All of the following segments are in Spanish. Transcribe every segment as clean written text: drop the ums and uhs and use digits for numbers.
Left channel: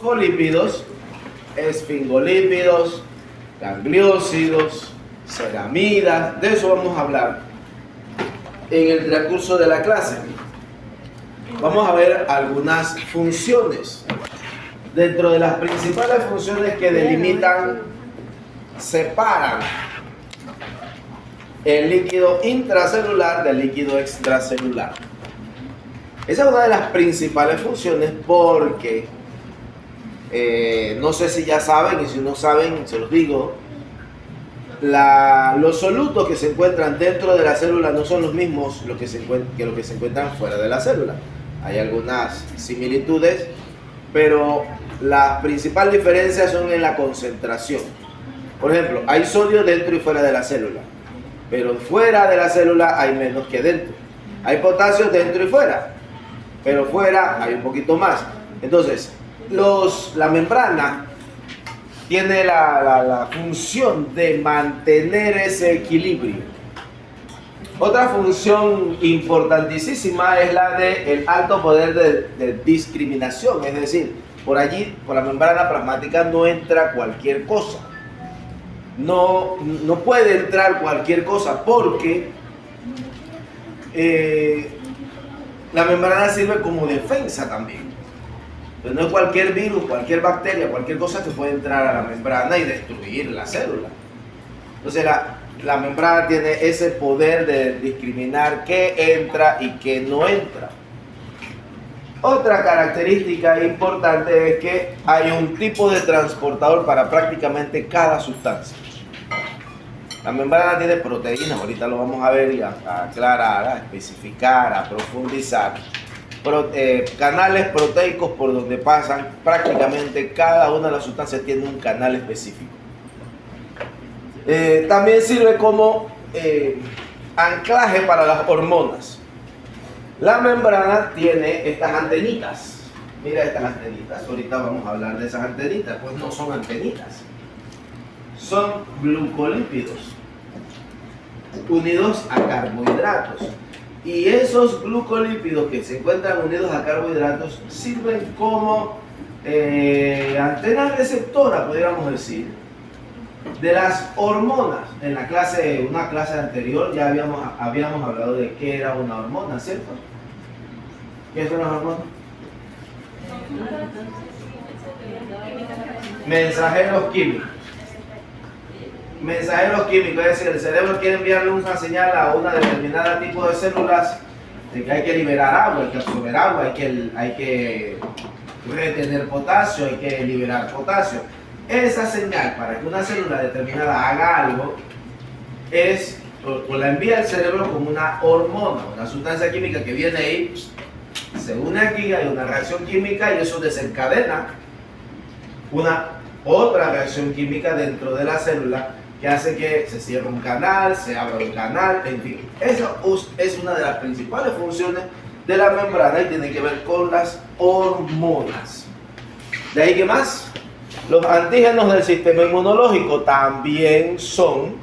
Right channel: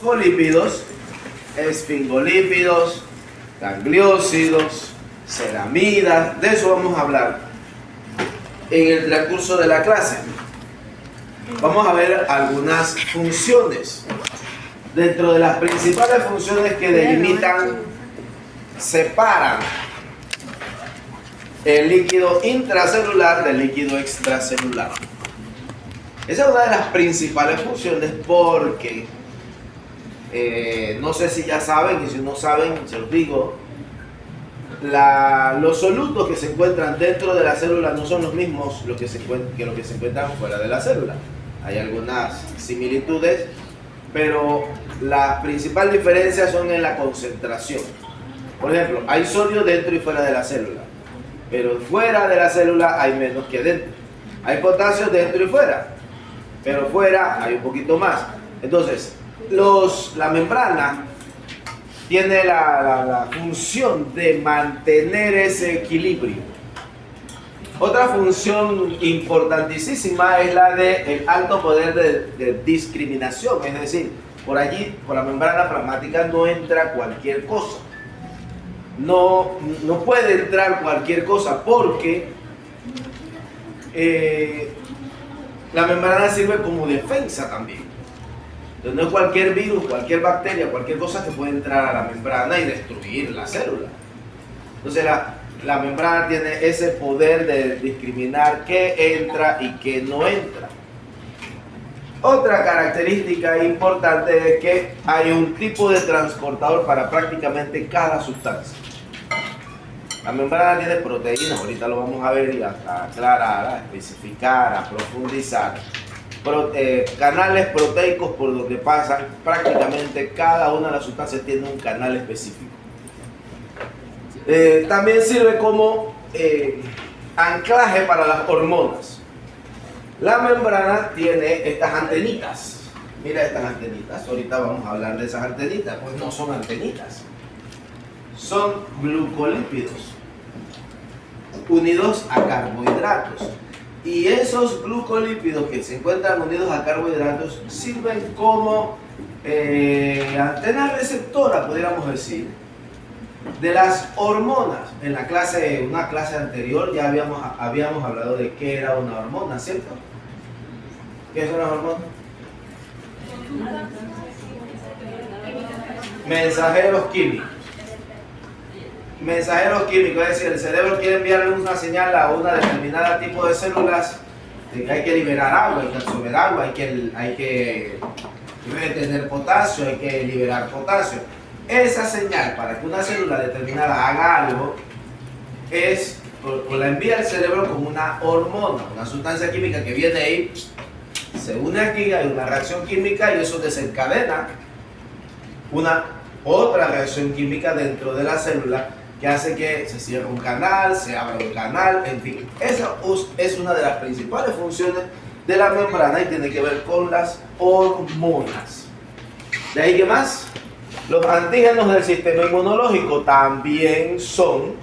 Fosfolípidos, esfingolípidos, gangliósidos, ceramidas, de eso vamos a hablar en el transcurso de la clase. Vamos a ver algunas funciones. Dentro de las principales funciones que delimitan, separan el líquido intracelular del líquido extracelular. Esa es una de las principales funciones porque no sé si ya saben, y si no saben, se los digo, los solutos que se encuentran dentro de la célula no son los mismos que los que se encuentran fuera de la célula. Hay algunas similitudes, pero las principales diferencias son en la concentración. Por ejemplo, hay sodio dentro y fuera de la célula, pero fuera de la célula hay menos que dentro. Hay potasio dentro y fuera, pero fuera hay un poquito más. Entonces, la membrana tiene la función de mantener ese equilibrio. Otra función importantísima es la del alto poder de discriminación, es decir, por allí, por la membrana plasmática no entra cualquier cosa. No puede entrar cualquier cosa porque la membrana sirve como defensa también. Entonces no es cualquier virus, cualquier bacteria, cualquier cosa que puede entrar a la membrana y destruir la célula. Entonces la membrana tiene ese poder de discriminar qué entra y qué no entra. Otra característica importante es que hay un tipo de transportador para prácticamente cada sustancia. La membrana tiene proteínas, ahorita lo vamos a ver y a aclarar, a especificar, a profundizar. Canales proteicos por donde pasan prácticamente cada una de las sustancias tiene un canal específico. También sirve como anclaje para las hormonas. La membrana tiene estas antenitas. Mira estas antenitas. Ahorita vamos a hablar de esas antenitas. Pues no son antenitas. Son glucolípidos unidos a carbohidratos. Y esos glucolípidos que se encuentran unidos a carbohidratos sirven como antena receptora, podríamos decir, de las hormonas. En una clase anterior ya habíamos hablado de qué era una hormona, ¿cierto? ¿Qué es una hormona? Mensajeros químicos. Mensajeros químicos, es decir, el cerebro quiere enviarle una señal a una determinada tipo de células de que hay que liberar agua, hay que absorber agua, hay que retener potasio, hay que liberar potasio. Esa señal para que una célula determinada haga algo la envía el cerebro como una hormona, una sustancia química que viene ahí, se une aquí, hay una reacción química y eso desencadena una otra reacción química dentro de la célula que hace que se cierre un canal, se abra un canal, en fin. Esa es una de las principales funciones de la membrana y tiene que ver con las hormonas. ¿De ahí qué más? Los antígenos del sistema inmunológico también son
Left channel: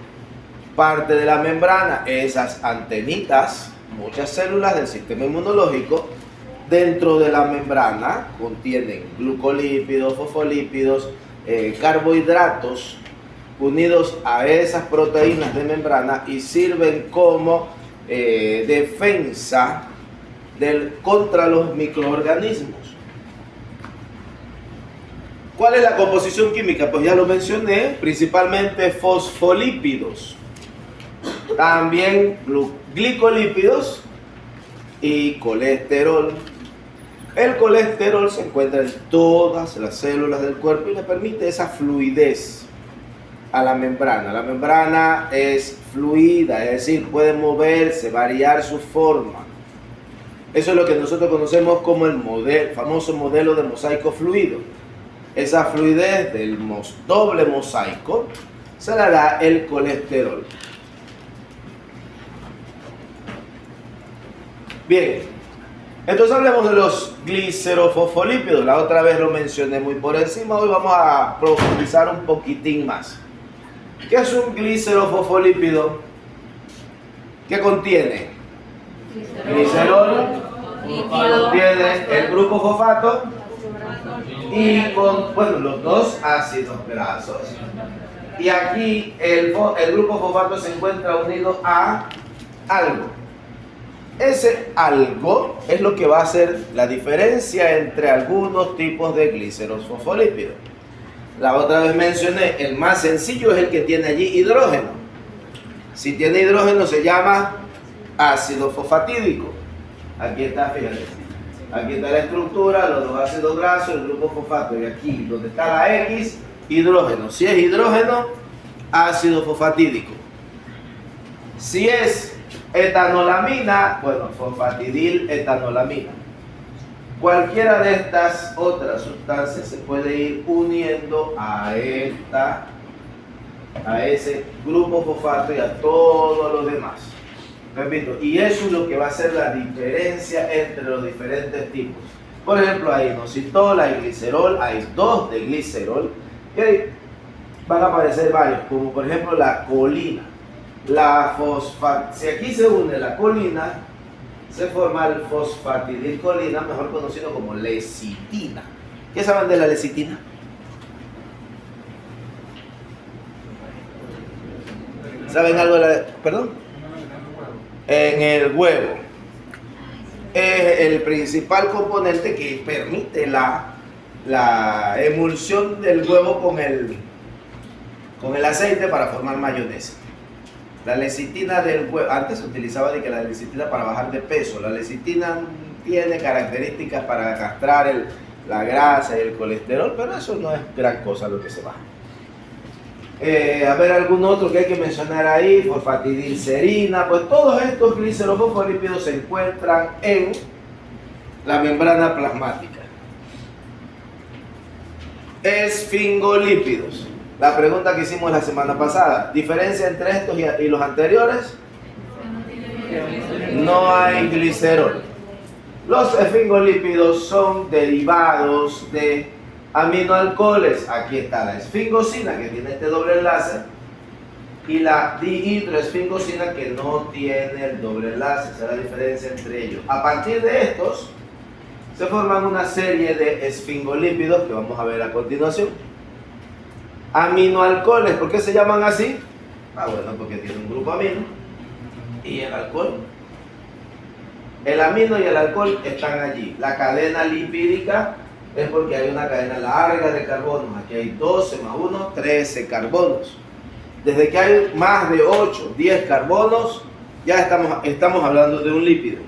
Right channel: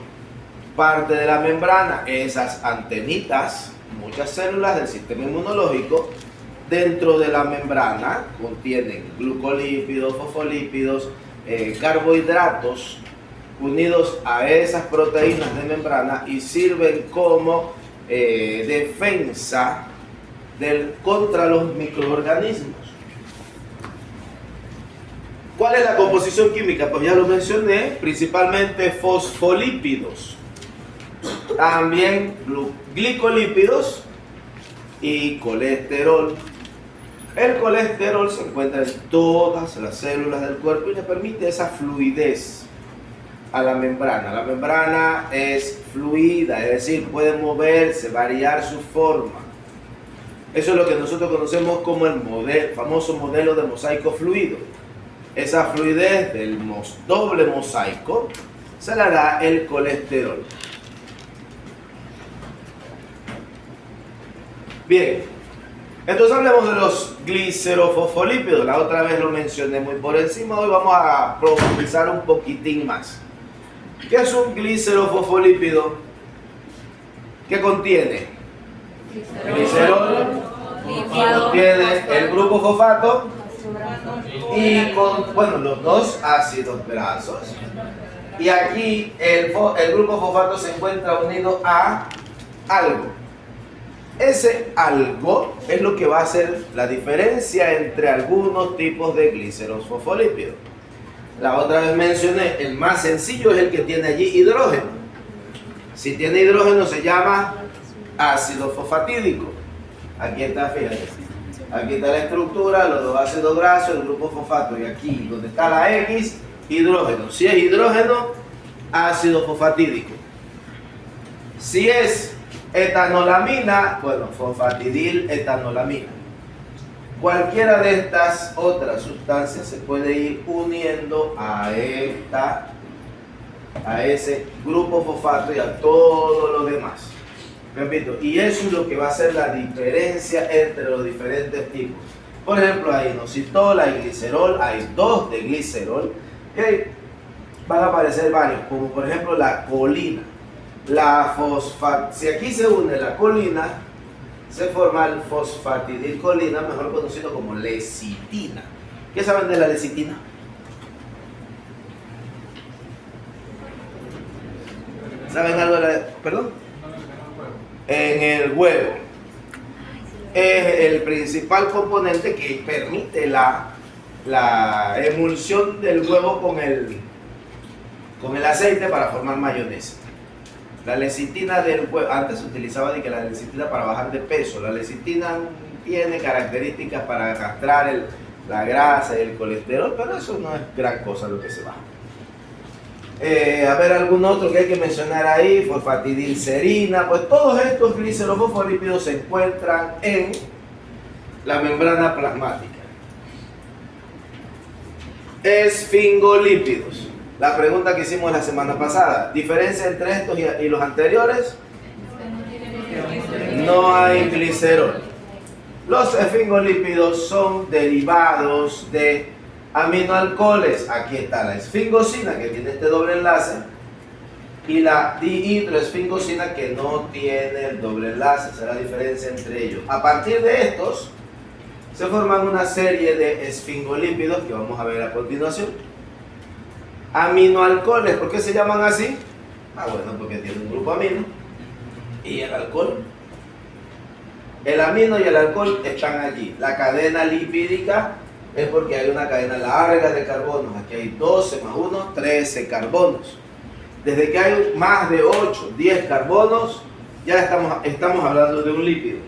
parte de la membrana. Esas antenitas, muchas células del sistema inmunológico dentro de la membrana contienen glucolípidos, fosfolípidos, carbohidratos unidos a esas proteínas de membrana y sirven como defensa contra los microorganismos. ¿Cuál es la composición química? Pues ya lo mencioné, principalmente fosfolípidos, también glicolípidos y colesterol. El colesterol se encuentra en todas las células del cuerpo y le permite esa fluidez a la membrana. La membrana es fluida, es decir, puede moverse, variar su forma. Eso es lo que nosotros conocemos como el famoso modelo de mosaico fluido. Esa fluidez del doble mosaico se la da el colesterol. Bien, entonces hablemos de los glicerofosfolípidos. La otra vez lo mencioné muy por encima, hoy vamos a profundizar un poquitín más. ¿Qué es un glicerofosfolípido? ¿Qué contiene? Glicerol, contiene el grupo fosfato y con, bueno, los dos ácidos grasos. Y aquí el grupo fosfato se encuentra unido a algo. Ese algo es lo que va a hacer la diferencia entre algunos tipos de gliceros fosfolípidos. La otra vez mencioné, el más sencillo es el que tiene allí hidrógeno. Si tiene hidrógeno se llama ácido fosfatídico. Aquí está, fíjate. Aquí está la estructura, los dos ácidos grasos, el grupo fosfato. Y aquí, donde está la X, hidrógeno. Si es hidrógeno, ácido fosfatídico. Si es etanolamina, bueno, fosfatidil etanolamina. Cualquiera de estas otras sustancias se puede ir uniendo a ese grupo fosfato y a todos los demás. Repito, y eso es lo que va a hacer la diferencia entre los diferentes tipos. Por ejemplo, hay inositol, hay glicerol, hay dos de glicerol, y van a aparecer varios, como por ejemplo la colina. Si aquí se une la colina, se forma el fosfatidilcolina, mejor conocido como lecitina. ¿Qué saben de la lecitina? ¿Saben algo de la... perdón? En el huevo. Es el principal componente que permite la emulsión del huevo con el aceite para formar mayonesa. La lecitina del huevo, antes se utilizaba la lecitina para bajar de peso. La lecitina tiene características para castrar la grasa y el colesterol, pero eso no es gran cosa lo que se baja. A ver, algún otro que hay que mencionar ahí, fosfatidilcerina. Pues todos estos glicerofosfolípidos se encuentran en la membrana plasmática. Esfingolípidos. La pregunta que hicimos la semana pasada, ¿diferencia entre estos y los anteriores? No hay glicerol. Los esfingolípidos son derivados de aminoalcoholes. Aquí está la esfingosina, que tiene este doble enlace, y la dihidroesfingosina, que no tiene el doble enlace. Esa es la diferencia entre ellos. A partir de estos se forman una serie de esfingolípidos que vamos a ver a continuación. Aminoalcoholes, ¿por qué se llaman así? Bueno, porque tiene un grupo amino y el alcohol. El amino y el alcohol están allí. La cadena lipídica es porque hay una cadena larga de carbonos. Aquí hay 12 más 1, 13 carbonos. Desde que hay más de 8, 10 carbonos, ya estamos hablando de un lípido.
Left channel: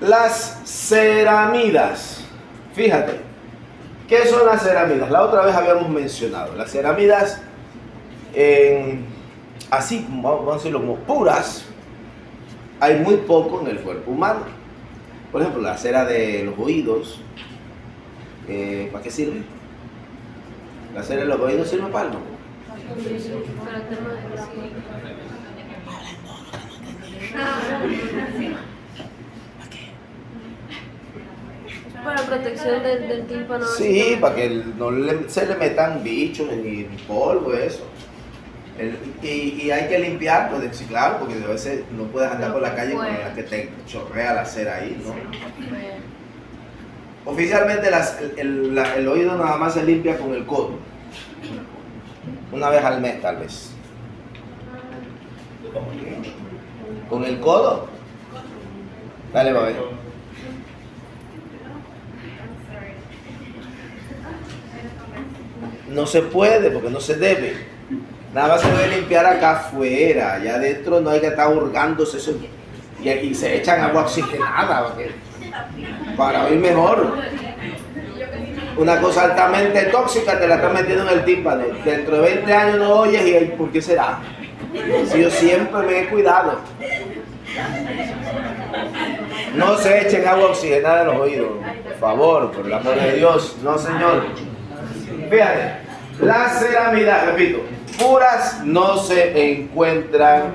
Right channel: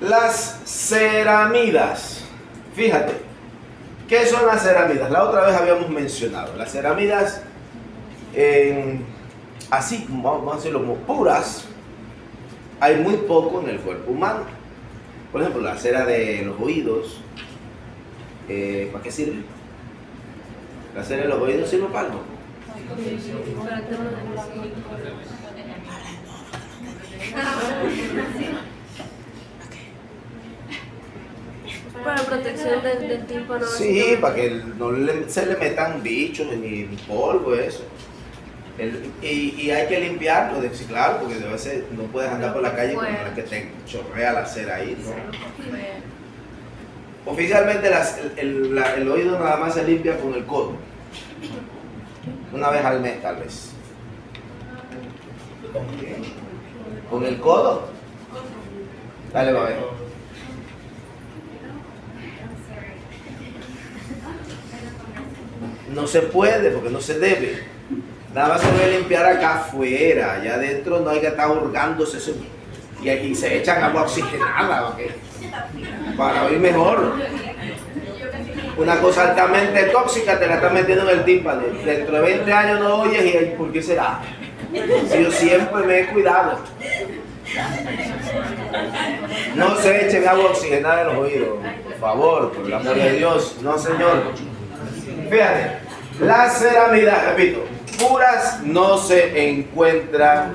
Las ceramidas. Fíjate. ¿Qué son las ceramidas? La otra vez habíamos mencionado. Las ceramidas, así, vamos a decirlo, como puras, hay muy poco en el cuerpo humano. Por ejemplo, la cera de los oídos, ¿para qué sirve? La cera de los oídos sirve para algo. Para protección del tímpano. Sí, para que no se le metan bichos ni polvo, eso. Y hay que limpiarlo, sí, claro, porque a veces no puedes andar por la calle con la que te chorrea la cera ahí, ¿no? Oficialmente el oído nada más se limpia con el codo. Una vez al mes, tal vez. ¿Con el codo? Dale, va a ver. No se puede porque no se debe. Nada más se debe limpiar acá afuera. Allá adentro no hay que estar hurgándose eso. Y aquí se echan agua oxigenada para oír mejor. Una cosa altamente tóxica te la están metiendo en el tímpano. Dentro de 20 años no oyes y ¿por qué será? Si yo siempre me he cuidado. No se echen agua oxigenada en los oídos. Por favor, por el amor de Dios. No, señor. Fíjate, las ceramidas, repito, puras no se encuentran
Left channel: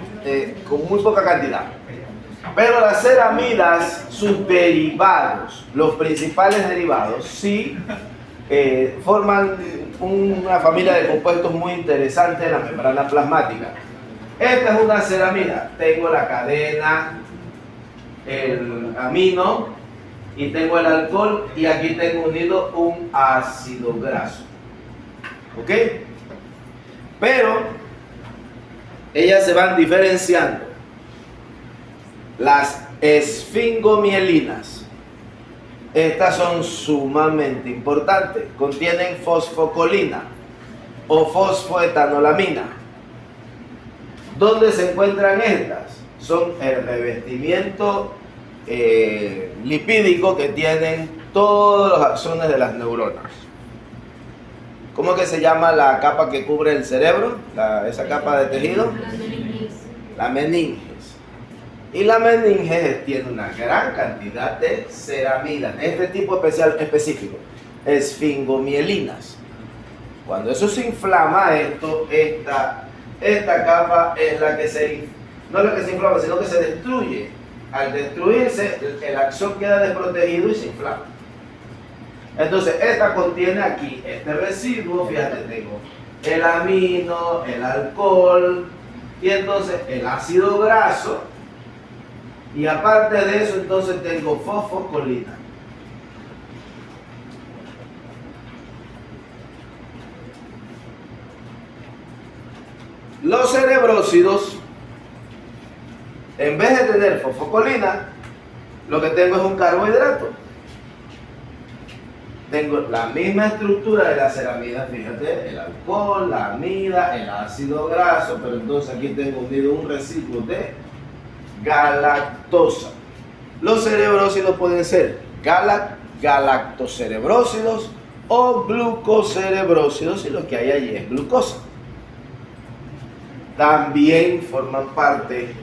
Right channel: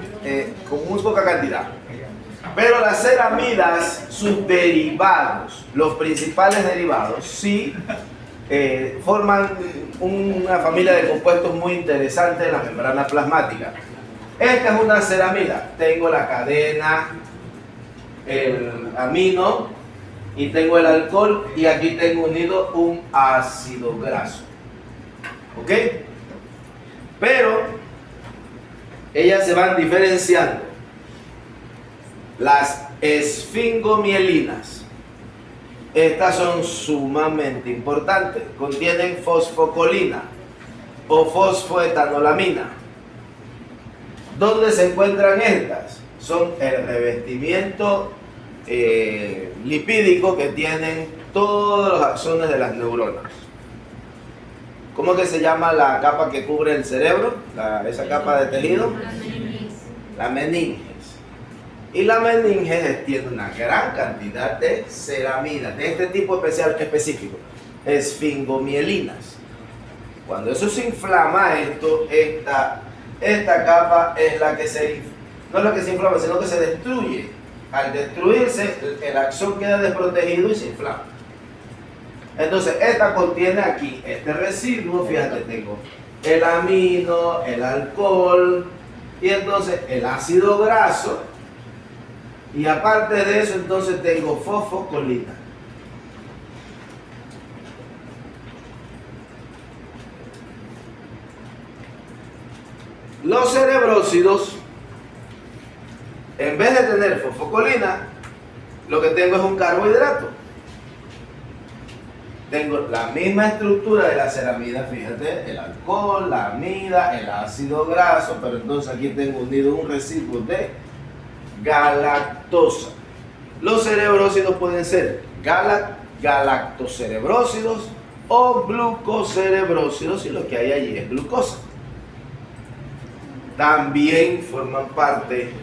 con muy poca cantidad. Pero las ceramidas, sus derivados, los principales derivados, sí forman una familia de compuestos muy interesantes en la membrana plasmática. Esta es una ceramida. Tengo la cadena, el amino y tengo el alcohol y aquí tengo unido un ácido graso. ¿Ok? Pero ellas se van diferenciando. Las esfingomielinas, estas son sumamente importantes. Contienen fosfocolina o fosfoetanolamina. ¿Dónde se encuentran estas? Son el revestimiento lipídico que tienen todos los axones de las neuronas. ¿Cómo que se llama la capa que cubre el cerebro? Esa capa de tejido. La meninges. Y la meninges tiene una gran cantidad de ceramidas, de este tipo específico, esfingomielinas. Cuando eso se inflama, esta capa es la que no es la que se inflama, sino que se destruye. Al destruirse, el axón queda desprotegido y se inflama. Entonces, esta contiene aquí este residuo, fíjate, tengo el amino, el alcohol, y entonces el ácido graso, y aparte de eso, entonces tengo fosfocolina. Los cerebrósidos, en vez de tener fosfocolina, lo que tengo es un carbohidrato. Tengo la misma estructura de la ceramida, fíjate, el alcohol, la amida, el ácido graso, pero entonces aquí tengo unido un residuo de galactosa. Los cerebrósidos pueden ser galactocerebrósidos o glucocerebrósidos, y lo que hay allí es glucosa. También forman parte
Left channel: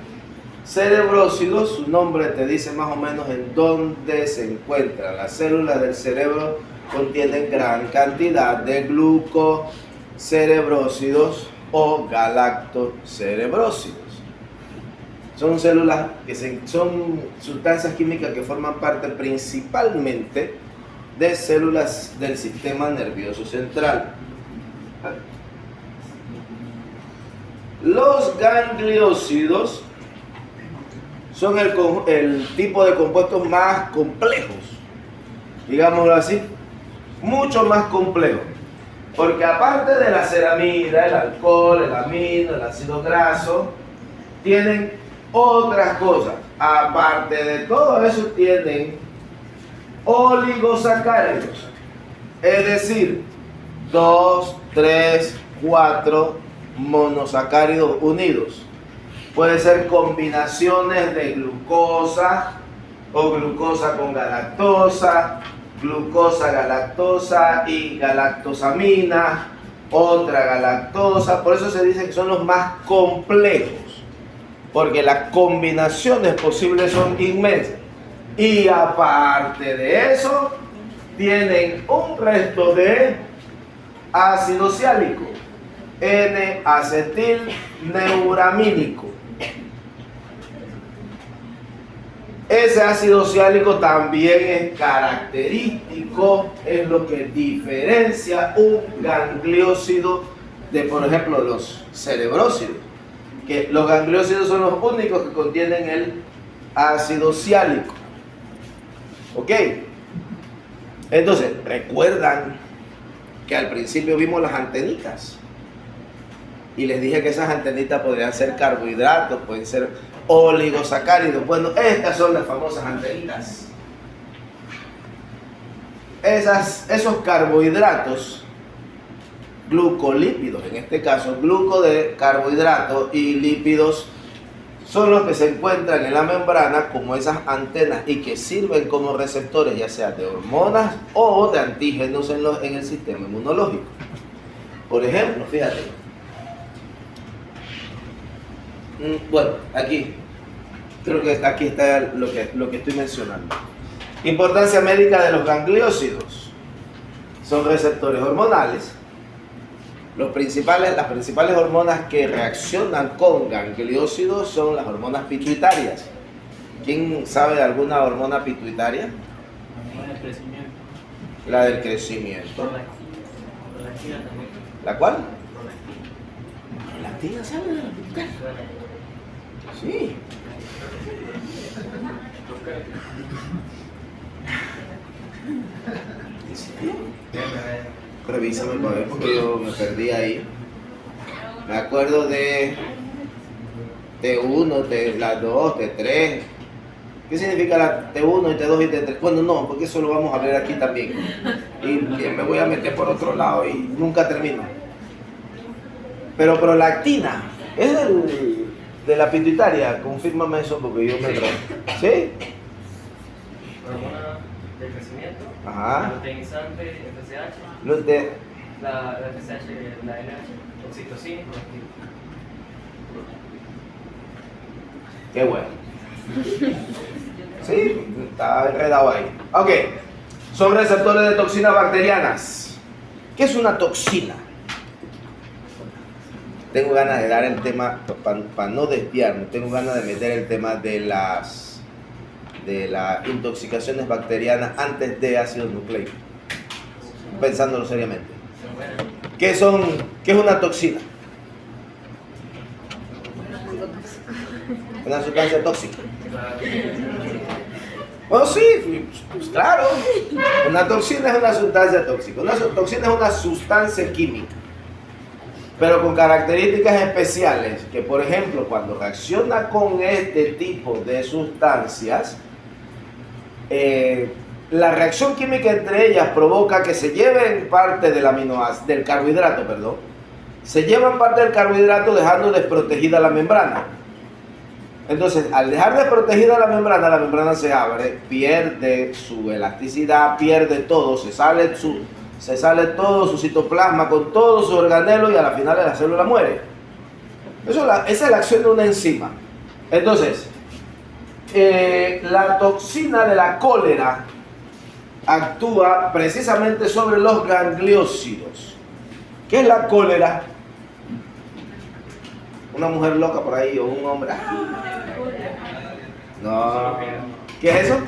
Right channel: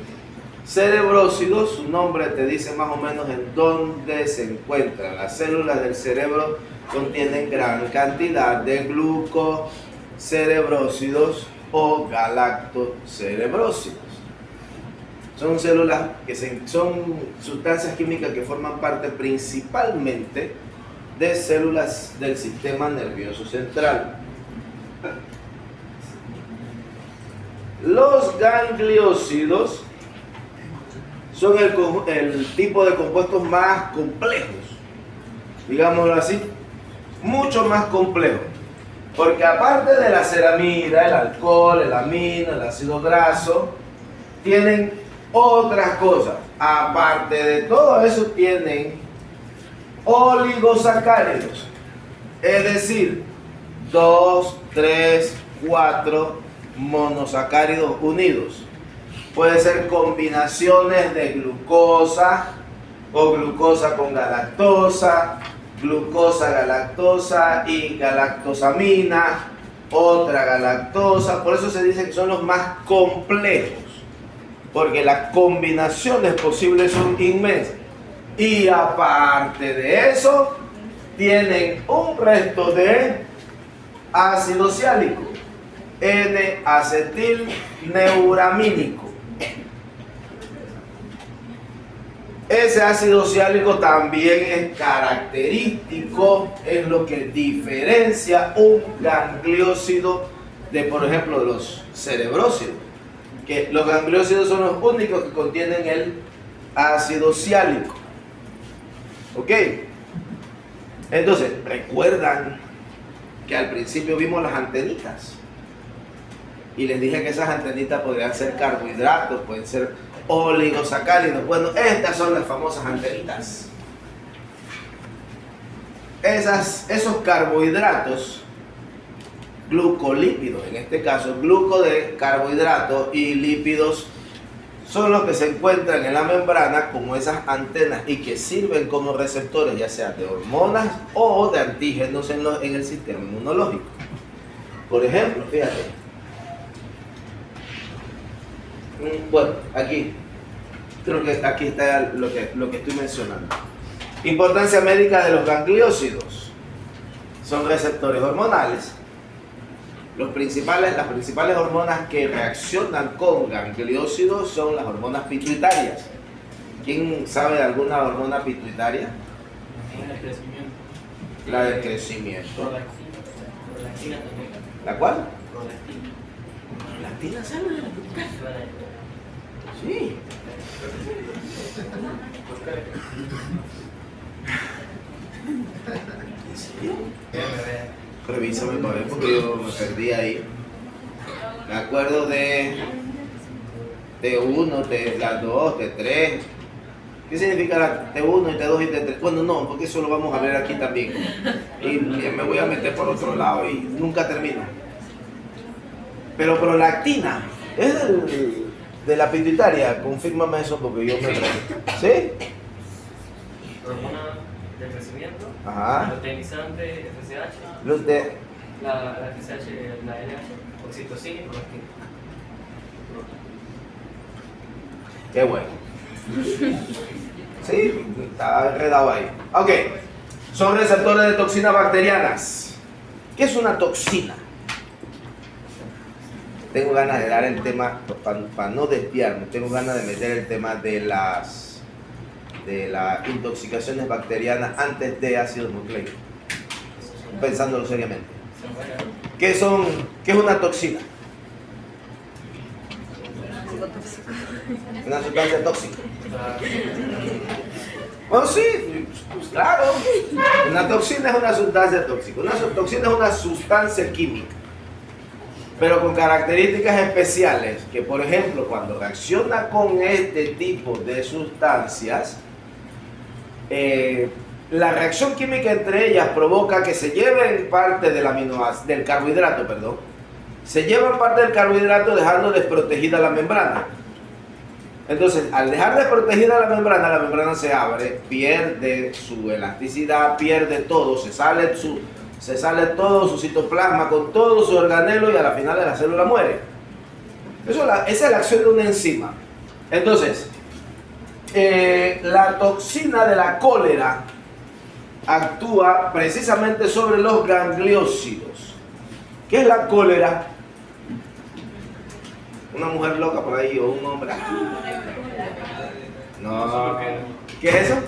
cerebrósidos, su nombre te dice más o menos en dónde se encuentran. Las células del cerebro contienen gran cantidad de glucocerebrósidos o galactocerebrósidos. Son células son sustancias químicas que forman parte principalmente de células del sistema nervioso central. Los gangliósidos son el tipo de compuestos más complejos, digámoslo así, mucho más complejos, porque aparte de la ceramida, el alcohol, el amino, el ácido graso, tienen otras cosas. Aparte de todo eso, tienen oligosacáridos, es decir, 2, 3, 4 monosacáridos unidos. Puede ser combinaciones de glucosa o glucosa con galactosa, glucosa, galactosa y galactosamina, otra galactosa. Por eso se dice que son los más complejos, porque las combinaciones posibles son inmensas. Y aparte de eso, tienen un resto de ácido ciálico, N-acetilneuramínico. Ese ácido ciálico también es característico, es lo que diferencia un gangliósido de, por ejemplo, los cerebrósidos. Que los gangliósidos son los únicos que contienen el ácido ciálico. ¿Ok? Entonces, recuerdan que al principio vimos las antenitas. Y les dije que esas antenitas podrían ser carbohidratos, pueden ser oligosacáridos. Bueno, estas son las famosas antenitas. Esos carbohidratos, glucolípidos, en este caso, gluco de carbohidratos y lípidos, son los que se encuentran en la membrana como esas antenas y que sirven como receptores, ya sea de hormonas o de antígenos en el sistema inmunológico. Por ejemplo, fíjate. Bueno, aquí creo que aquí está lo que estoy mencionando. Importancia médica de los gangliósidos. Son receptores hormonales. Las principales hormonas que reaccionan con gangliósidos son las hormonas pituitarias. ¿Quién sabe de alguna hormona pituitaria? La del crecimiento. La del crecimiento. Prolactina también. ¿La cuál? Prolactina. ¿Prolactina sale de la pituitaria? Sí. ¿En serio? Déjame ver. Revísame para ver porque yo me perdí ahí. Me acuerdo de T1, la 2, T3. ¿Qué significa la T1 y T2 y T3? Bueno, no, porque eso lo vamos a ver aquí también. Y ya me voy a meter por otro lado y nunca termino. Pero prolactina, ¿es de la pituitaria? Confírmame eso porque yo me Sí. enredo. ¿Sí? Hormona del crecimiento, Ajá. luteinizante, FSH, Los de... la FSH, la LH, oxitocina y prolactina. Qué bueno. Sí, está enredado ahí. Ok, son receptores de toxinas bacterianas. ¿Qué es una toxina? Tengo ganas de dar el tema, para no desviarme, tengo ganas de meter el tema de las intoxicaciones bacterianas antes de ácido nucleico, pensándolo seriamente. ¿Qué es una toxina? Algo tóxico. Una sustancia tóxica. Bueno, sí, pues claro. Una toxina es una sustancia tóxica. Una toxina es una sustancia química, pero con características especiales, que por ejemplo, cuando reacciona con este tipo de sustancias, la reacción química entre ellas provoca que se lleven parte del carbohidrato, se llevan parte del carbohidrato dejando desprotegida la membrana. Entonces, al dejar desprotegida la membrana se abre, pierde su elasticidad, pierde todo, se sale todo su citoplasma con todo su organelo y a la final la célula muere. Esa es la acción de una enzima. Entonces, la toxina de la cólera actúa precisamente sobre los gangliósidos. ¿Qué es la cólera? Una mujer loca por ahí o un hombre. No. ¿Qué es eso?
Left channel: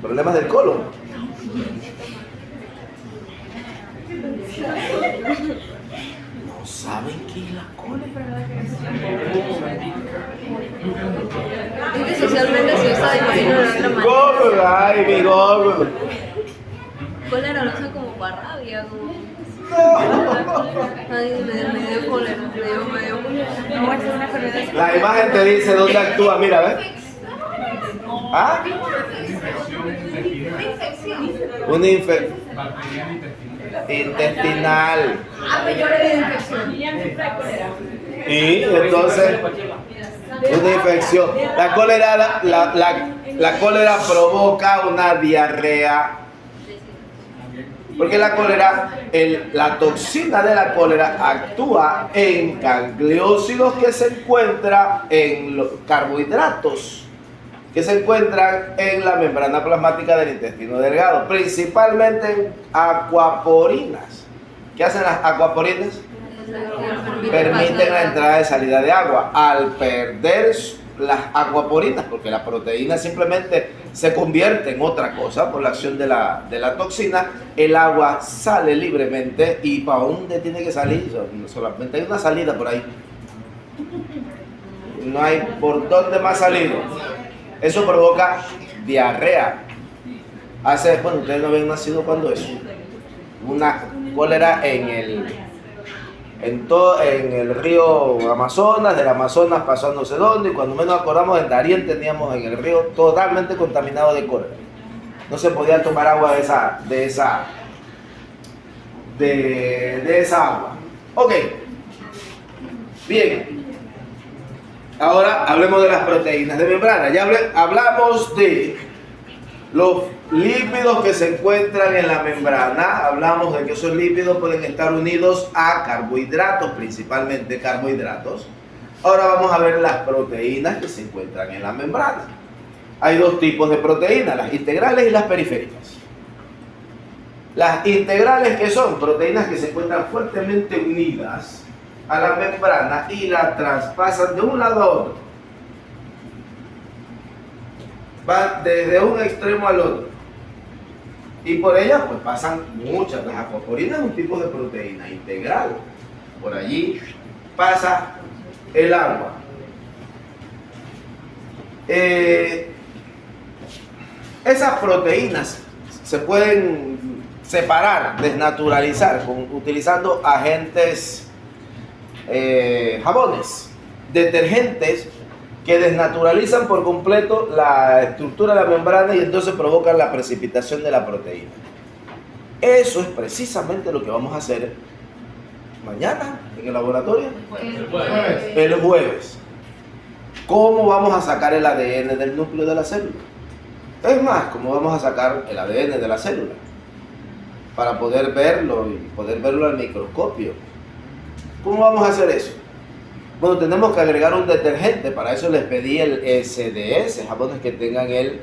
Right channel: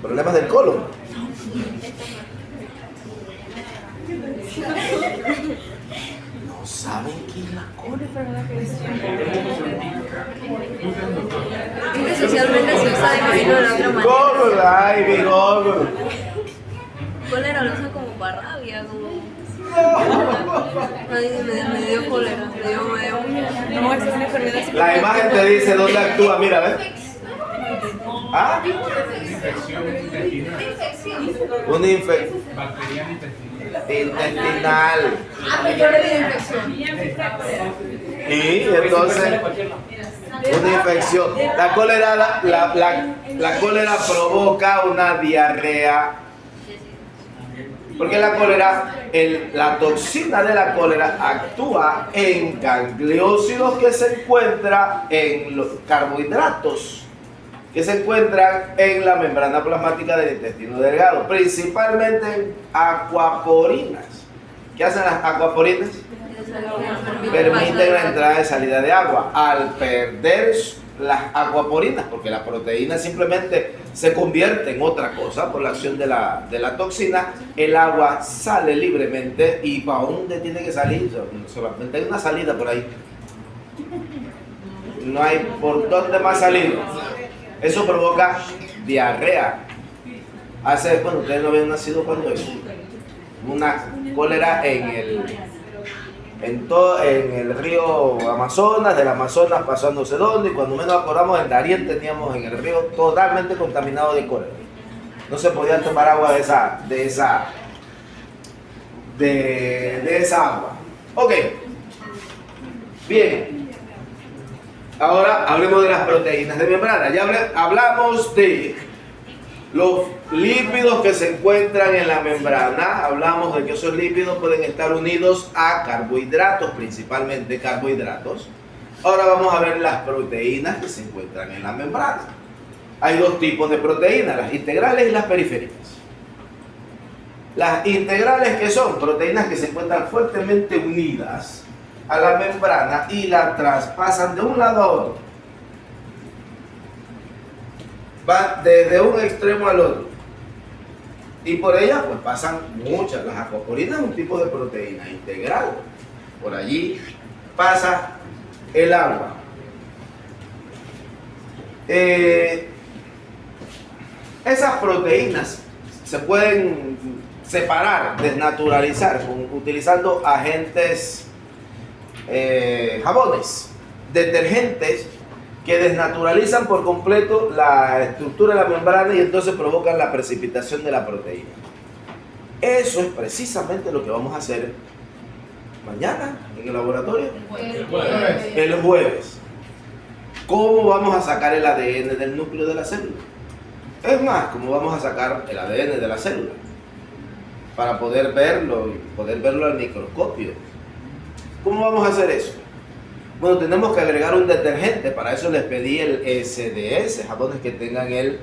Problemas del colon. No saben qué es la cólera. Es que socialmente se usa, imagino, de otra manera. Google, ay, mi Google. Cólera lo usan como para rabia, como... Ay, me dio cólera, me dio... No, esa es una enfermedad. La imagen te dice dónde actúa, mira, ¿ves? ¿Ah? Una infección intestinal. Y entonces, una infección. La cólera provoca una diarrea. Porque la cólera, la toxina de la cólera actúa en gangliósidos que se encuentran en los carbohidratos que se encuentran en la membrana plasmática del intestino delgado, principalmente en acuaporinas. ¿Qué hacen las acuaporinas? Permiten la entrada y salida de agua. Al perder las acuaporinas, porque la proteína simplemente se convierte en otra cosa por la acción de la toxina, el agua sale libremente. ¿Y para dónde tiene que salir? Solamente hay una salida por ahí. No hay por dónde más salir. Eso provoca diarrea. Bueno, ustedes no habían nacido cuando eso. Una cólera en el río Amazonas, del Amazonas pasó a no sé dónde, y cuando menos acordamos en Darién teníamos en el río totalmente contaminado de cólera. No se podía tomar agua de esa agua. Ok. Bien. Ahora hablemos de las proteínas de membrana. Ya hablamos de los lípidos que se encuentran en la membrana. Hablamos de que esos lípidos pueden estar unidos a carbohidratos, principalmente carbohidratos. Ahora vamos a ver las proteínas que se encuentran en la membrana. Hay dos tipos de proteínas, las integrales y las periféricas. Las integrales, que son proteínas que se encuentran fuertemente unidas a la membrana y la traspasan de un lado a otro. Van desde un extremo al otro. Y por ellas pues pasan muchas. Las acuaporinas es un tipo de proteína integral. Por allí pasa el agua. Esas proteínas se pueden separar, desnaturalizar, utilizando agentes, jabones, detergentes que desnaturalizan por completo la estructura de la membrana y entonces provocan la precipitación de la proteína. Eso es precisamente lo que vamos a hacer mañana en el laboratorio. El jueves. ¿Cómo vamos a sacar el ADN del núcleo de la célula? Es más, ¿cómo vamos a sacar el ADN de la célula? Para poder verlo y poder verlo al microscopio. ¿Cómo vamos a hacer eso? Bueno, tenemos que agregar un detergente. Para eso les pedí el SDS, jabones que tengan el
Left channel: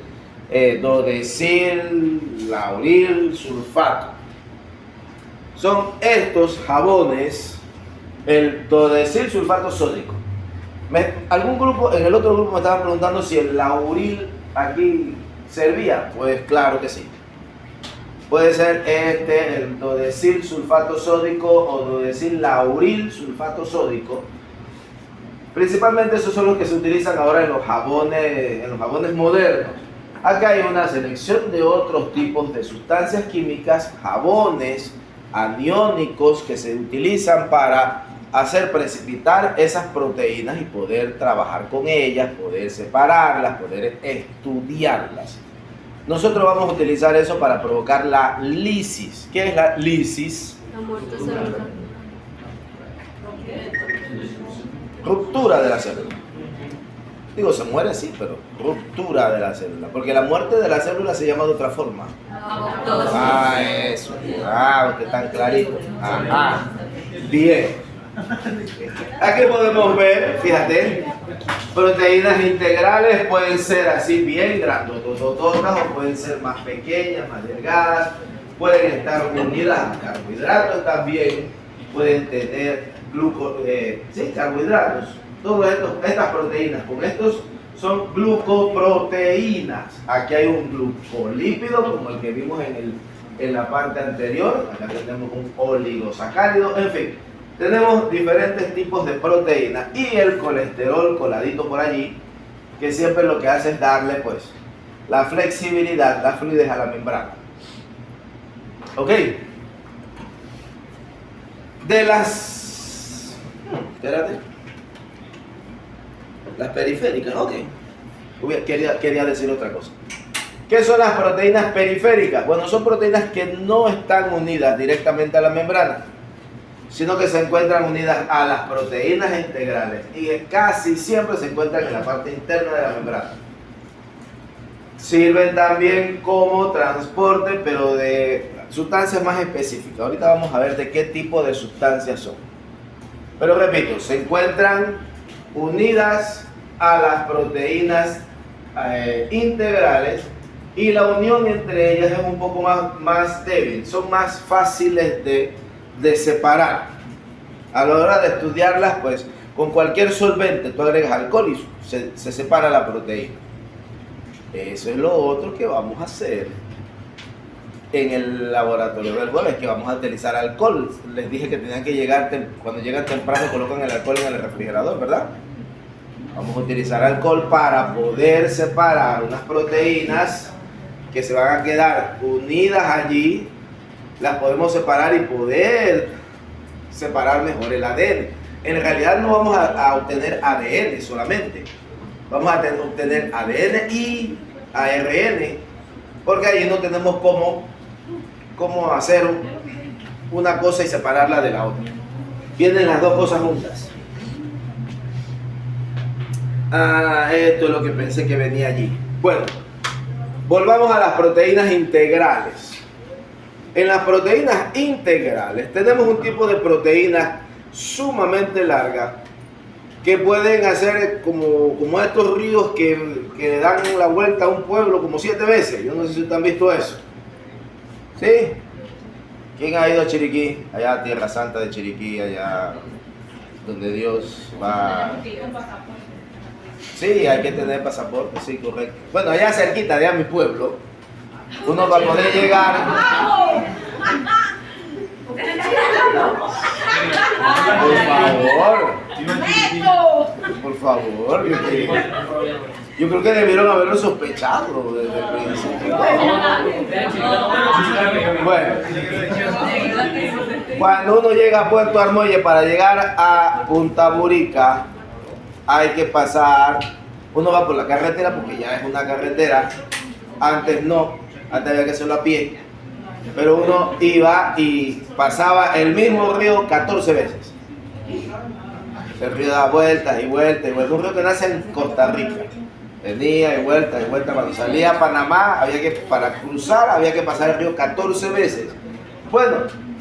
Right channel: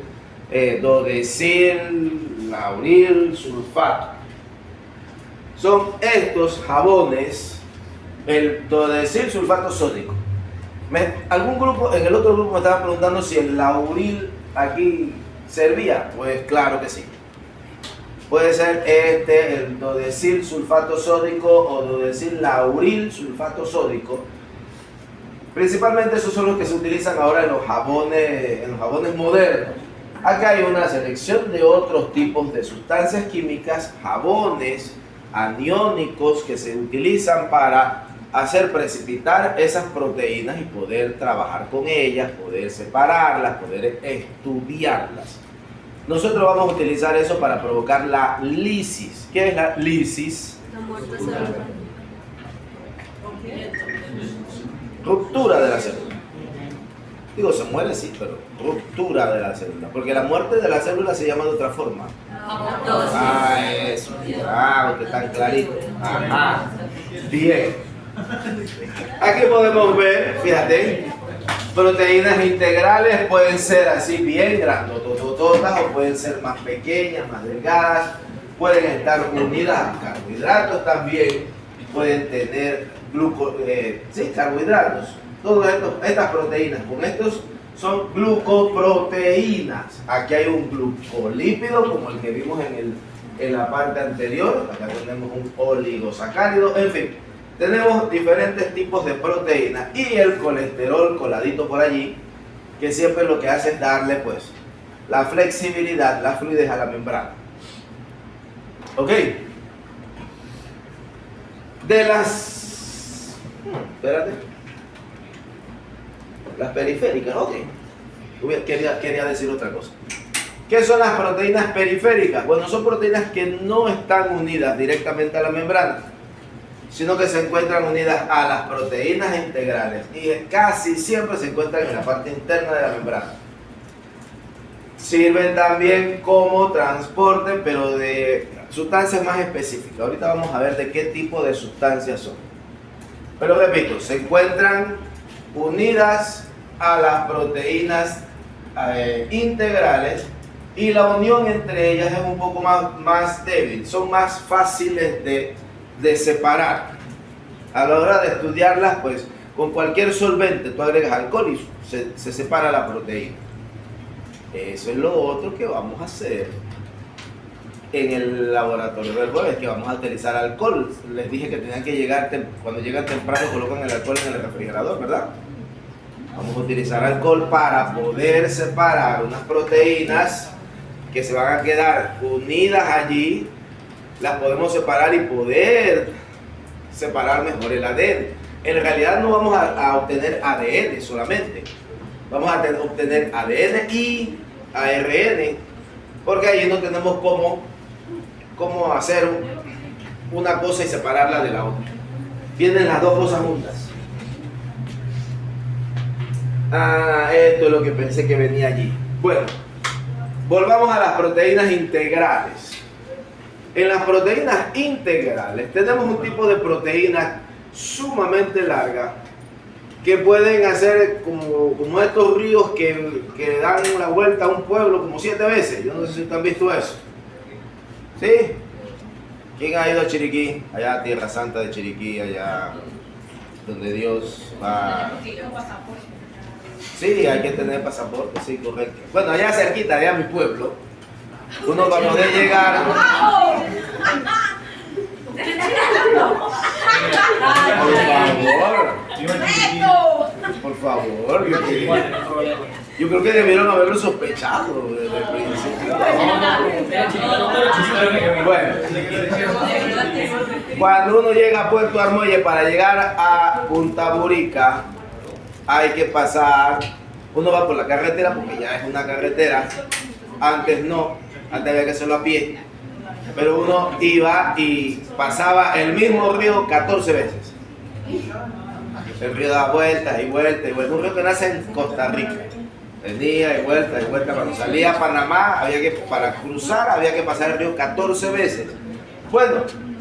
dodecil lauril sulfato. Son estos jabones, el dodecil sulfato sódico. Algún grupo, en el otro grupo me estaban preguntando si el lauril aquí servía. Pues claro que sí. Puede ser el dodecil sulfato sódico o dodecil lauril sulfato sódico. Principalmente esos son los que se utilizan ahora en los jabones modernos. Acá hay una selección de otros tipos de sustancias químicas, jabones aniónicos que se utilizan para hacer precipitar esas proteínas y poder trabajar con ellas, poder separarlas, poder estudiarlas. Nosotros vamos a utilizar eso para provocar la lisis. ¿Qué es la lisis? La muerte celular. Ruptura de la célula. Digo, se muere sí, pero ruptura de la célula. Porque la muerte de la célula se llama de otra forma. Ah, eso. Ah, usted tan clarito. Ajá. Bien. Aquí podemos ver, fíjate, proteínas integrales pueden ser así bien grandotototas o pueden ser más pequeñas, más delgadas. Pueden estar unidas a carbohidratos también. Pueden tener carbohidratos. Todas estas proteínas, con estos son glucoproteínas. Aquí hay un glucolípido como el que vimos en la parte anterior. Acá tenemos un oligosacárido. En fin, tenemos diferentes tipos de proteínas y el colesterol coladito por allí, que siempre lo que hace es darle pues la flexibilidad, la fluidez a la membrana. Ok. De las periféricas, ok. Quería decir otra cosa. ¿Qué son las proteínas periféricas? Bueno, son proteínas que no están unidas directamente a la membrana, sino que se encuentran unidas a las proteínas integrales y casi siempre se encuentran en la parte interna de la membrana. Sirven también como transporte, pero de sustancias más específicas. Ahorita vamos a ver de qué tipo de sustancias son. Pero repito, se encuentran unidas a las proteínas integrales y la unión entre ellas es un poco más débil, son más fáciles de separar. A la hora de estudiarlas, pues con cualquier solvente tú agregas alcohol y se separa la proteína. Eso es lo otro que vamos a hacer en el laboratorio del jueves, que vamos a utilizar alcohol. Les dije que tenían que llegar, cuando llegan temprano colocan el alcohol en el refrigerador, ¿verdad? Vamos a utilizar alcohol para poder separar unas proteínas que se van a quedar unidas allí. Las podemos separar y poder separar mejor el ADN. En realidad no vamos a obtener ADN solamente, vamos a obtener ADN y ARN, porque allí no tenemos cómo hacer una cosa y separarla de la otra. Vienen las dos cosas juntas. Esto es lo que pensé que venía allí. Bueno, volvamos a las proteínas integrales. En las proteínas integrales tenemos un tipo de proteínas sumamente largas que pueden hacer como estos ríos que dan la vuelta a un pueblo como 7 veces. Yo no sé si ustedes han visto eso. ¿Sí? ¿Quién ha ido a Chiriquí? Allá a Tierra Santa de Chiriquí, allá donde Dios va. Sí, hay que tener pasaporte, sí, correcto. Bueno, allá cerquita, allá a mi pueblo, uno va a poder llegar. Por favor, Yo creo que debieron haberlo sospechado desde el principio. Bueno, cuando uno llega a Puerto Armuelle, para llegar a Punta Burica, hay que pasar, uno va por la carretera porque ya es una carretera, antes no, antes había que hacerlo a pie, pero uno iba y pasaba el mismo río 14 veces. El río da vueltas y vueltas y vueltas, un río que nace en Costa Rica. Venía y vuelta, cuando salía a Panamá, para cruzar había que pasar el río 14 veces. Bueno,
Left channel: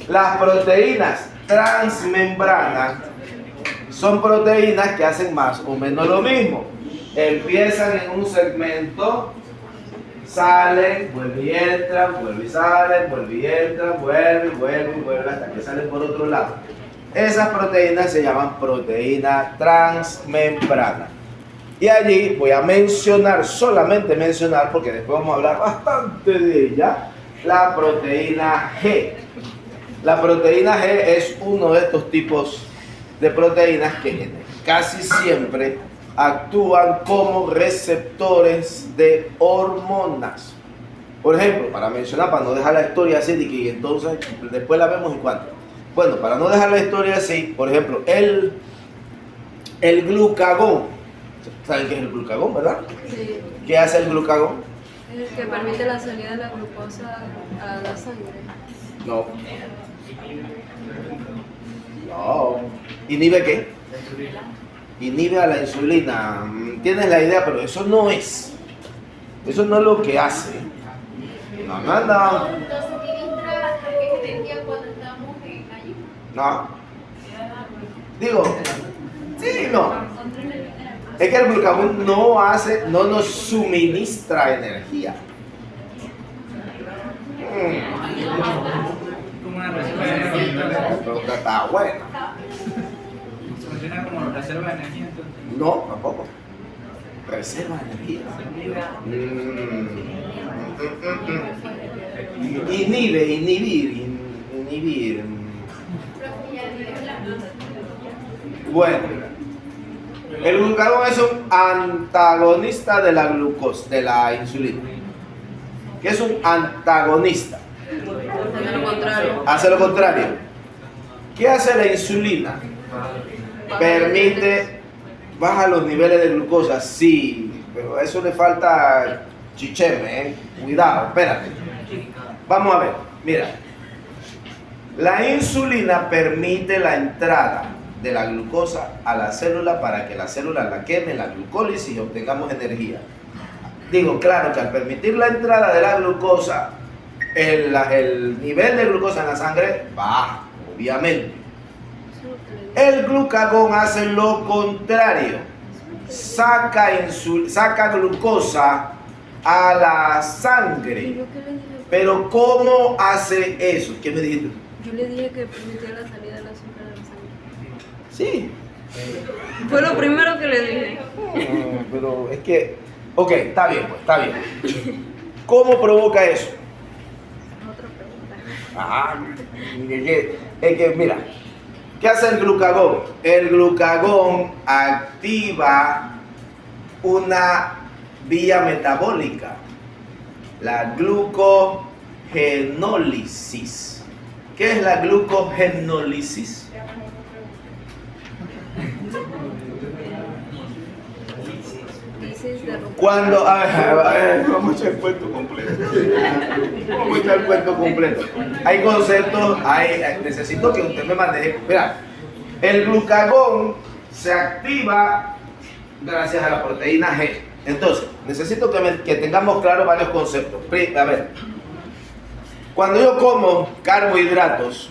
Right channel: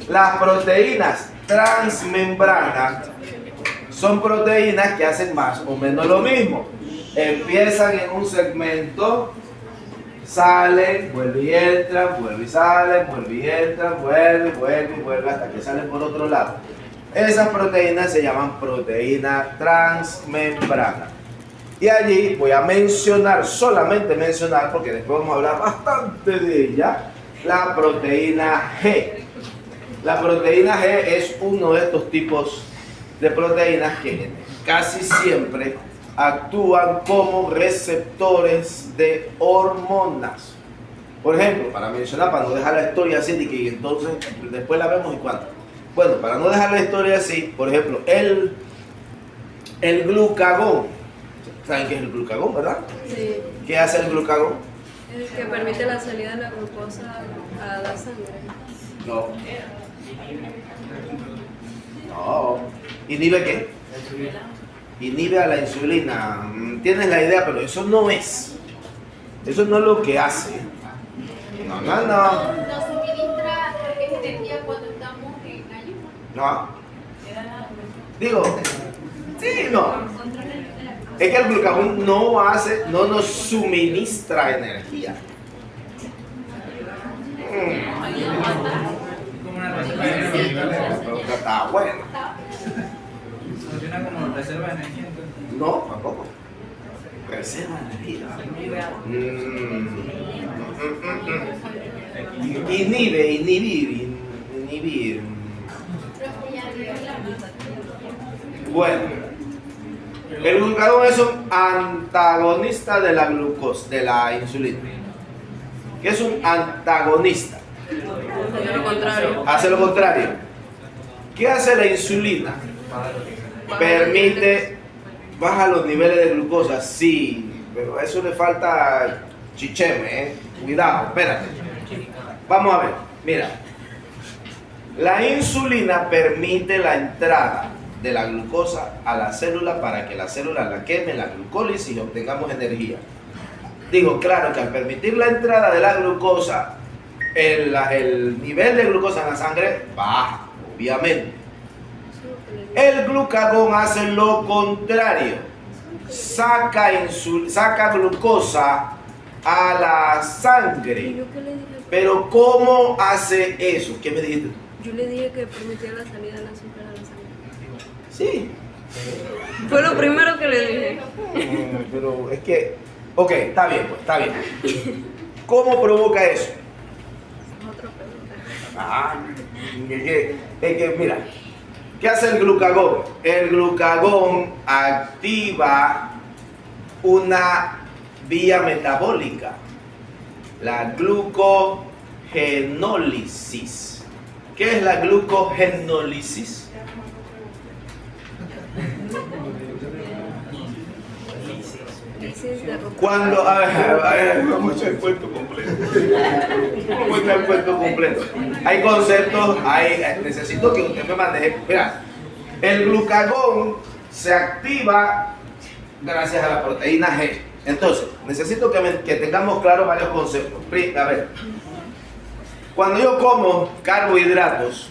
las proteínas transmembranas son proteínas que hacen más o menos lo mismo. Empiezan en un segmento, salen, vuelven y entran, vuelven y salen, vuelven y entran, vuelven hasta que salen por otro lado. Esas proteínas se llaman proteínas transmembranas. Y allí voy a mencionar, solamente mencionar, porque después vamos a hablar bastante de ella, la proteína G. La proteína G es uno de estos tipos de proteínas que casi siempre actúan como receptores de hormonas. Por ejemplo, para mencionar, para no dejar la historia así, de que entonces después la vemos y cuánto. Bueno, para no dejar la historia así, por ejemplo, el glucagón. ¿Saben qué es el glucagón, verdad? Sí. ¿Qué hace el glucagón? Es el que permite la salida de la glucosa a la sangre. No. No. ¿Inhibe qué? Inhibe a la insulina. Tienes la idea, pero eso no es. Eso no es lo que hace. No. Nos suministra energía cuando estamos en ayuno. No. Digo, sí, no. Es que el glucagón no nos suministra energía. Pero está bueno. Funciona como reserva de energía, entonces. No, tampoco. Reserva de energía. Inhibir. Bueno, el glucagón es un antagonista de la glucosa, de la insulina. ¿Qué es un antagonista? Hace lo contrario. Hace lo contrario. ¿Qué hace la insulina? Permite, baja los niveles de glucosa, sí, pero a eso le falta chicheme, Cuidado, espérate. Vamos a ver, mira. La insulina permite la entrada de la glucosa a la célula para que la célula la queme, la glucólisis y obtengamos energía. Digo, claro que al permitir la entrada de la glucosa, el nivel de glucosa en la sangre baja, obviamente. El glucagón hace lo contrario, saca glucosa a la sangre. ¿Yo qué le dije? Pero ¿cómo hace eso? ¿Qué me dijiste? Yo le dije que permitía la salida del azúcar de la sangre. Sí. Fue lo primero que le dije. Pero es que, ok, está bien, pues, está bien. ¿Cómo provoca eso? Es otra pregunta. Es que, mira, ¿qué hace el glucagón? El glucagón activa una vía metabólica, la glucogenólisis. ¿Qué es la glucogenólisis? Cuando, vamos a echar el cuento completo. Vamos a echar el cuento completo. Hay conceptos, necesito que usted me maneje. Mira, el glucagón se activa gracias a la proteína G. Entonces, necesito que tengamos claro varios conceptos. A ver, cuando yo como carbohidratos,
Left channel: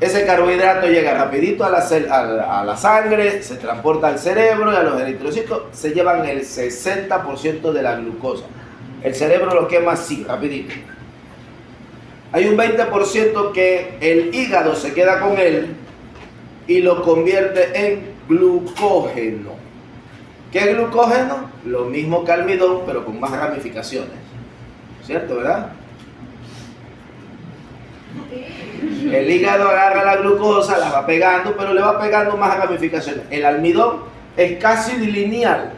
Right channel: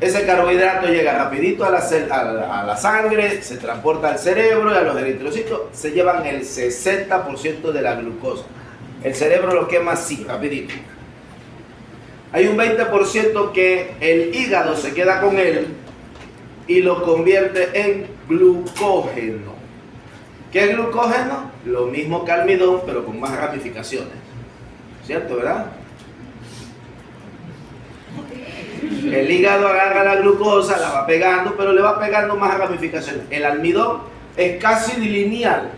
ese carbohidrato llega rapidito a la sangre, se transporta al cerebro y a los eritrocitos se llevan el 60% de la glucosa. El cerebro lo quema así, rapidito. Hay un 20% que el hígado se queda con él y lo convierte en glucógeno. ¿Qué es glucógeno? Lo mismo que almidón, pero con más ramificaciones. ¿Cierto, verdad? El hígado agarra la glucosa, la va pegando, pero le va pegando más ramificaciones. El almidón es casi lineal.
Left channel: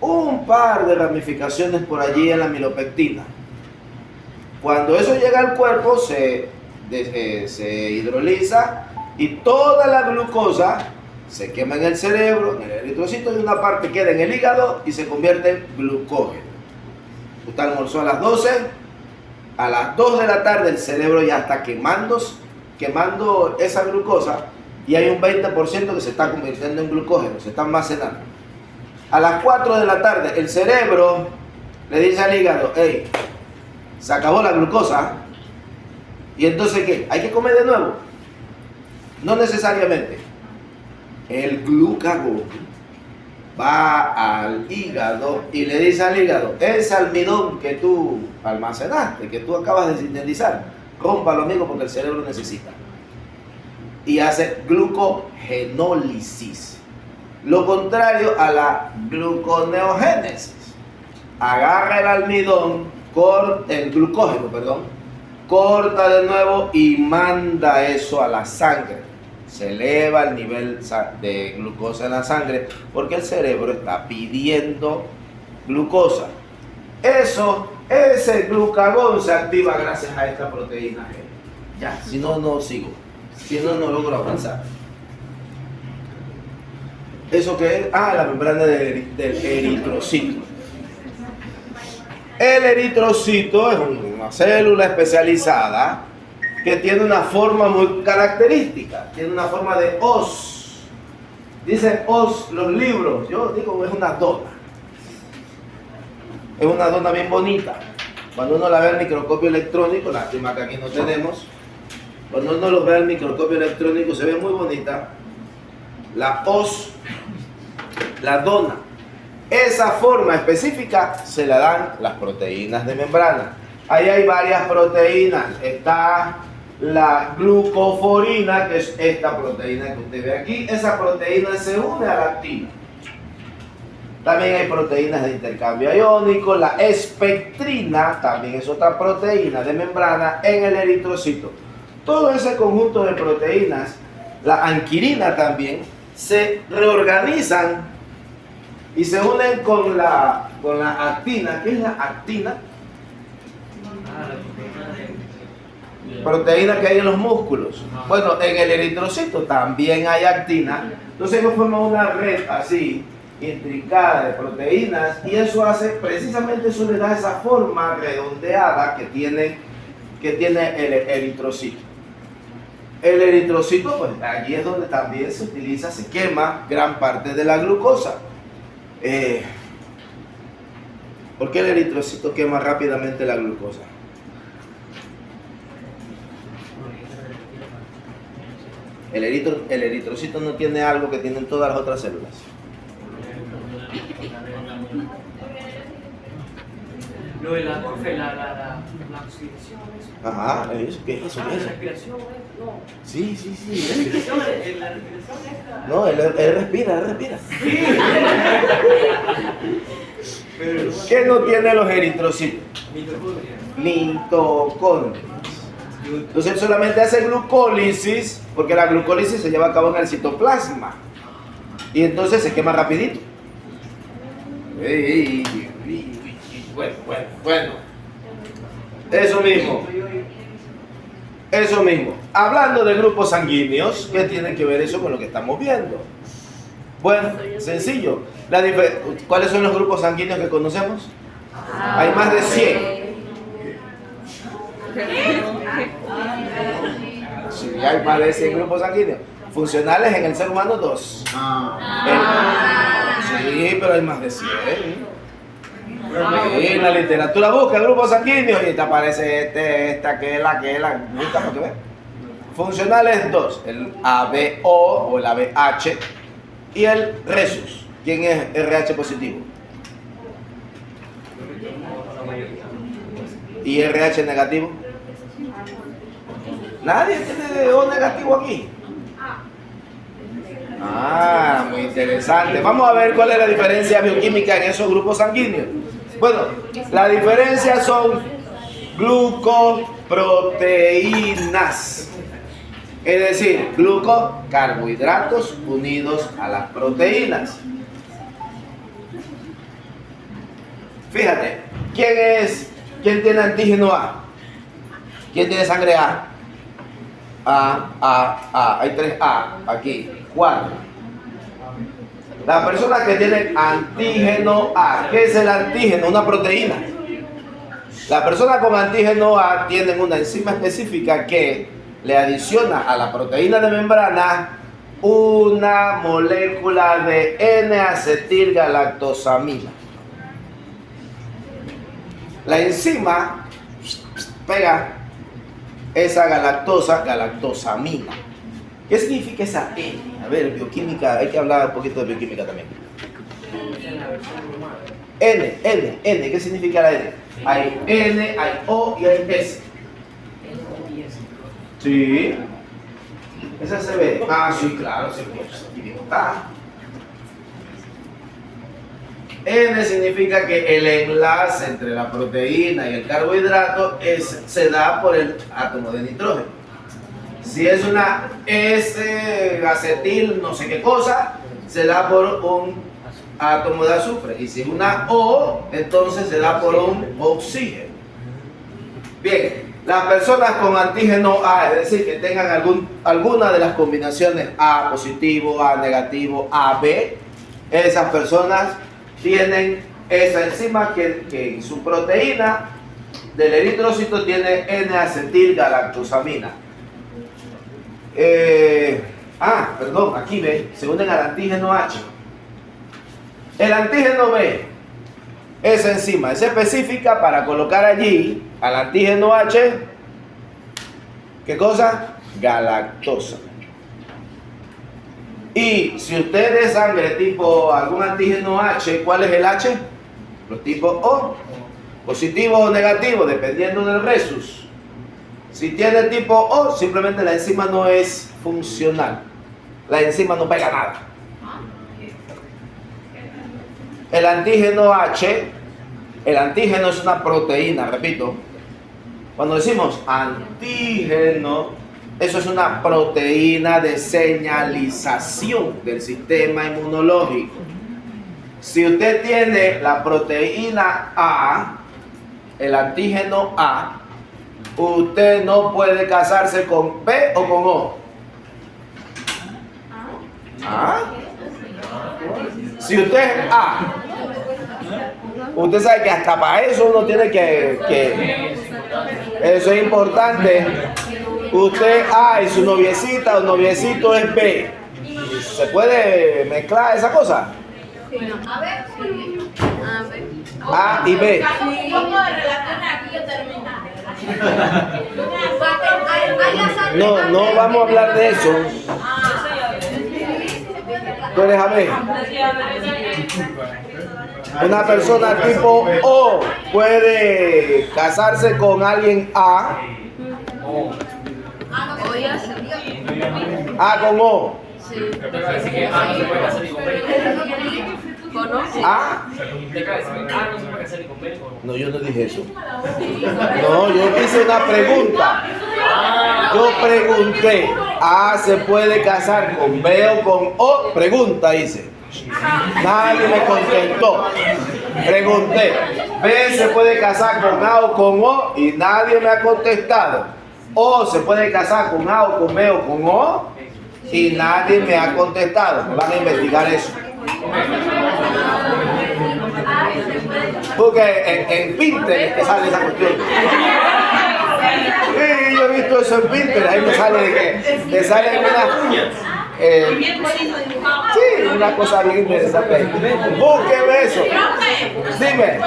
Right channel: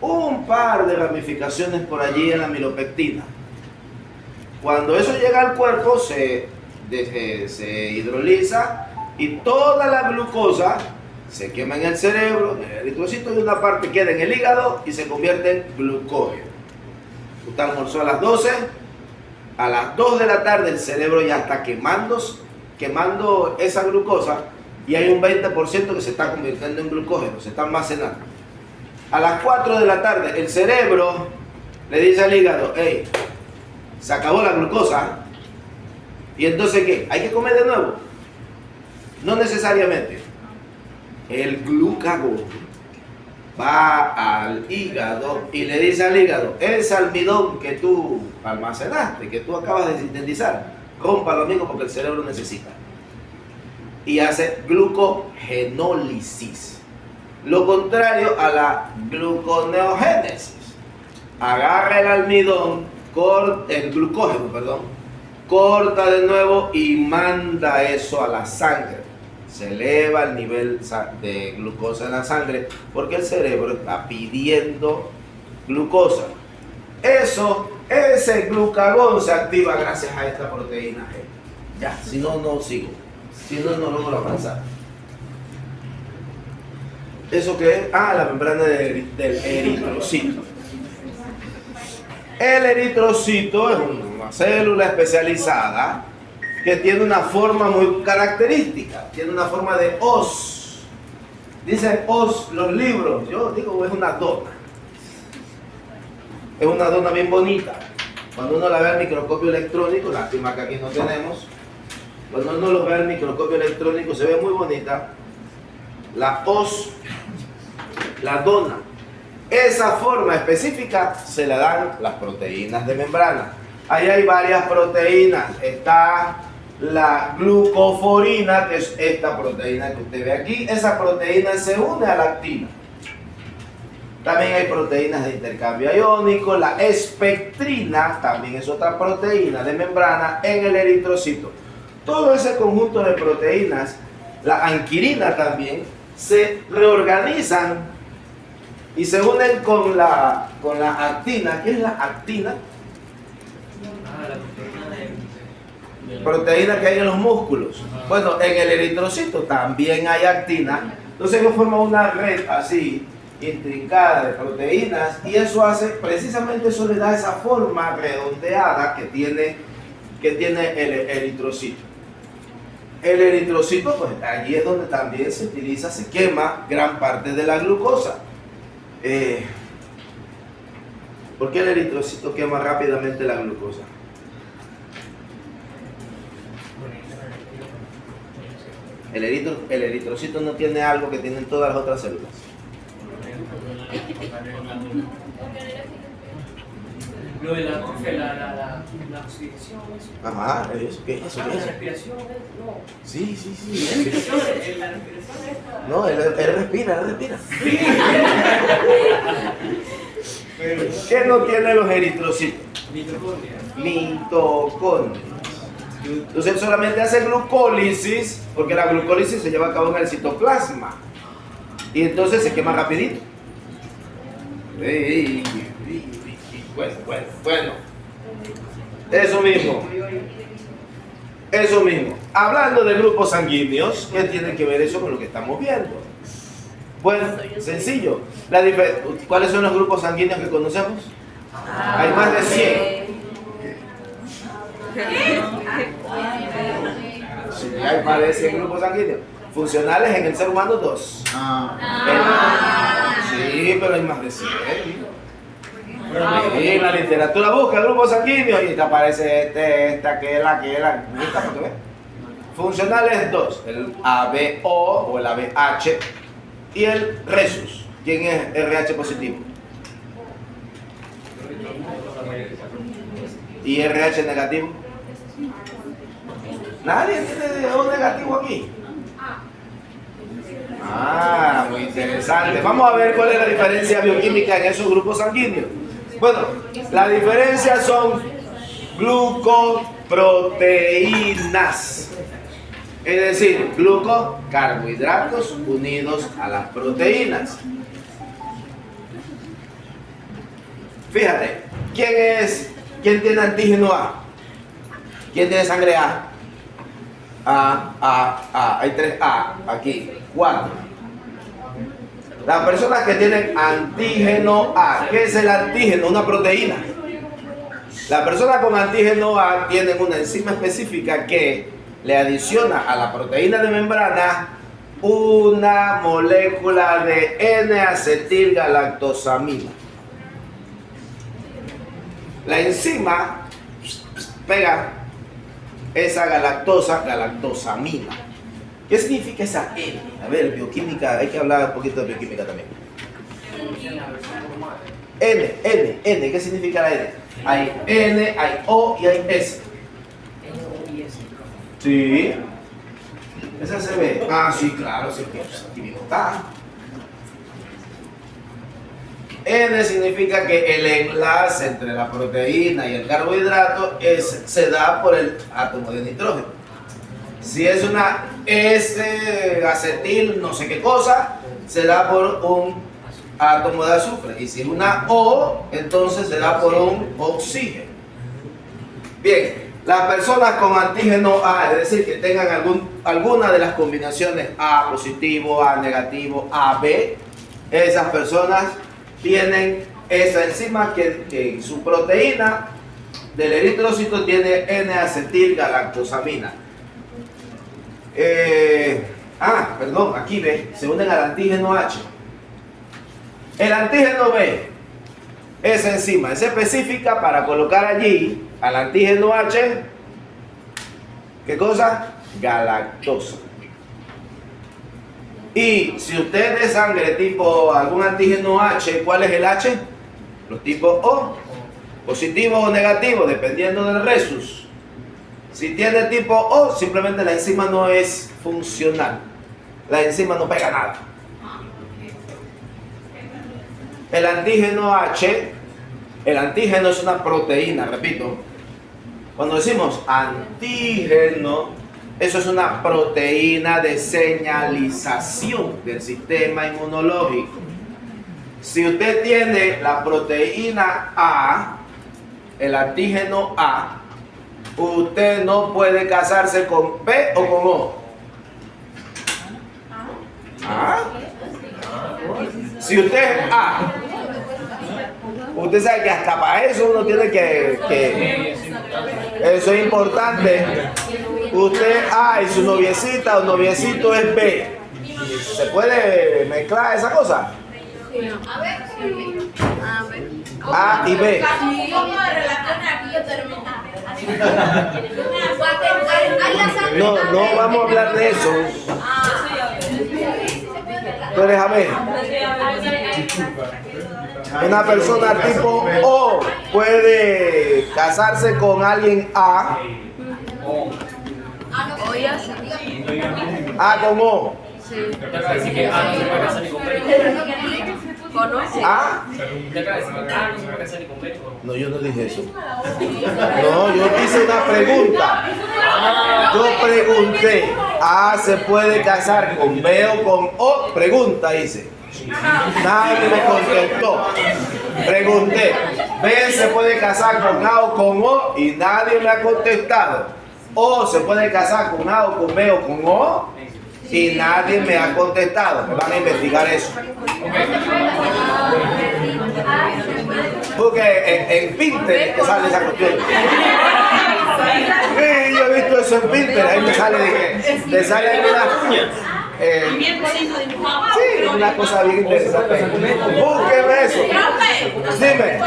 Un par de ramificaciones por allí en la milopectina. Cuando eso llega al cuerpo se hidroliza y toda la glucosa se quema en el cerebro, en el eritrocito, y una parte queda en el hígado y se convierte en glucógeno. Usted almorzó a las 12, a las 2 de la tarde el cerebro ya está quemando esa glucosa y hay un 20% que se está convirtiendo en glucógeno, se está almacenando. A las 4 de la tarde el cerebro le dice al hígado, hey, se acabó la glucosa, y entonces ¿qué? ¿Hay que comer de nuevo? No necesariamente. El glucagón va al hígado y le dice al hígado, ese almidón que tú almacenaste, que tú acabas de sintetizar, rómpalo, amigo, porque el cerebro necesita. Y hace glucogenólisis. Lo contrario a la gluconeogénesis. Agarra el almidón, el glucógeno, corta de nuevo y manda eso a la sangre. Se eleva el nivel de glucosa en la sangre porque el cerebro está pidiendo glucosa. Ese glucagón se activa gracias a esta proteína G. Ya, si no, no sigo. Si no, no logro avanzar. ¿Eso qué es? La membrana del eritrocito. El eritrocito es una célula especializada que tiene una forma muy característica, tiene una forma de hoz. Dicen hoz los libros, yo digo es una dona. Es una dona bien bonita. Cuando uno la ve al microscopio electrónico, lástima que aquí no tenemos, cuando uno lo ve al microscopio electrónico se ve muy bonita. La hoz, la dona. Esa forma específica se la dan las proteínas de membrana. Ahí hay varias proteínas. Está la glucoforina, que es esta proteína que usted ve aquí. Esa proteína se une a la actina. También hay proteínas de intercambio iónico. La espectrina también es otra proteína de membrana en el eritrocito. Todo ese conjunto de proteínas, la anquirina también, se reorganizan y se unen con la actina. ¿Qué es la actina? Proteína que hay en los músculos. Bueno, en el eritrocito también hay actina. Entonces ellos forman una red así, intrincada de proteínas, y eso hace, precisamente eso le da esa forma redondeada que tiene el eritrocito. El eritrocito, pues allí es donde también se utiliza, se quema gran parte de la glucosa. ¿Por qué el eritrocito quema rápidamente la glucosa? El eritrocito no tiene algo que tienen todas las otras células. Lo de la oxidación, eso. Ajá, ¿qué es eso? La respiración, no. Sí. La respiración es No, él respira. Sí. ¿Qué no tiene los eritrocitos? Mitocondria. Mitocondrias. Entonces él solamente hace glucólisis, porque la glucólisis se lleva a cabo en el citoplasma. Y entonces se quema rapidito. Bueno. Eso mismo. Hablando de grupos sanguíneos, ¿qué tiene que ver eso con lo que estamos viendo? Bueno, sencillo. ¿Cuáles son los grupos sanguíneos que conocemos? Hay más de 100. Sí, hay más de 100 grupos sanguíneos. Funcionales en el ser humano 2. Sí, pero hay más de 100. Sí, la literatura busca grupos sanguíneos y te aparece aquel, para que veas. Funcionales 2, el ABO o el ABH y el Rhesus. ¿Quién es RH positivo? ¿Y RH negativo? ¿Nadie tiene O negativo aquí? Muy interesante. Vamos a ver cuál es la diferencia bioquímica en esos grupos sanguíneos. Bueno, la diferencia son glucoproteínas. Es decir, carbohidratos unidos a las proteínas. Fíjate, ¿quién tiene antígeno A? ¿Quién tiene sangre A? Hay 3 A aquí, 4. Las personas que tienen antígeno A, ¿qué es el antígeno? Una proteína. Las personas con antígeno A tienen una enzima específica que le adiciona a la proteína de membrana una molécula de N-acetilgalactosamina. La enzima pega esa galactosamina. ¿Qué significa esa N? A ver, bioquímica, hay que hablar un poquito de bioquímica también. N, ¿qué significa la N? Hay N, hay O y hay S. Sí. Esa se ve. Ah, sí, claro, sí, aquí mismo está. N significa que el enlace entre la proteína y el carbohidrato se da por el átomo de nitrógeno. Si es una S-acetil, no sé qué cosa, se da por un átomo de azufre. Y si es una O, entonces se da por un oxígeno. Bien, las personas con antígeno A, es decir, que tengan alguna de las combinaciones A positivo, A negativo, AB, esas personas tienen esa enzima que su proteína del eritrocito tiene N-acetilgalactosamina. Perdón, aquí ve, se unen al antígeno H. El antígeno B, esa enzima es específica para colocar allí al antígeno H, ¿qué cosa? Galactosa. Y si usted es sangre tipo algún antígeno H, ¿cuál es el H? Los tipos O, positivo o negativo, dependiendo del resus. Si tiene tipo O, simplemente la enzima no es funcional. La enzima no pega nada. El antígeno H, el antígeno es una proteína, repito. Cuando decimos antígeno, eso es una proteína de señalización del sistema inmunológico. Si usted tiene la proteína A, el antígeno A, usted no puede casarse con P o con O. ¿Ah? Si usted es A, usted sabe que hasta para eso uno tiene que eso es importante. Usted A y su noviecita o noviecito es B. ¿Se puede mezclar esa cosa? A y B. No vamos a hablar de eso. Tú déjame. Una persona tipo O puede casarse con alguien A. A con O. Sí. ¿Ah? No, yo no dije eso. No, yo hice una pregunta. Yo pregunté, ¿A se puede casar con B o con O? Pregunta hice. Nadie me contestó. Pregunté, ¿B se puede casar con A o con O? Y nadie me ha contestado. ¿O se puede casar con A o con B o con O? Y nadie me ha contestado. Van a investigar eso. Porque en Pinterest te sale esa cuestión. Sí, yo he visto eso en Pinterest. Ahí me sale de que te sale una. Sí, una cosa bien interesante. Búsqueme eso. Dime.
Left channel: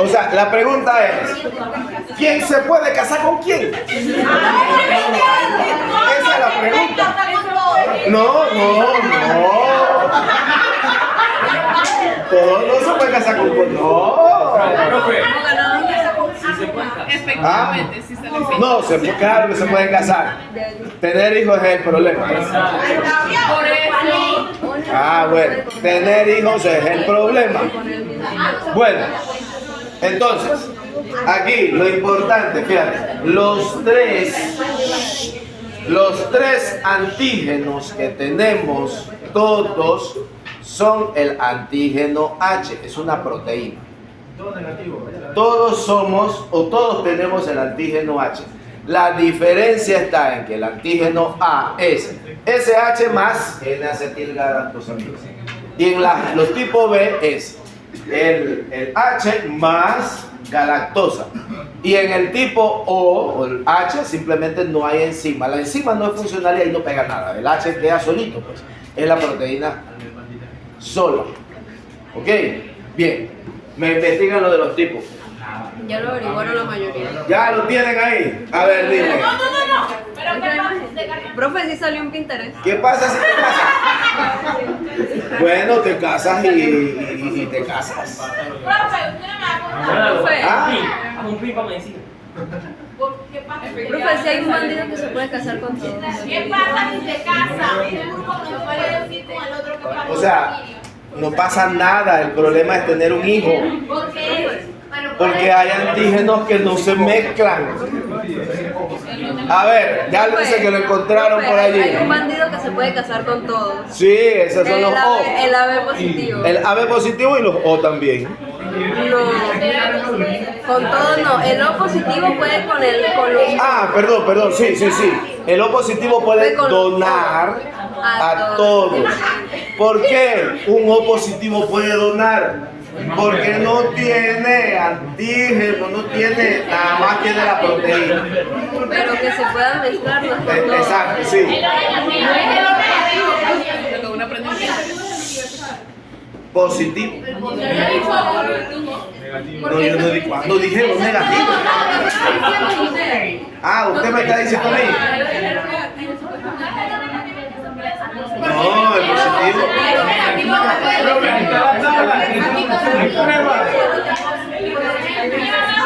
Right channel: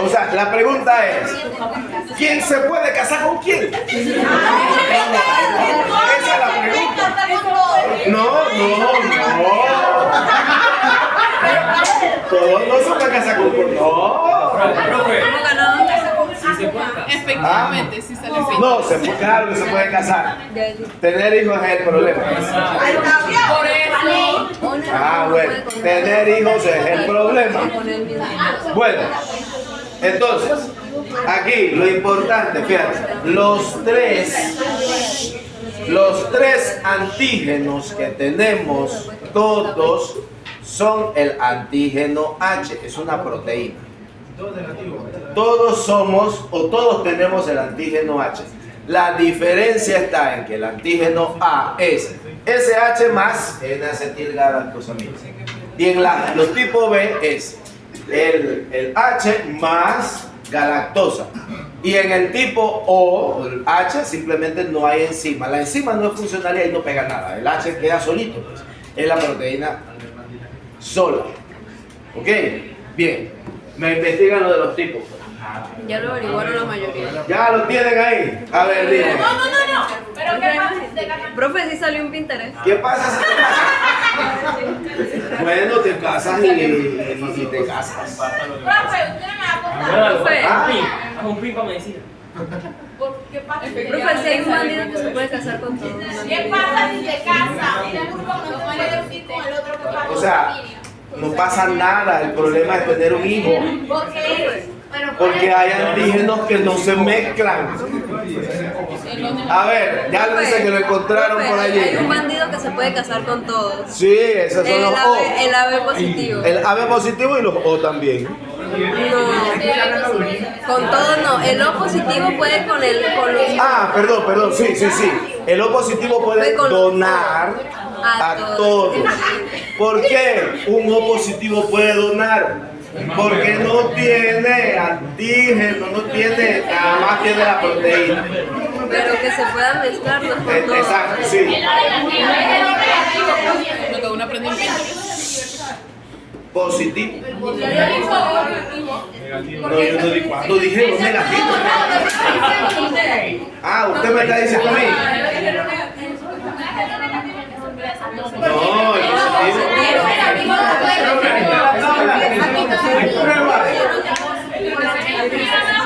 O sea, la pregunta es: ¿quién se puede casar con quién? Esa es la pregunta. No. Todo no se puede casar con quién. No. Efectivamente, sí sale bien. No, claro que se puede casar. Tener hijos es el problema. Por eso. Bueno, tener hijos es el problema. Bueno, entonces, Aquí, lo importante, fíjate, los tres antígenos que tenemos todos son el antígeno H, es una proteína. Todos somos o todos tenemos el antígeno H. La diferencia está en que el antígeno A es SH más N-acetilgalactosamina. Y en los tipos B es el H más galactosa. Y en el tipo O el H simplemente no hay enzima. La enzima no es funcional y ahí no pega nada. El H queda solito, pues. Es la proteína sola. ¿Ok? Bien. Me investigan lo de los tipos. Ya lo averiguaron la mayoría. Ya lo tienen ahí. A ver, dime. No. Pero ¿qué pasa? Profe, sí salió en Pinterest. ¿Qué pasa si te casas? Bueno, te casas y te casas. Profe, usted me va a contar. Profe, Haz un pin para medicina. ¿Qué pasa? profe, si hay un bandido que se puede casar con todos. ¿Qué pasa si se casa? Un grupo no se puede decir con el otro que pasa. O sea, no pasa nada. El problema es tener un hijo. ¿Por qué? Porque hay antígenos que no se mezclan. A ver, ya lo dice que lo encontraron Profe, por hay un allí. bandido que se puede casar con todos. Sí, esos son los O. El AB positivo. El AB positivo y los O también. No, con todo no. El O positivo puede con los. Ah, perdón, sí. El O positivo puede Puede con los donar a a todos. todos. ¿Por qué un O positivo puede donar? Porque no tiene antígeno, no tiene, nada más tiene la proteína. Pero que se puedan mezclarlos con todos. Exacto, sí. Lo que uno aprende en Pinterest. Positivo. ¿Cuándo dijeron negativo? Ah, usted me está diciendo a mí. No, el positivo.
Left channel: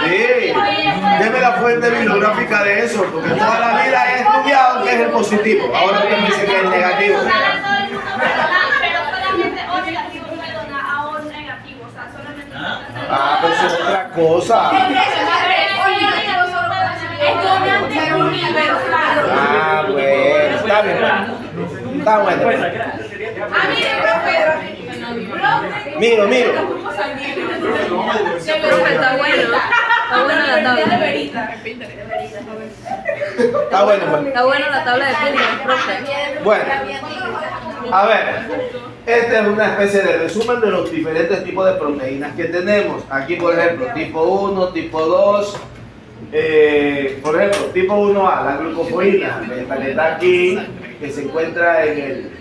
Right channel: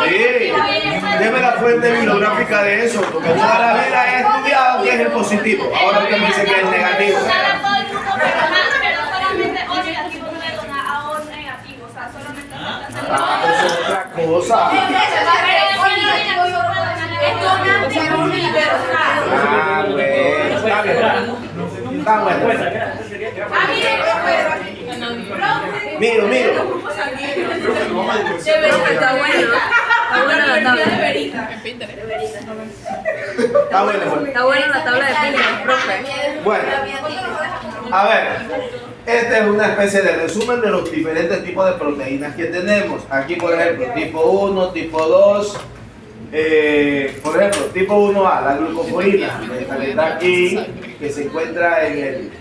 Sí, deme la fuente bibliográfica de eso, porque toda la vida he estudiado que es el positivo. Ahora usted me dice que es el negativo. Pero solamente O negativo puede donar a O negativo, o sea, solamente. Ah, pues es otra cosa. Ah, bueno, está bien. Está bueno. Miro. Profe, está bueno. Está buena la tabla. En Pinterest. Está bueno. Está buena la tabla de Pinterest, profe. Bueno, a ver, esta es una especie de resumen de los diferentes tipos de proteínas que tenemos. Aquí, por ejemplo, tipo 1, tipo 2, por ejemplo, tipo 1A, la glucoforina, esta que está aquí, que se encuentra en el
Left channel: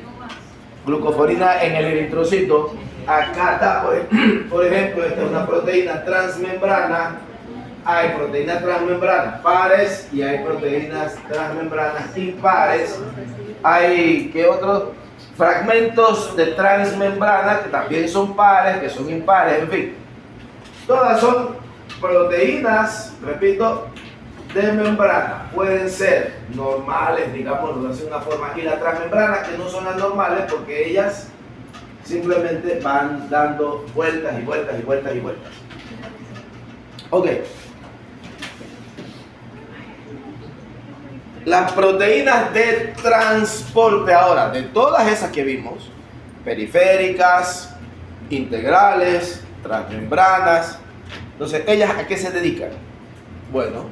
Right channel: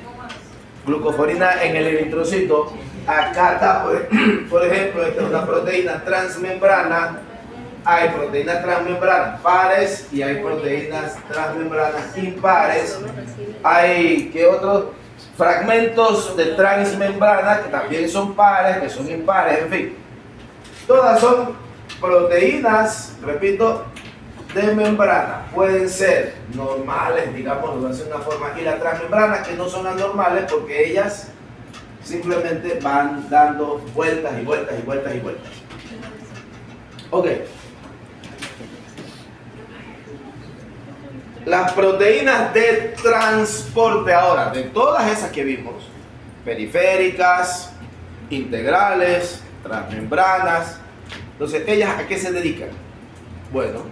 glucoforina en el eritrocito. Acá está, por ejemplo, esta es una proteína transmembrana. Hay proteínas transmembranas pares y hay proteínas transmembranas impares. Hay, ¿qué otros? Fragmentos de transmembrana que también son pares, que son impares, en fin. Todas son proteínas, repito, de membrana. Pueden ser normales, digamos, de una forma, y las transmembranas que no son anormales porque ellas simplemente van dando vueltas y vueltas y vueltas y vueltas. Ok. Las proteínas de transporte ahora, de todas esas que vimos, periféricas, integrales, transmembranas, entonces, ¿ellas a qué se dedican? Bueno,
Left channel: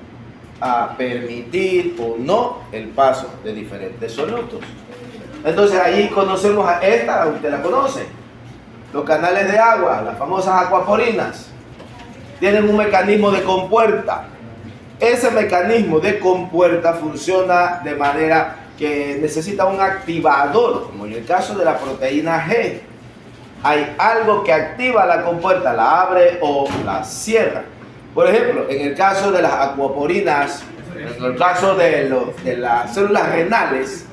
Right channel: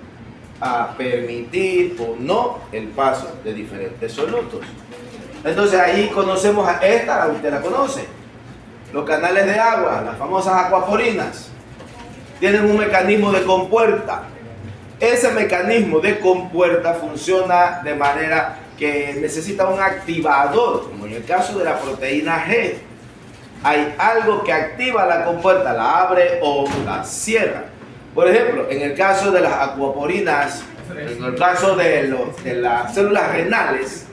a permitir o no el paso de diferentes solutos. Entonces, ahí conocemos a esta, usted la conoce, los canales de agua, las famosas acuaporinas, tienen un mecanismo de compuerta. Ese mecanismo de compuerta funciona de manera que necesita un activador, como en el caso de la proteína G. Hay algo que activa la compuerta, la abre o la cierra. Por ejemplo, en el caso de las acuaporinas, en el caso de las células renales,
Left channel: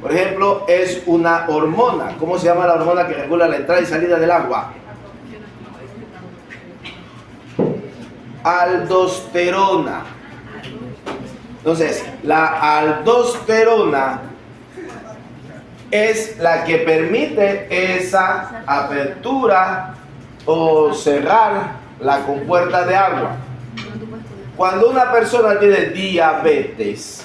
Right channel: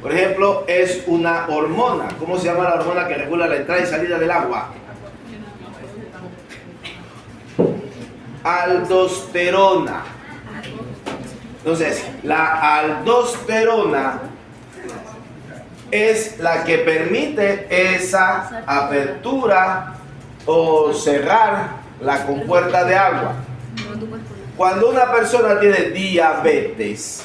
por ejemplo, es una hormona. ¿Cómo se llama la hormona que regula la entrada y salida del agua? Aldosterona. Entonces, la aldosterona es la que permite esa apertura o cerrar la compuerta de agua. No, tú puedes poner. Cuando una persona tiene diabetes,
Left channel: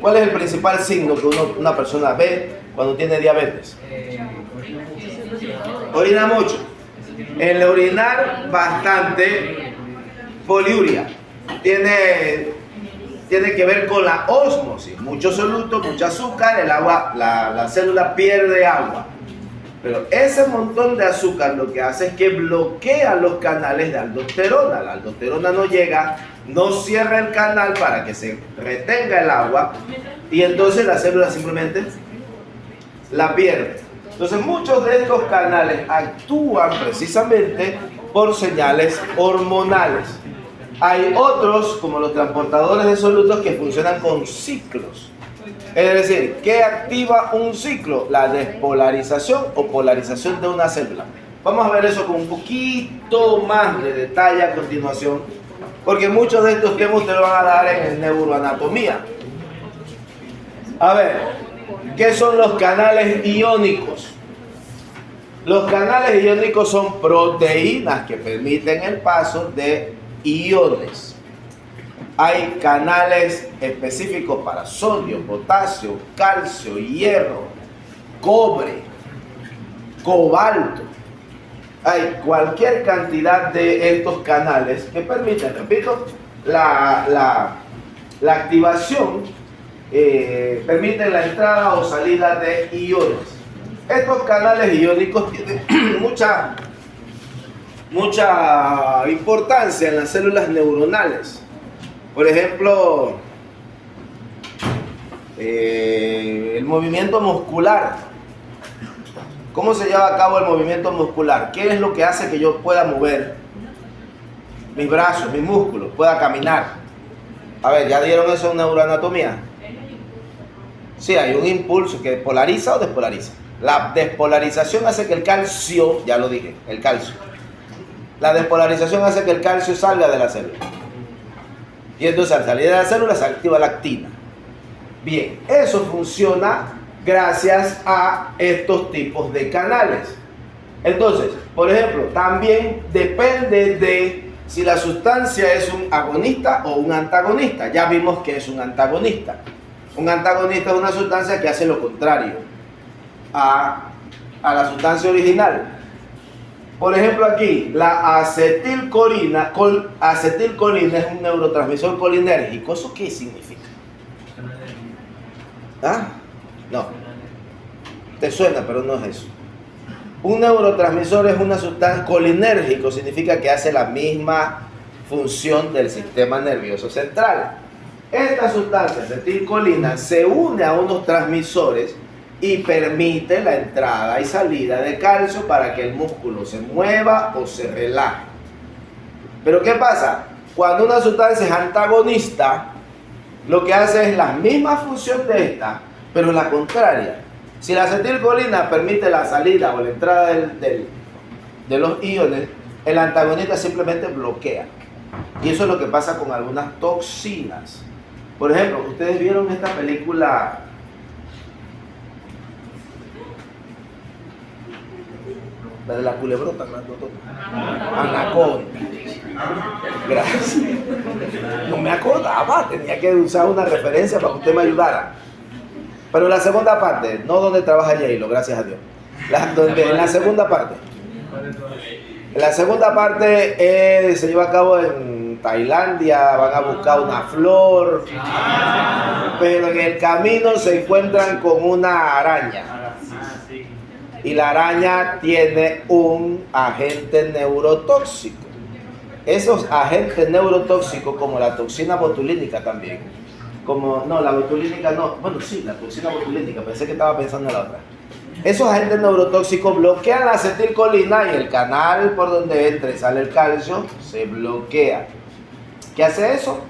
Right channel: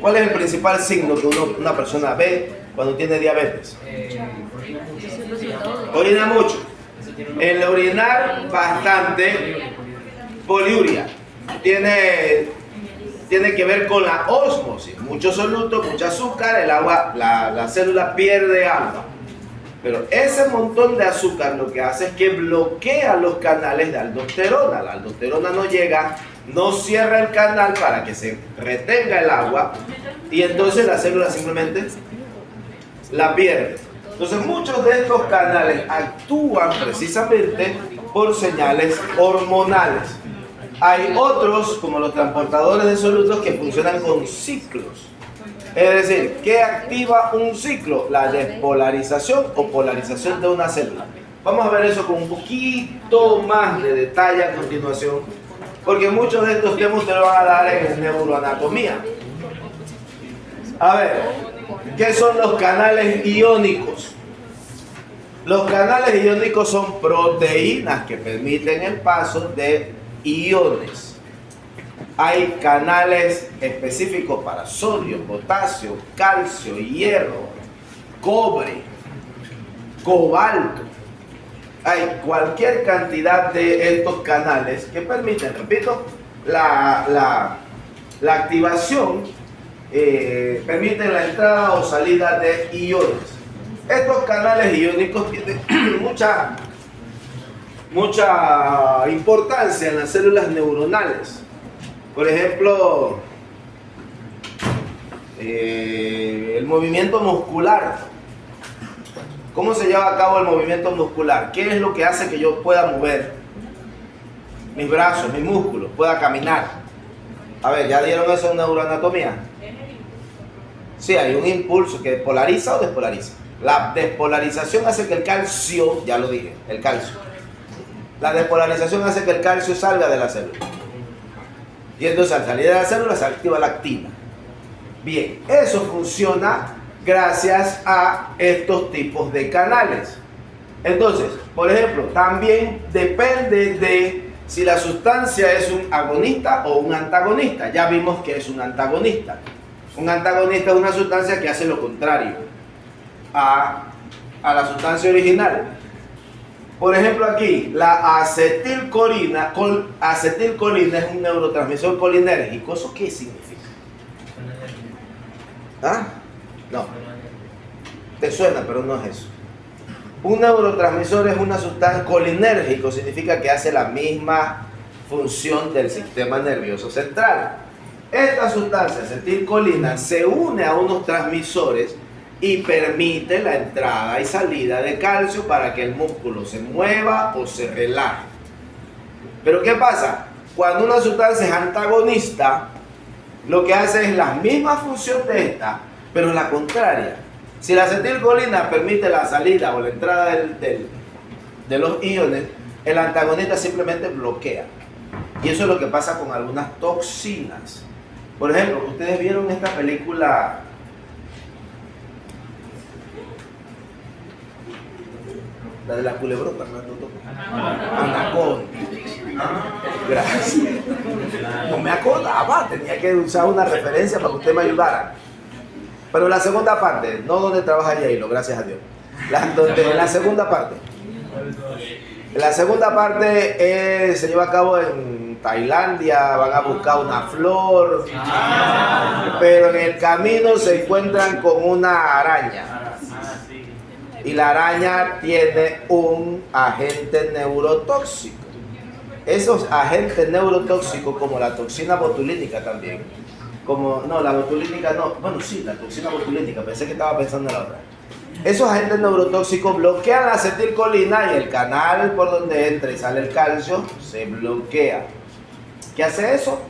¿cuál es el principal signo que una persona ve cuando tiene diabetes? Es el resultado de... Orina mucho. El orinar bastante, poliuria. Tiene que ver con la ósmosis. Mucho soluto, mucho azúcar, el agua, la célula pierde agua. Pero ese montón de azúcar lo que hace es que bloquea los canales de aldosterona. La aldosterona no llega, no cierra el canal para que se retenga el agua y entonces la célula simplemente la pierde. Entonces muchos de estos canales actúan precisamente por señales hormonales. Hay otros, como los transportadores de solutos, que funcionan con ciclos. Es decir, ¿qué activa un ciclo? La despolarización o polarización de una célula. Vamos a ver eso con un poquito más de detalle a continuación, porque muchos de estos temas te lo van a dar en neuroanatomía. A ver, ¿qué son los canales iónicos? Los canales iónicos son proteínas que permiten el paso de iones. Hay canales específicos para sodio, potasio, calcio, hierro, cobre, cobalto. Hay cualquier cantidad de estos canales que permiten, repito, la activación, permiten la entrada o salida de iones. Estos canales iónicos tienen mucha importancia en las células neuronales. Por ejemplo, el movimiento muscular. ¿Cómo se lleva a cabo el movimiento muscular? ¿Qué es lo que hace que yo pueda mover mis brazos, mis músculos, pueda caminar? A ver, ¿ya dieron eso en neuroanatomía? Sí, hay un impulso que polariza o despolariza. La despolarización hace que el calcio, ya lo dije, el calcio. La despolarización hace que el calcio salga de la célula. Y entonces al salir de la célula se activa la actina. Bien, eso funciona gracias a estos tipos de canales. Entonces, por ejemplo, también depende de si la sustancia es un agonista o un antagonista. Ya vimos que es un antagonista. Un antagonista es una sustancia que hace lo contrario a la sustancia original. Por ejemplo, aquí, la acetilcolina es un neurotransmisor colinérgico. ¿Eso qué significa? ¿Ah? No. Te suena, pero no es eso. Un neurotransmisor es una sustancia colinérgico, significa que hace la misma función del sistema nervioso central. Esta sustancia, acetilcolina, se une a unos transmisores y permite la entrada y salida de calcio para que el músculo se mueva o se relaje. Pero ¿qué pasa? Cuando una sustancia es antagonista, lo que hace es la misma función de esta, pero la contraria. Si la acetilcolina permite la salida o la entrada de los iones, el antagonista simplemente bloquea. Y eso es lo que pasa con algunas toxinas. Por ejemplo, ustedes vieron esta película... La de la culebrota, Anaconda. Gracias. No me acordaba, tenía que usar una referencia para que usted me ayudara. Pero la segunda parte, no donde trabaja Yailo, gracias a Dios. En la segunda parte. La segunda parte se lleva a cabo en Tailandia, van a buscar una flor, pero en el camino se encuentran con una araña. Y la araña tiene un agente neurotóxico. Esos agentes neurotóxicos, como la toxina botulínica también, la botulínica no, bueno sí, la toxina botulínica, pensé que estaba pensando en la otra. Esos agentes neurotóxicos bloquean la acetilcolina y el canal por donde entra y sale el calcio se bloquea. ¿Qué hace eso?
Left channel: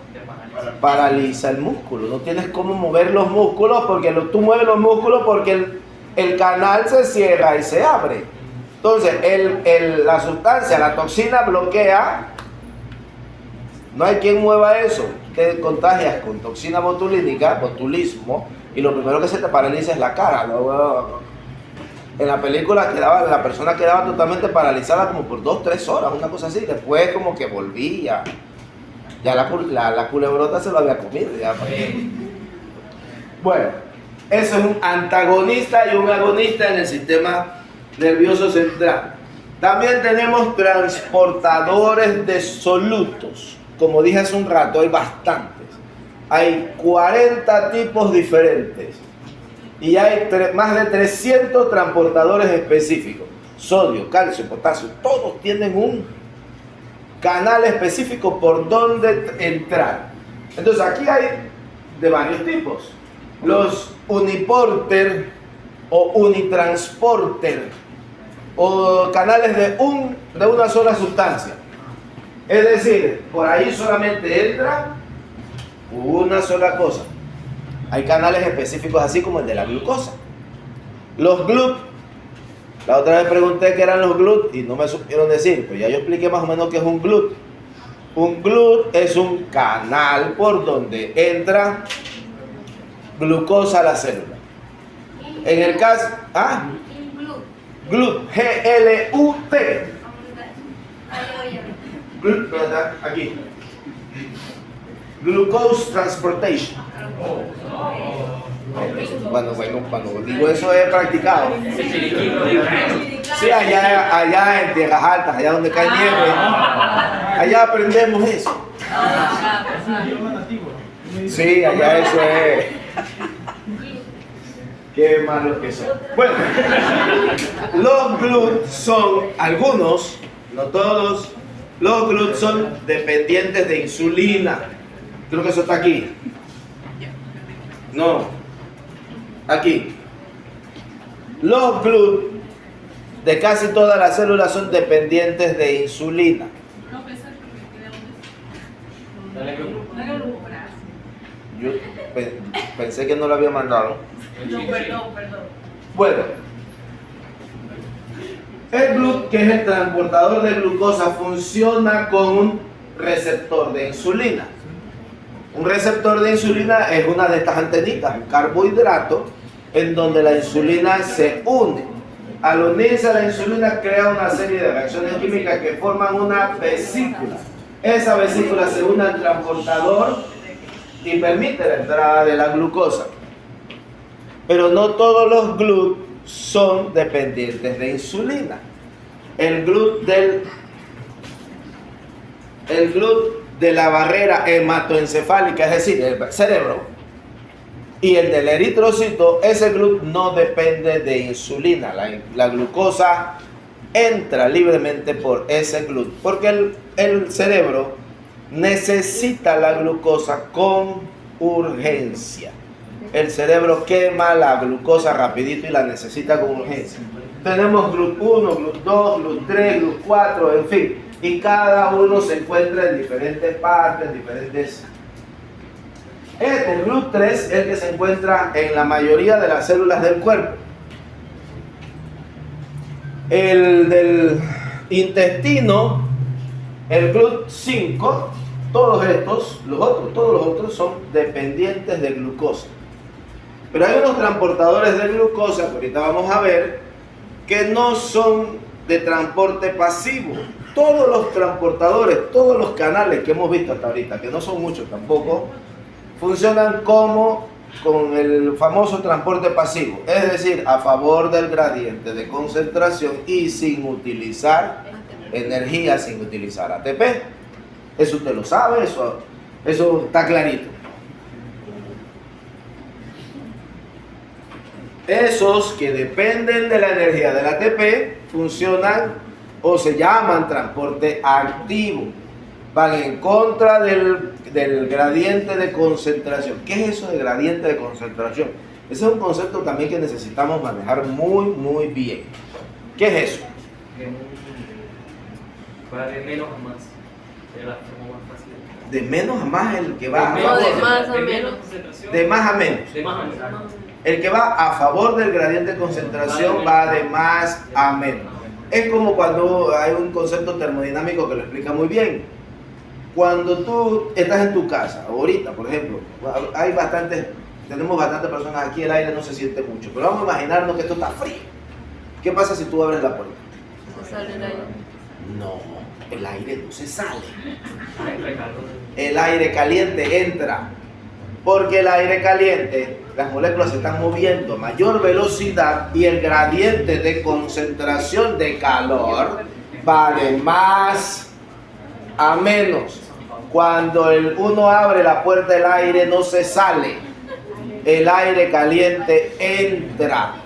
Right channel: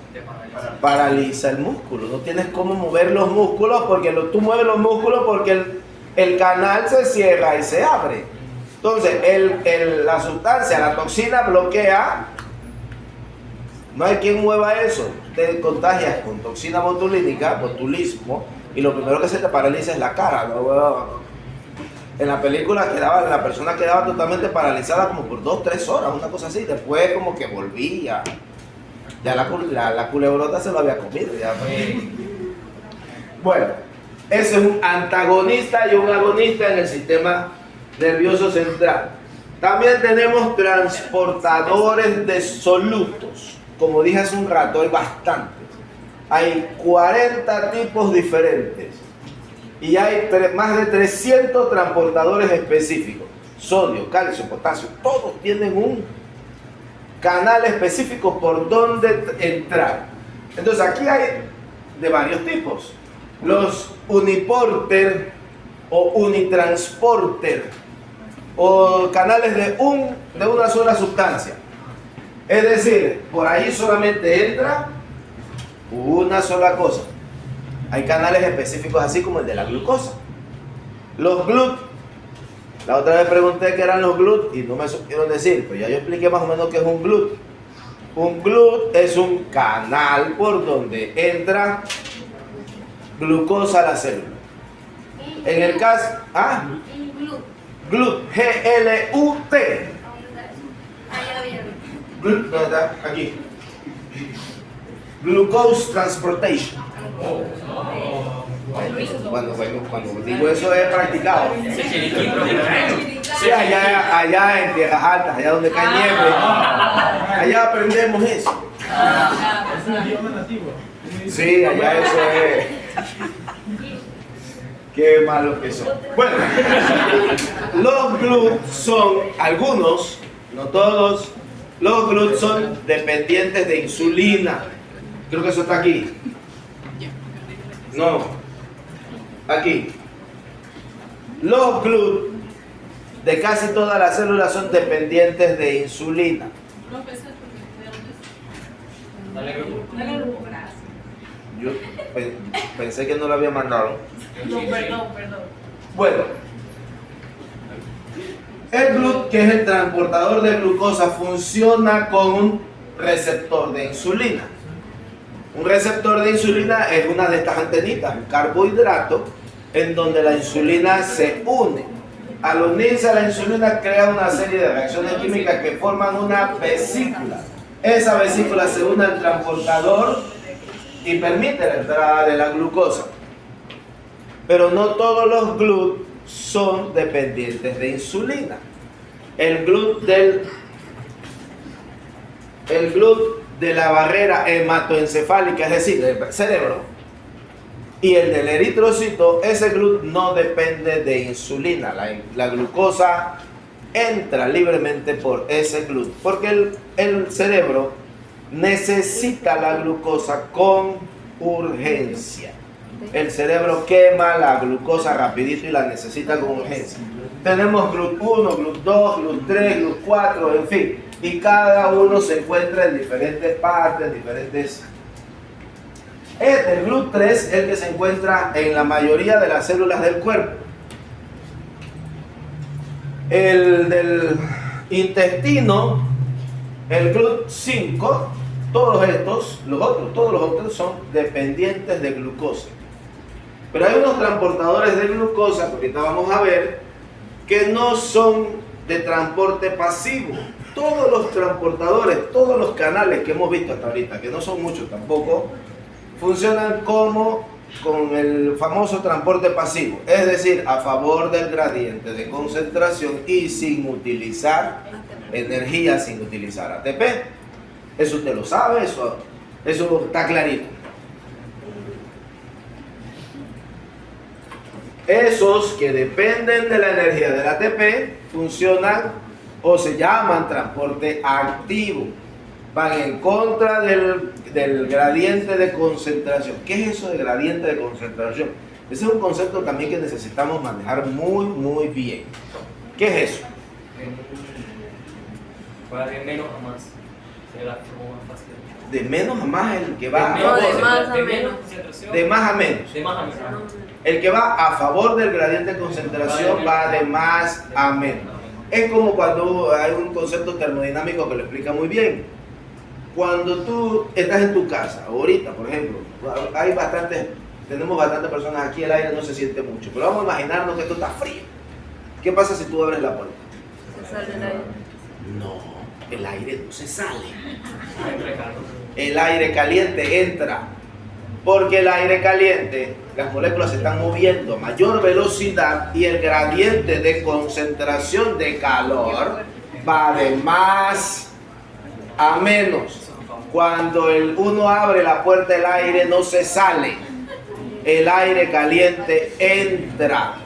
Paraliza el músculo. No tienes cómo mover los músculos porque tú mueves los músculos porque el canal se cierra y se abre. Entonces, la sustancia, la toxina bloquea. No hay quien mueva eso. Te contagias con toxina botulínica, botulismo, y lo primero que se te paraliza es la cara. En la película la persona quedaba totalmente paralizada como por 2-3 horas, una cosa así. Después como que volvía. Ya la culebrota se lo había comido. Ya. Bueno, eso es un antagonista y un agonista en el sistema nervioso central. También tenemos transportadores de solutos. Como dije hace un rato, hay bastantes. Hay 40 tipos diferentes. Y hay más de 300 transportadores específicos. Sodio, calcio, potasio, todos tienen un canal específico por donde entrar. Entonces aquí hay de varios tipos. Los uniporter o unitransporter o canales de una sola sustancia. Es decir, por ahí solamente entra una sola cosa. Hay canales específicos así como el de la glucosa. Los GLUT. La otra vez pregunté qué eran los GLUT y no me supieron decir, pero ya yo expliqué más o menos qué es un GLUT. Un GLUT es un canal por donde entra glucosa a la célula. En el caso, GLUT, G-L-U-T. GLUT, ¿verdad? Aquí. Glucose Transportation. Cuando digo eso es practicado. Sí, allá en tierras altas, allá donde cae nieve, allá aprendemos eso. Sí, allá eso es. Qué malos que son. Bueno, los GLUT son algunos, no todos, los GLUT son dependientes de insulina. Creo que eso está aquí. No, aquí. Los GLUT de casi todas las células son dependientes de insulina. Yo pensé que no lo había mandado. Perdón. Bueno, el GLUT, que es el transportador de glucosa, funciona con un receptor de insulina. Un receptor de insulina es una de estas antenitas, un carbohidrato, en donde la insulina se une. Al unirse a la insulina crea una serie de reacciones químicas que forman una vesícula. Esa vesícula se une al transportador y permite la entrada de la glucosa. Pero no todos los GLUT son dependientes de insulina. El GLUT de la barrera hematoencefálica, es decir, del cerebro, y el del eritrocito, ese GLUT no depende de insulina. La glucosa entra libremente por ese GLUT, porque el cerebro necesita la glucosa con urgencia. El cerebro quema la glucosa rapidito y la necesita con urgencia. Tenemos GLUT 1, GLUT 2, GLUT 3, GLUT 4, en fin. Y cada uno se encuentra en diferentes partes, el GLUT 3 es el que se encuentra en la mayoría de las células del cuerpo. El del intestino, el GLUT 5, todos los otros son dependientes de glucosa. Pero hay unos transportadores de glucosa, que ahorita vamos a ver, que no son de transporte pasivo. Todos los transportadores, todos los canales que hemos visto hasta ahorita, que no son muchos tampoco, funcionan con el famoso transporte pasivo, es decir, a favor del gradiente de concentración y sin utilizar energía, sin utilizar ATP. Eso usted lo sabe, eso está clarito. Esos que dependen de la energía del ATP funcionan o se llaman transporte activo. Van en contra del gradiente de concentración. ¿Qué es eso de gradiente de concentración? Ese es un concepto también que necesitamos manejar muy bien. ¿Qué es eso? Va de menos a más. Es la forma más fácil. De menos a más el que va No, de más a menos. De más a menos. De más a menos. El que va a favor del gradiente de concentración va de más a menos. Es como cuando hay un concepto termodinámico que lo explica muy bien. Cuando tú estás en tu casa, ahorita por ejemplo, tenemos bastantes personas aquí, el aire no se siente mucho, pero vamos a imaginarnos que esto está frío. ¿Qué pasa si tú abres la puerta? Se sale el aire. No, el aire no se sale. El aire caliente entra. Porque el aire caliente, las moléculas se están moviendo a mayor velocidad y el gradiente de concentración de calor va de más a menos. Cuando uno abre la puerta, el aire no se sale. El aire caliente entra.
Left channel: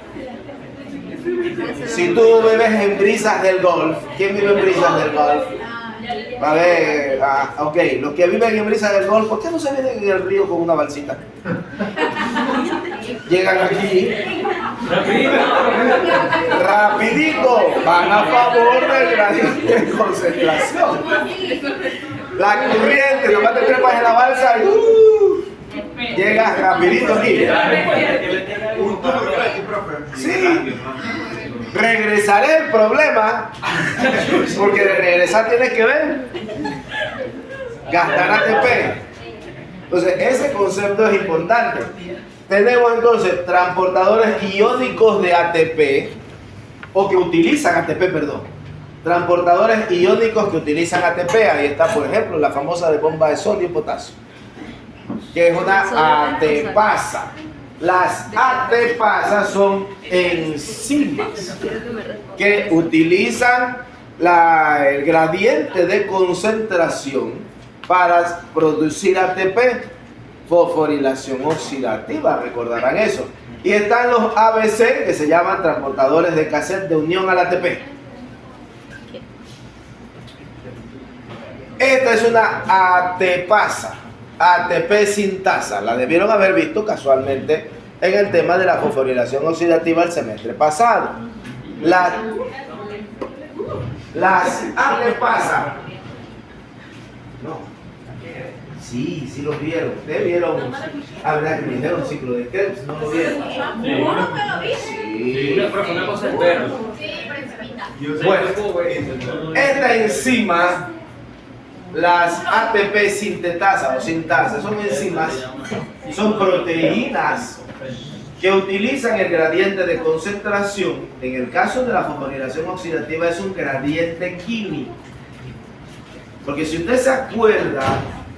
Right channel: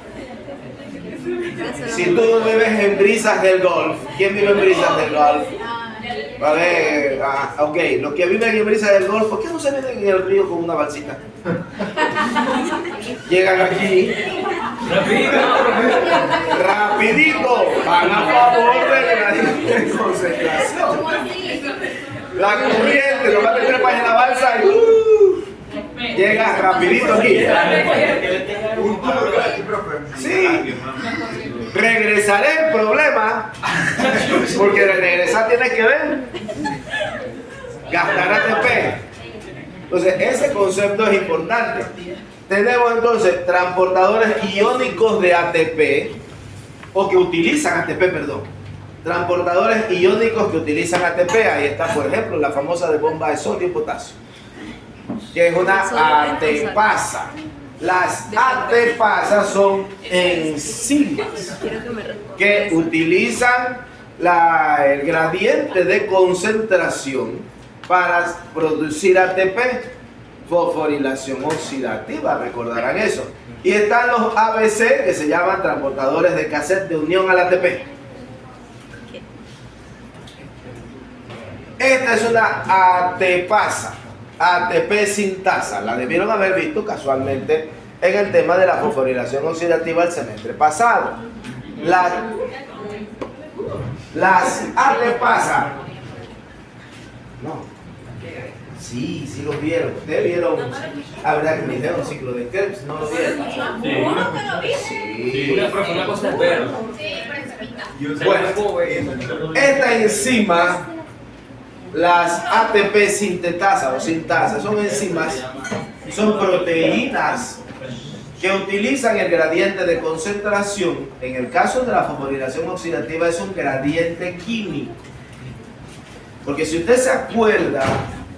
Si tú vives en Brisas del Golf, ¿quién vive en Brisas del Golf? A ver, ok, los que viven en Brisas del Golf, ¿por qué no se meten en el río con una balsita? Llegan aquí, rapidito, van a favor del gradiente de concentración. La corriente, lo más te trepas en la balsa y llegas rapidito aquí. Sí. Regresaré el problema, porque regresar tienes que ver, gastar ATP. Entonces ese concepto es importante. Tenemos entonces transportadores iónicos de ATP, o que utilizan ATP, perdón. Transportadores iónicos que utilizan ATP, ahí está por ejemplo la famosa de bomba de sodio y potasio, que es una ATPasa. Las ATPasas son enzimas que utilizan el gradiente de concentración para producir ATP, fosforilación oxidativa, recordarán eso. Y están los ABC, que se llaman transportadores de cassette de unión al ATP. Esta es una ATPasa. ATP sintasa, la debieron haber visto casualmente en el tema de la fosforilación oxidativa el semestre pasado. Las ATPasa, no, sí los vieron. Ustedes vieron, verdad que me dijeron ciclo de Krebs, no lo vieron. Sí. Una cosa es ver. Bueno, esta enzima, las ATP sintetasa o sintasa, son enzimas, son proteínas que utilizan el gradiente de concentración. En el caso de la fosforilación oxidativa es un gradiente químico. Porque si usted se acuerda,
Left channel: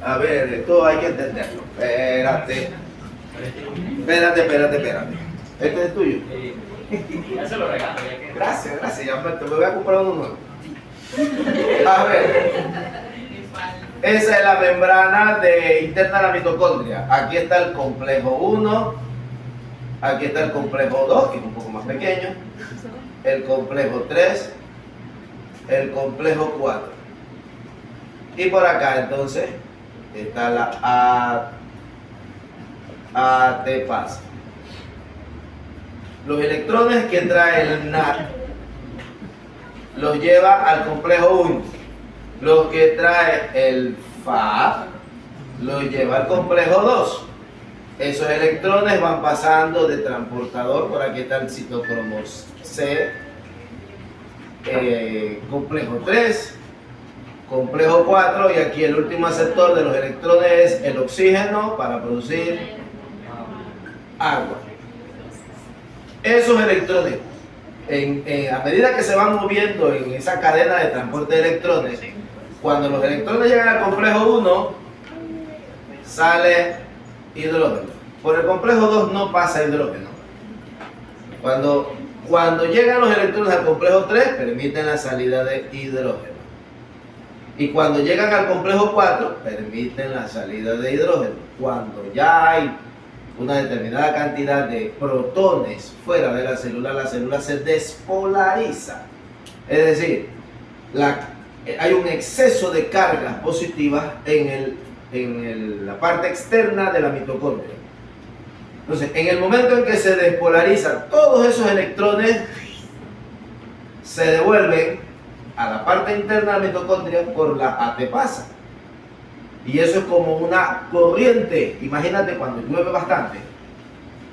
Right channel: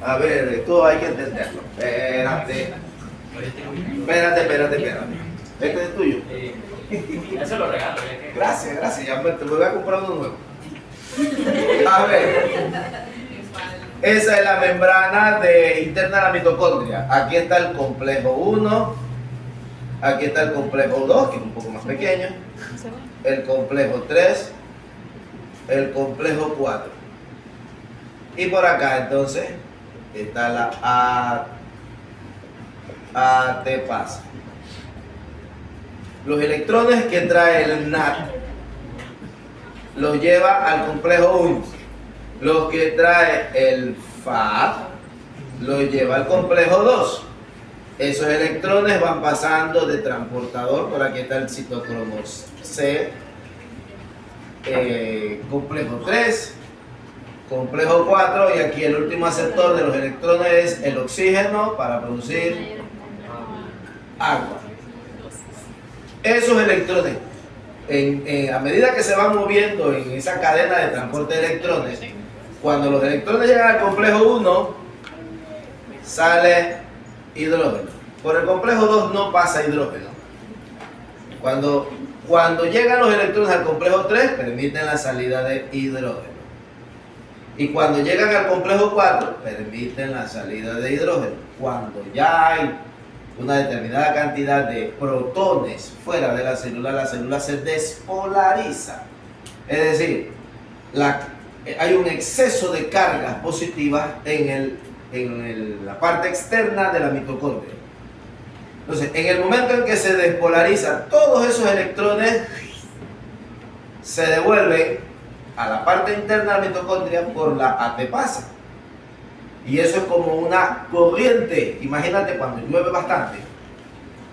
a ver, esto hay que entenderlo. Espérate. Este es tuyo. Eso lo regalo. Gracias, ya me voy a comprar uno nuevo. A ver. Esa es la membrana interna de la mitocondria. Aquí está el complejo 1, aquí está el complejo 2, que es un poco más pequeño, el complejo 3, el complejo 4. Y por acá entonces está la ATPasa. Los electrones que trae el NAT los lleva al complejo 1. Lo que trae el FAD lo lleva al complejo 2. Esos electrones van pasando de transportador, por aquí está el citocromo C, complejo 3, complejo 4, y aquí el último aceptor de los electrones es el oxígeno para producir agua. Esos electrones, a medida que se van moviendo en esa cadena de transporte de electrones, cuando los electrones llegan al complejo 1, sale hidrógeno. Por el complejo 2 no pasa hidrógeno. Cuando llegan los electrones al complejo 3, permiten la salida de hidrógeno. Y cuando llegan al complejo 4, permiten la salida de hidrógeno. Cuando ya hay una determinada cantidad de protones fuera de la célula se despolariza. Es decir, hay un exceso de cargas positivas en la parte externa de la mitocondria. Entonces, en el momento en que se despolarizan, todos esos electrones se devuelven a la parte interna de la mitocondria por la ATPasa. Y eso es como una corriente. Imagínate cuando llueve bastante,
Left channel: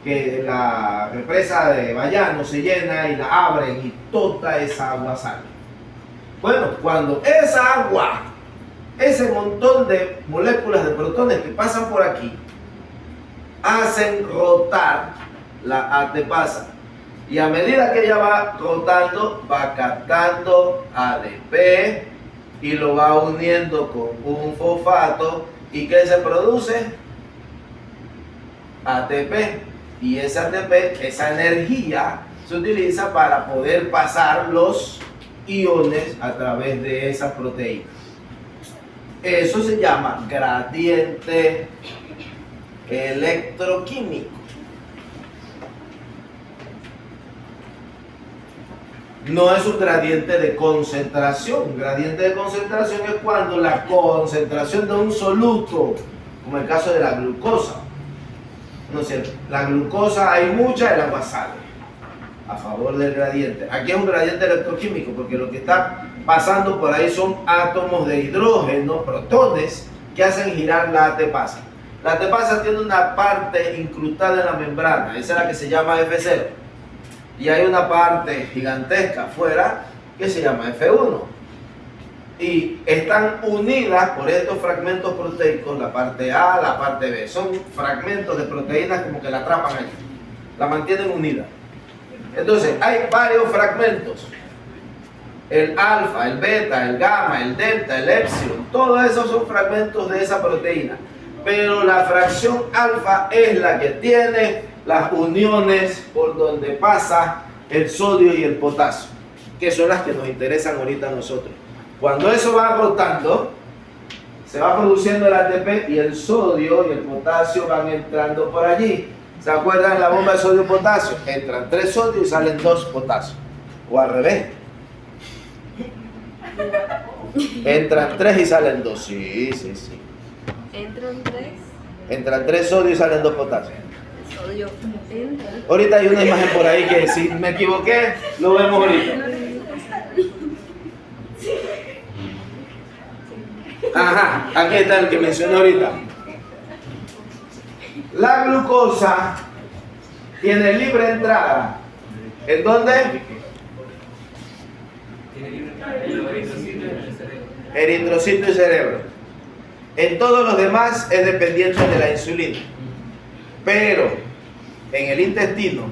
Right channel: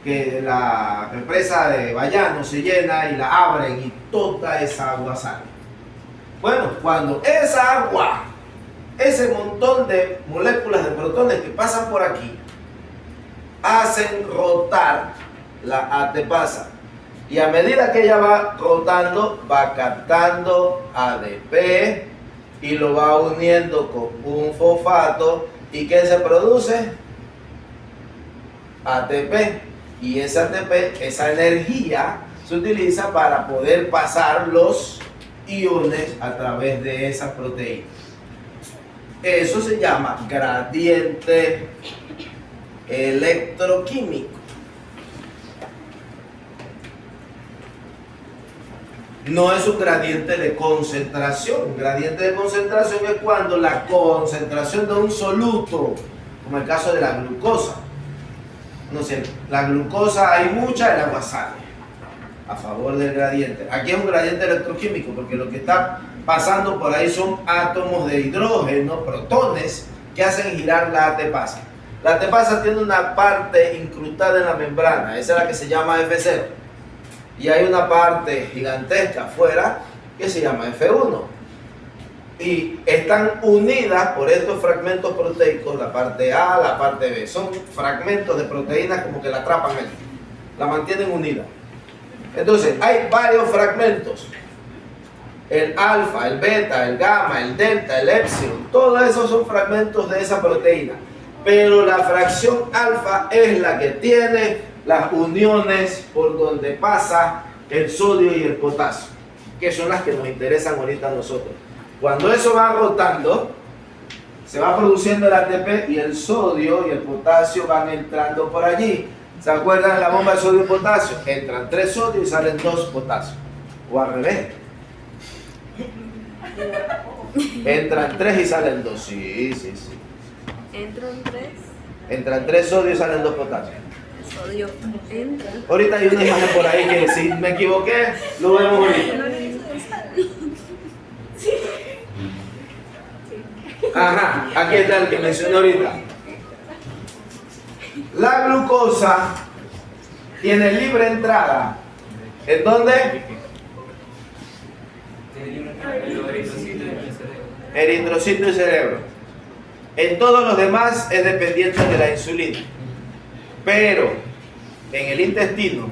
que la represa de Bayano se llena y la abren y toda esa agua sale. Bueno, cuando esa agua, ese montón de moléculas de protones que pasan por aquí, hacen rotar la ATPasa Y a medida que ella va rotando, va captando ADP y lo va uniendo con un fosfato. ¿Y qué se produce? ATP. Y ese ATP, esa energía, se utiliza para poder pasar los iones a través de esa proteína. Eso se llama gradiente electroquímico. No es un gradiente de concentración. Gradiente de concentración es cuando la concentración de un soluto, como el caso de la glucosa. No sé, la glucosa hay mucha, el agua sale a favor del gradiente. Aquí es un gradiente electroquímico porque lo que está pasando por ahí son átomos de hidrógeno, protones, que hacen girar la ATPasa. La ATPasa tiene una parte incrustada en la membrana, esa es la que se llama F0. Y hay una parte gigantesca afuera que se llama F1. Y están unidas por estos fragmentos proteicos, la parte A, la parte B. Son fragmentos de proteínas como que la atrapan ahí, la mantienen unida. Entonces, hay varios fragmentos. El alfa, el beta, el gamma, el delta, el epsilon, todos esos son fragmentos de esa proteína. Pero la fracción alfa es la que tiene las uniones por donde pasa el sodio y el potasio, que son las que nos interesan ahorita a nosotros. Cuando eso va rotando, se va produciendo el ATP y el sodio y el potasio van entrando por allí. ¿Se acuerdan de la bomba de sodio y potasio? Entran 3 sodios y salen 2 potasios. O al revés. Entran 3 y salen 2. Sí. Entran 3. Entran 3 sodios y salen 2 potasios. El sodio entra. Ahorita hay una imagen por ahí que si me equivoqué, lo vemos ahorita. Ajá, aquí está el que mencioné ahorita. La glucosa tiene libre entrada. ¿En dónde? Eritrocito y cerebro. En todos los demás es dependiente de la insulina. Pero en el intestino,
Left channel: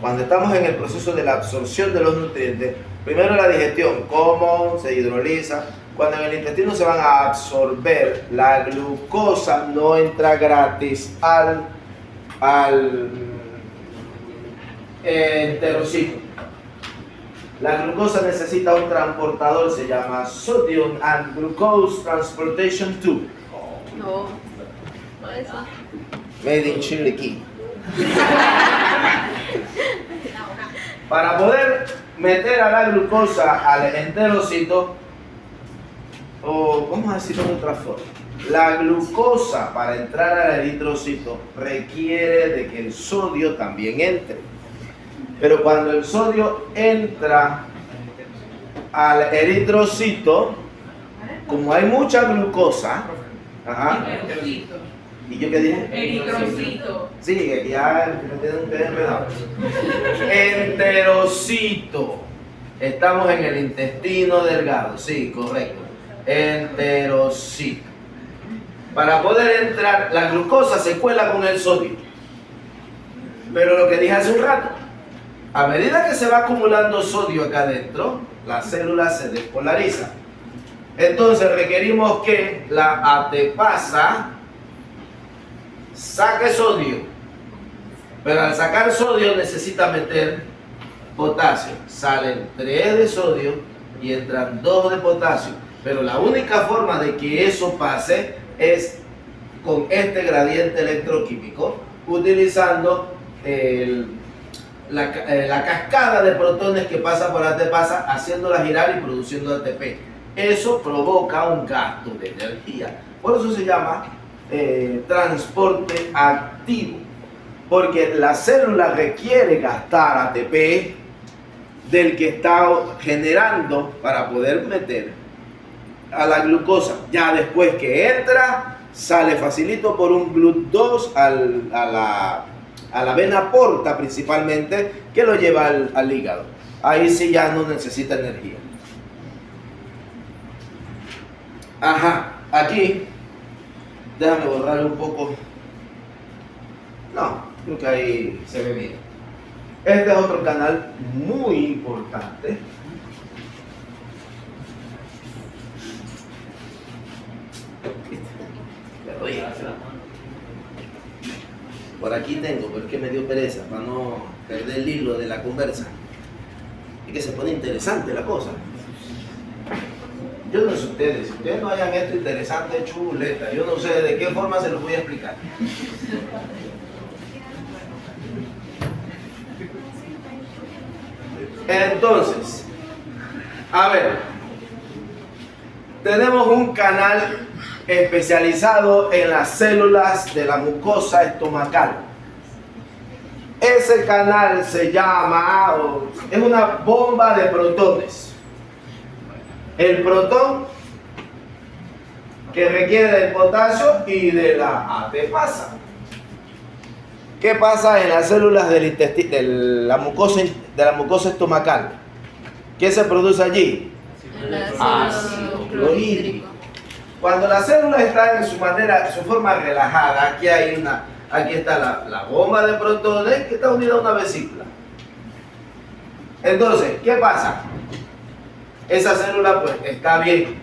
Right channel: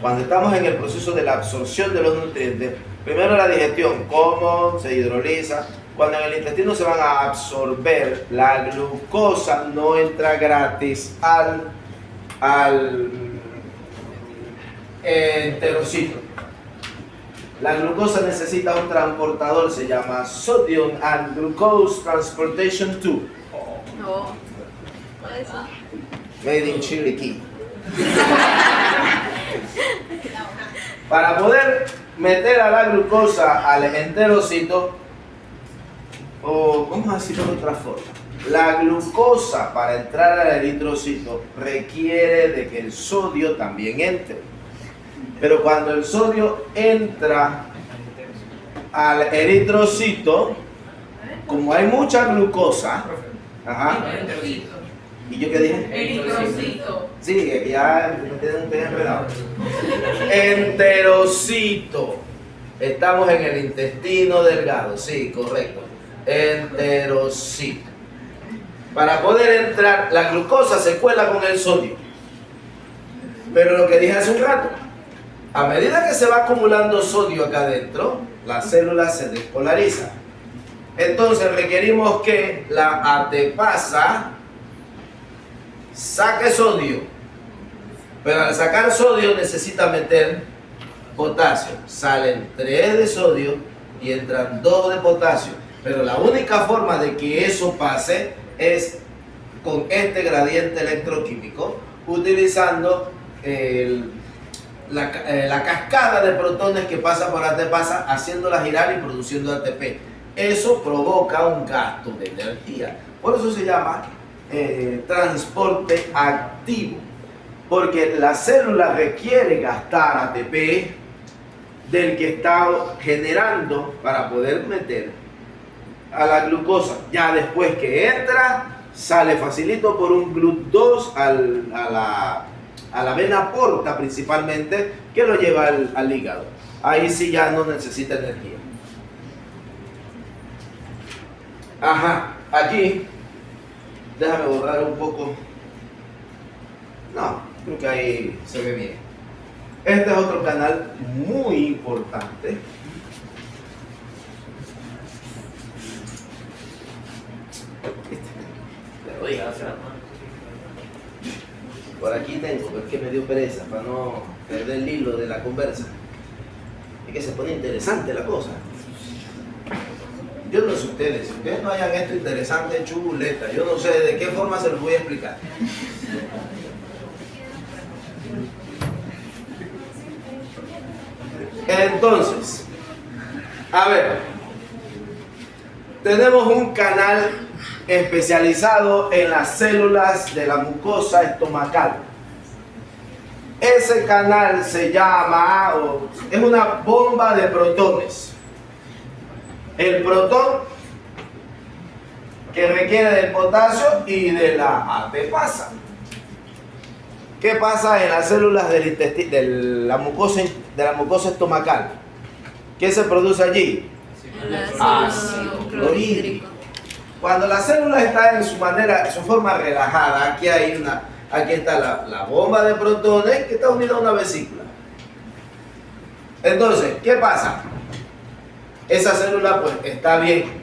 cuando estamos en el proceso de la absorción de los nutrientes, primero la digestión, cómo se hidroliza. Cuando en el intestino se van a absorber, la glucosa no entra gratis al enterocito. La glucosa necesita un transportador, se llama Sodium and Glucose Transportation Tube. No, no eso. Made in Chiriquí. Para poder meter a la glucosa al enterocito, o vamos a decirlo de otra forma, la glucosa para entrar al eritrocito requiere de que el sodio también entre. Pero cuando el sodio entra al eritrocito, como hay mucha glucosa, ajá, ¿y yo qué dije? Eritrocito. Sí, que ya me tienen ustedes enredados. Enterocito. Estamos en el intestino delgado, sí, correcto. Enterocito. Para poder entrar, la glucosa se cuela con el sodio. Pero lo que dije hace un rato, a medida que se va acumulando sodio acá adentro, la célula se despolariza. Entonces requerimos que la ATPasa saque sodio. Pero al sacar sodio necesita meter potasio. Salen 3 de sodio y entran 2 de potasio. Pero la única forma de que eso pase es con este gradiente electroquímico, utilizando la cascada de protones que pasa por ATPasa, haciéndola girar y produciendo ATP. Eso provoca un gasto de energía. Por eso se llama transporte activo. Porque la célula requiere gastar ATP del que está generando para poder meter a la glucosa. Ya después que entra, sale facilito por un GLUT2 a la vena porta principalmente, que lo lleva al hígado. Ahí sí ya no necesita energía. Ajá, aquí, déjame borrar un poco. No, creo que ahí se ve bien. Este es otro canal muy importante. Te lo dije. Por aquí tengo, pero es que me dio pereza para no perder el hilo de la conversa. Es que se pone interesante la cosa. Yo no sé ustedes, si ustedes no hayan esto interesante, chuleta, yo no sé de qué forma se los voy a explicar. Entonces, a ver, tenemos un canal especializado en las células de la mucosa estomacal. Ese canal se llama, es una bomba de protones. El protón que requiere del potasio y de la adipasa. ¿Qué pasa en las células del intestino, de la mucosa estomacal? ¿Qué se produce allí? El Ácido clorhídrico. Cuando la célula está en su forma relajada, aquí está la bomba de protones que está unida a una vesícula. Entonces, ¿qué pasa? Esa célula pues está bien,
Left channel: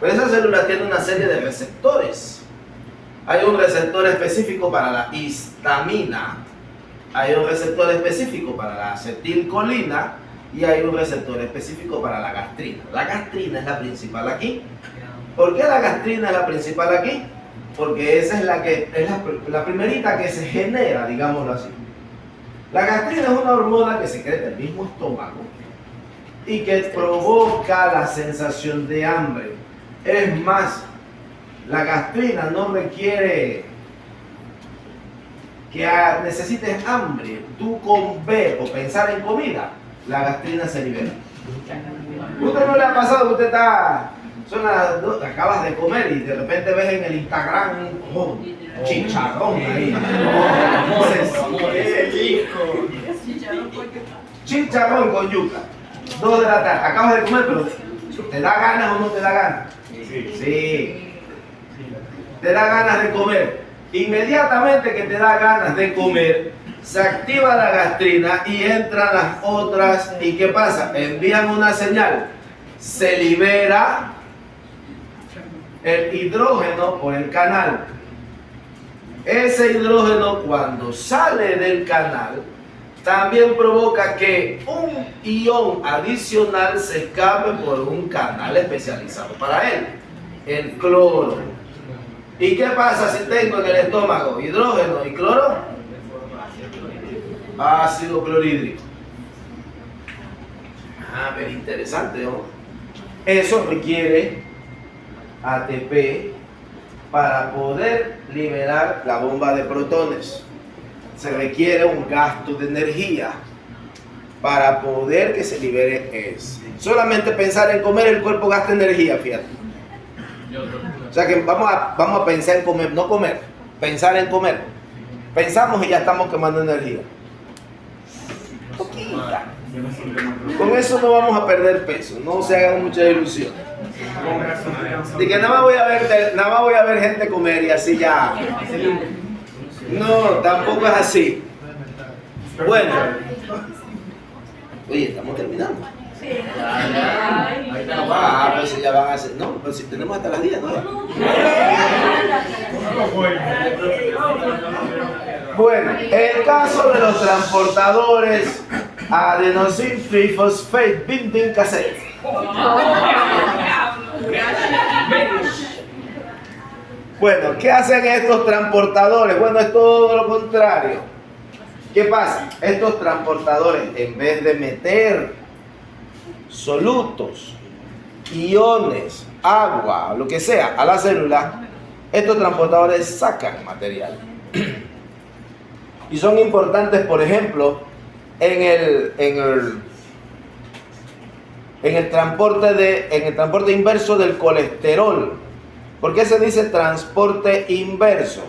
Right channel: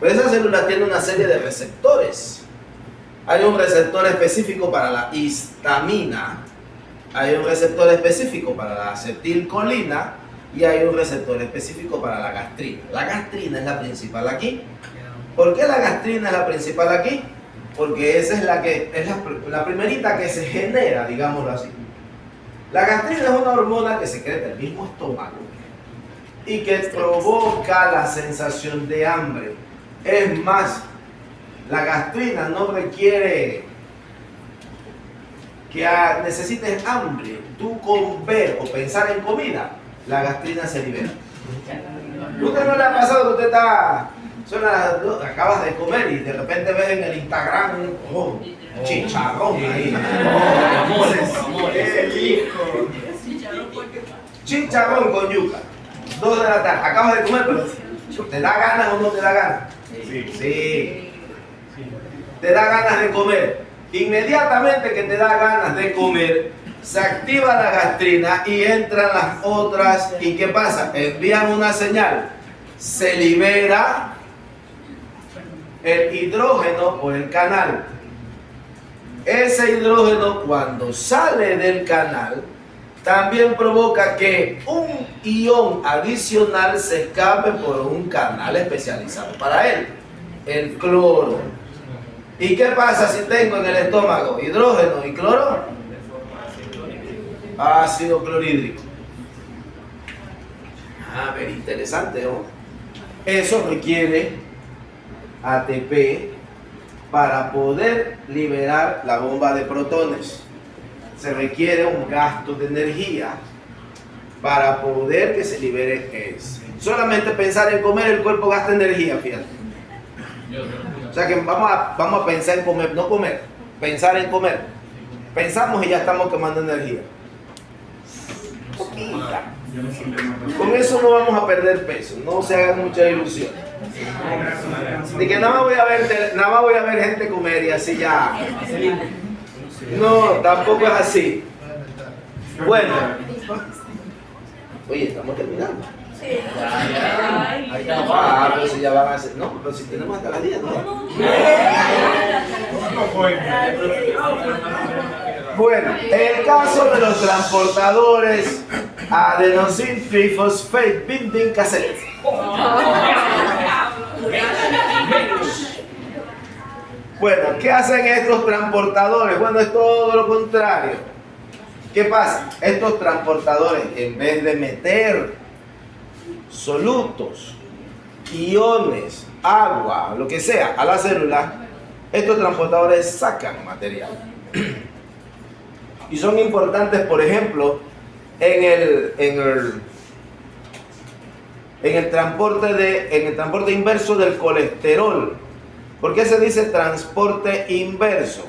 pero esa célula tiene una serie de receptores. Hay un receptor específico para la histamina, hay un receptor específico para la acetilcolina y hay un receptor específico para la gastrina. La gastrina es la principal aquí. ¿Por qué la gastrina es la principal aquí? Porque esa es la primerita que se genera, digámoslo así. La gastrina es una hormona que secreta el mismo estómago y que provoca la sensación de hambre. Es más, la gastrina no requiere que necesites hambre. Tú con ver o pensar en comida, la gastrina se libera. ¿Usted no le ha pasado que usted acabas de comer y de repente ves en el Instagram chicharrón ahí? Chicharrón con yuca. 2 de la tarde. Acabas de comer, pero ¿te da ganas o no te da ganas? Sí. Te da ganas de comer. Inmediatamente que te da ganas de comer, se activa la gastrina y entran las otras. ¿Y qué pasa? Envían una señal. Se libera el hidrógeno por el canal. Ese hidrógeno, cuando sale del canal, también provoca que un ion adicional se escape por un canal especializado para él, el cloro. ¿Y qué pasa si tengo en el estómago hidrógeno y cloro? Ácido clorhídrico. Pero interesante, ¿no? Eso requiere ATP para poder liberar la bomba de protones. Se requiere un gasto de energía para poder que se libere eso. Solamente pensar en comer, el cuerpo gasta energía, fíjate. O sea que vamos a pensar en comer, no comer, pensar en comer. Pensamos y ya estamos quemando energía. Poquita. Con eso no vamos a perder peso, no se hagan mucha ilusión. De que nada más voy a ver gente comer y así ya. No, tampoco es así. Bueno. Oye, estamos terminando. Pues ya van a hacer. No, pero si tenemos hasta las 10, ¿no? Bueno, el caso de los transportadores adenosine trifosfate binding cassette. Bueno, ¿qué hacen estos transportadores? Bueno, es todo lo contrario. ¿Qué pasa? Estos transportadores, en vez de meter solutos, iones, agua, lo que sea, a la célula, estos transportadores sacan material. Y son importantes, por ejemplo, en el transporte inverso del colesterol. ¿Por qué se dice transporte inverso?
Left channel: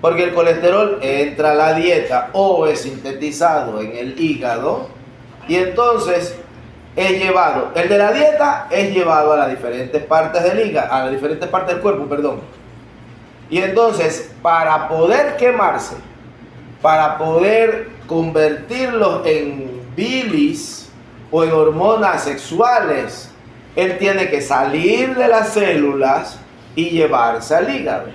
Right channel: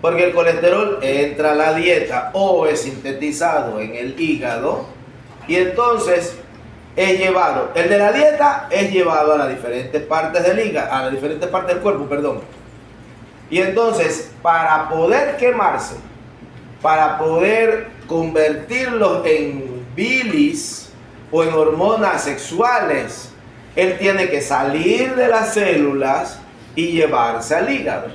Porque el colesterol entra a la dieta o es sintetizado en el hígado y entonces es llevado, el de la dieta es llevado a las diferentes partes del hígado, a las diferentes partes del cuerpo, perdón. Y entonces, para poder quemarse, para poder convertirlos en bilis o en hormonas sexuales, él tiene que salir de las células y llevarse al hígado.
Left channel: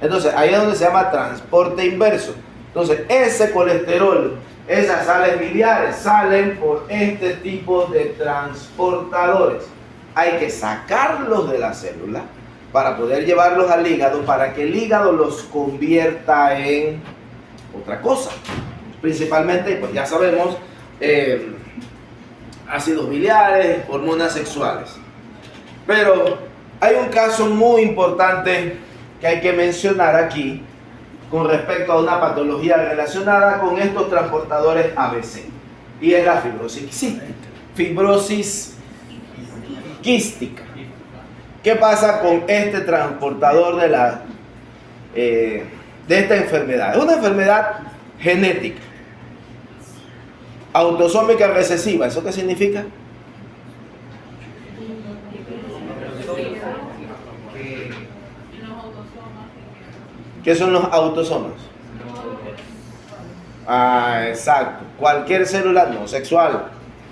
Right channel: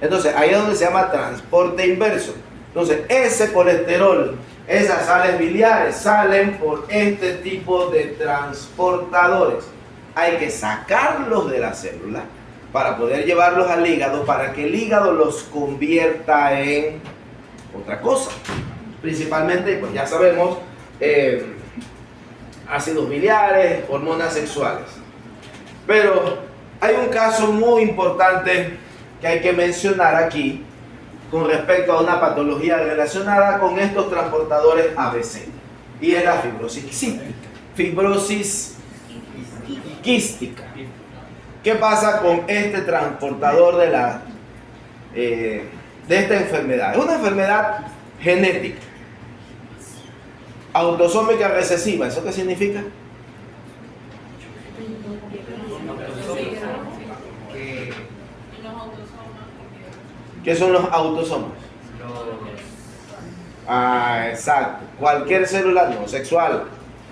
Entonces, ahí es donde se llama transporte inverso. Entonces, ese colesterol, esas sales biliares salen por este tipo de transportadores. Hay que sacarlos de la célula para poder llevarlos al hígado, para que el hígado los convierta en otra cosa. Principalmente, pues ya sabemos, ácidos biliares, hormonas sexuales. Pero hay un caso muy importante que hay que mencionar aquí con respecto a una patología relacionada con estos transportadores ABC, y es la fibrosis quística. Fibrosis quística. ¿Qué pasa con este transportador de esta enfermedad? Es una enfermedad genética, autosómica recesiva. ¿Eso qué significa? ¿Qué son los autosomas? Exacto. Cualquier célula no sexual.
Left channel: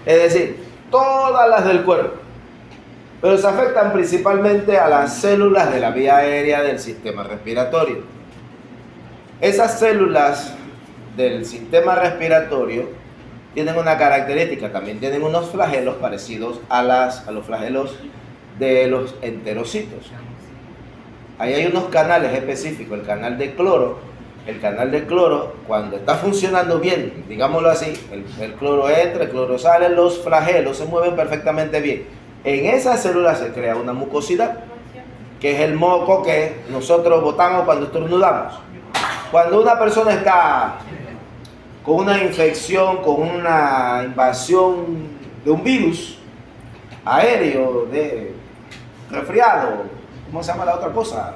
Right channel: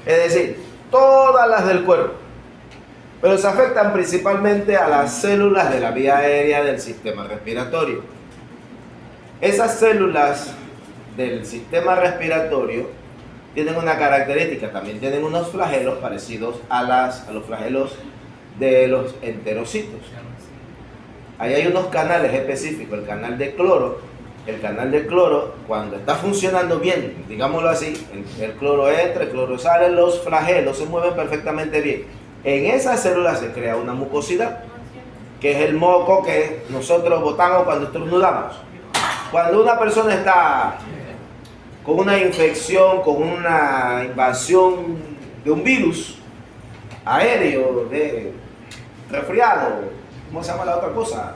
Es decir, todas las del cuerpo. Pero se afectan principalmente a las células de la vía aérea del sistema respiratorio. Esas células del sistema respiratorio tienen una característica, también tienen unos flagelos parecidos a los flagelos de los enterocitos. Ahí hay unos canales específicos, el canal de cloro. El canal de cloro, cuando está funcionando bien, digámoslo así, el cloro entra, el cloro sale, los flagelos se mueven perfectamente bien. En esas células se crea una mucosidad, que es el moco que nosotros botamos cuando estornudamos. Cuando una persona está con una infección, con una invasión de un virus aéreo, de resfriado, ¿cómo se llama la otra cosa?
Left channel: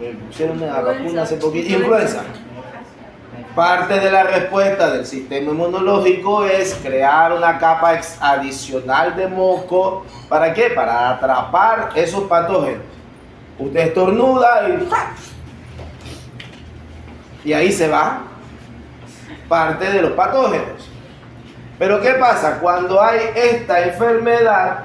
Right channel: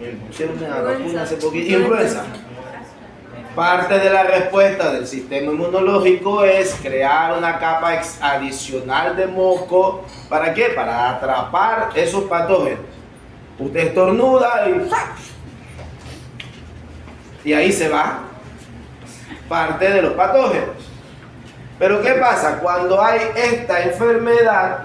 Me pusieron una vacuna hace poquito. Influenza. Parte de la respuesta del sistema inmunológico es crear una capa adicional de moco. ¿Para qué? Para atrapar esos patógenos. Usted estornuda y ahí se va parte de los patógenos. Pero ¿qué pasa? Cuando hay esta enfermedad,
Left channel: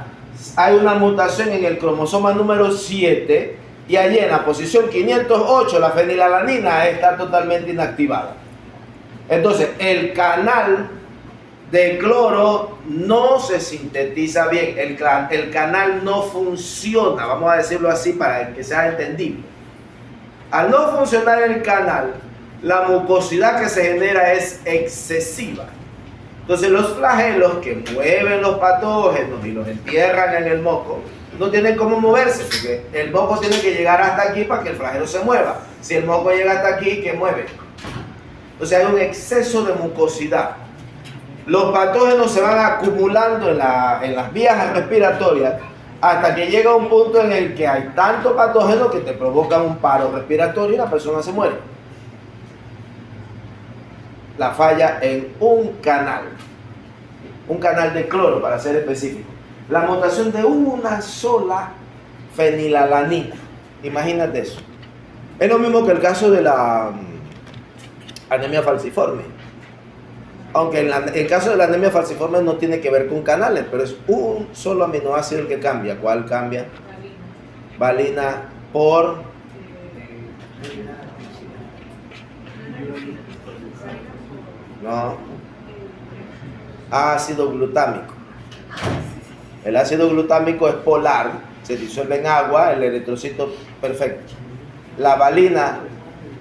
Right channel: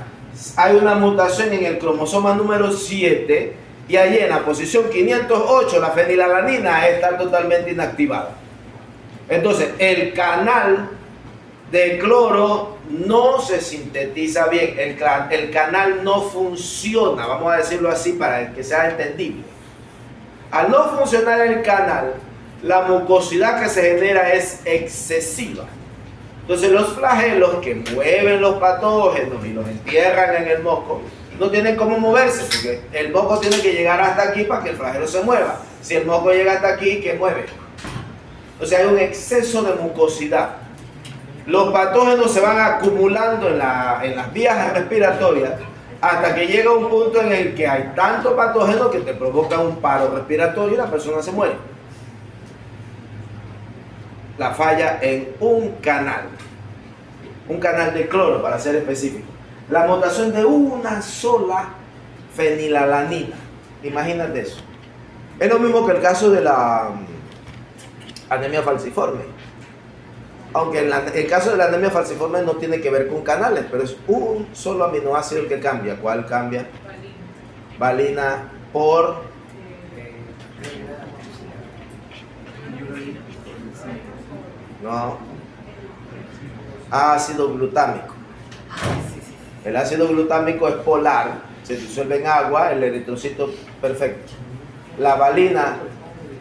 hay una mutación en el cromosoma número 7 y allí en la posición 508 la fenilalanina está totalmente inactivada. Entonces el canal de cloro no se sintetiza bien, el canal no funciona, vamos a decirlo así para que sea entendible. Al no funcionar el canal, la mucosidad que se genera es excesiva. Entonces los flagelos que mueven los patógenos y los entierran en el moco no tienen cómo moverse, porque el moco tiene que llegar hasta aquí para que el flagelo se mueva. Si el moco llega hasta aquí, ¿qué mueve? Entonces hay un exceso de mucosidad. Los patógenos se van acumulando en las vías respiratorias hasta que llega un punto en el que hay tanto patógeno que te provoca un paro respiratorio y la persona se muere. La falla en un canal de cloro para ser específico. La mutación de una sola fenilalanina. Imagínate eso. Es lo mismo que el caso de la anemia falciforme. Aunque el caso de la anemia falciforme no tiene que ver con canales, pero es un solo aminoácido el que cambia. ¿Cuál cambia? Valina por ácido glutámico. El ácido glutámico es polar, se disuelve en agua, el eritrocito perfecto. La valina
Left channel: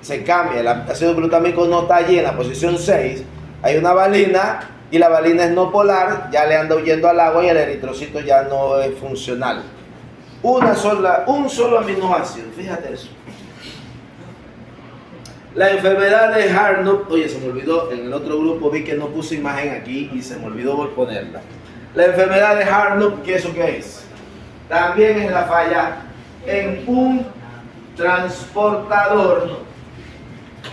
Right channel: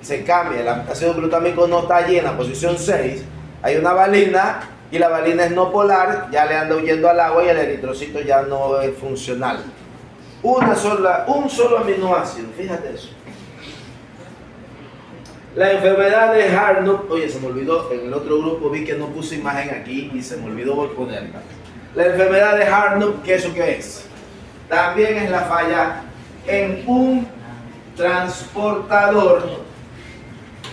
se cambia, el ácido glutámico no está allí en la posición 6, hay una valina y la valina es no polar, ya le anda huyendo al agua y el eritrocito ya no es funcional. Un solo aminoácido, fíjate eso. La enfermedad de Hartnup, oye, se me olvidó, en el otro grupo vi que no puse imagen aquí y se me olvidó ponerla. La enfermedad de Hartnup, ¿qué eso qué es? También es la falla en un transportador.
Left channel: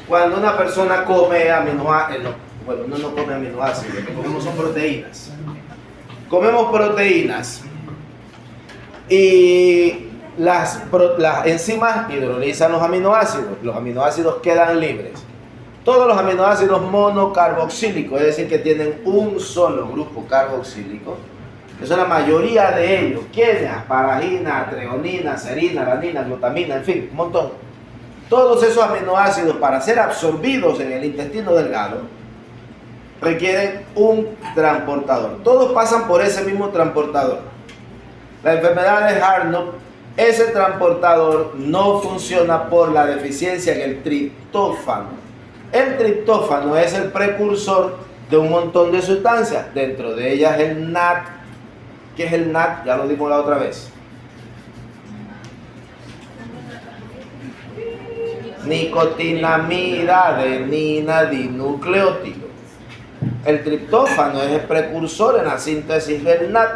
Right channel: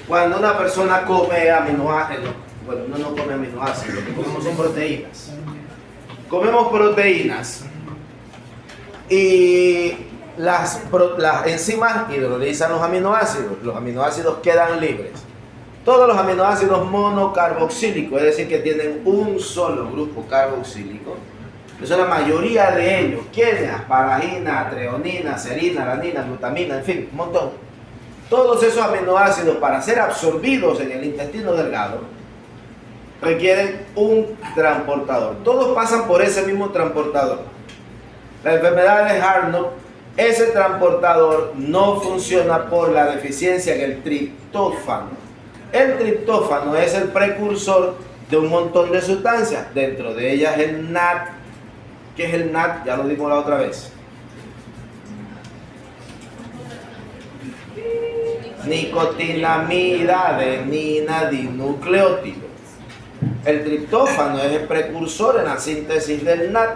Cuando una persona come aminoácidos, bueno, uno no come aminoácidos, lo que comemos son proteínas. Comemos proteínas y las enzimas hidrolizan los aminoácidos quedan libres. Todos los aminoácidos monocarboxílicos, es decir, que tienen un solo grupo carboxílico, que son la mayoría de ellos, ¿quiénes? Asparagina, treonina, serina, alanina, glutamina, en fin, un montón. Todos esos aminoácidos, para ser absorbidos en el intestino delgado, requieren un transportador. Todos pasan por ese mismo transportador. La enfermedad de Hartnup, ese transportador no funciona por la deficiencia en el triptófano. El triptófano es el precursor de un montón de sustancias, dentro de ellas el NAD. ¿Qué es el NAD? Ya lo dimos la otra vez. Nicotinamida adenina dinucleótido. El triptófano es el precursor en la síntesis del NAD.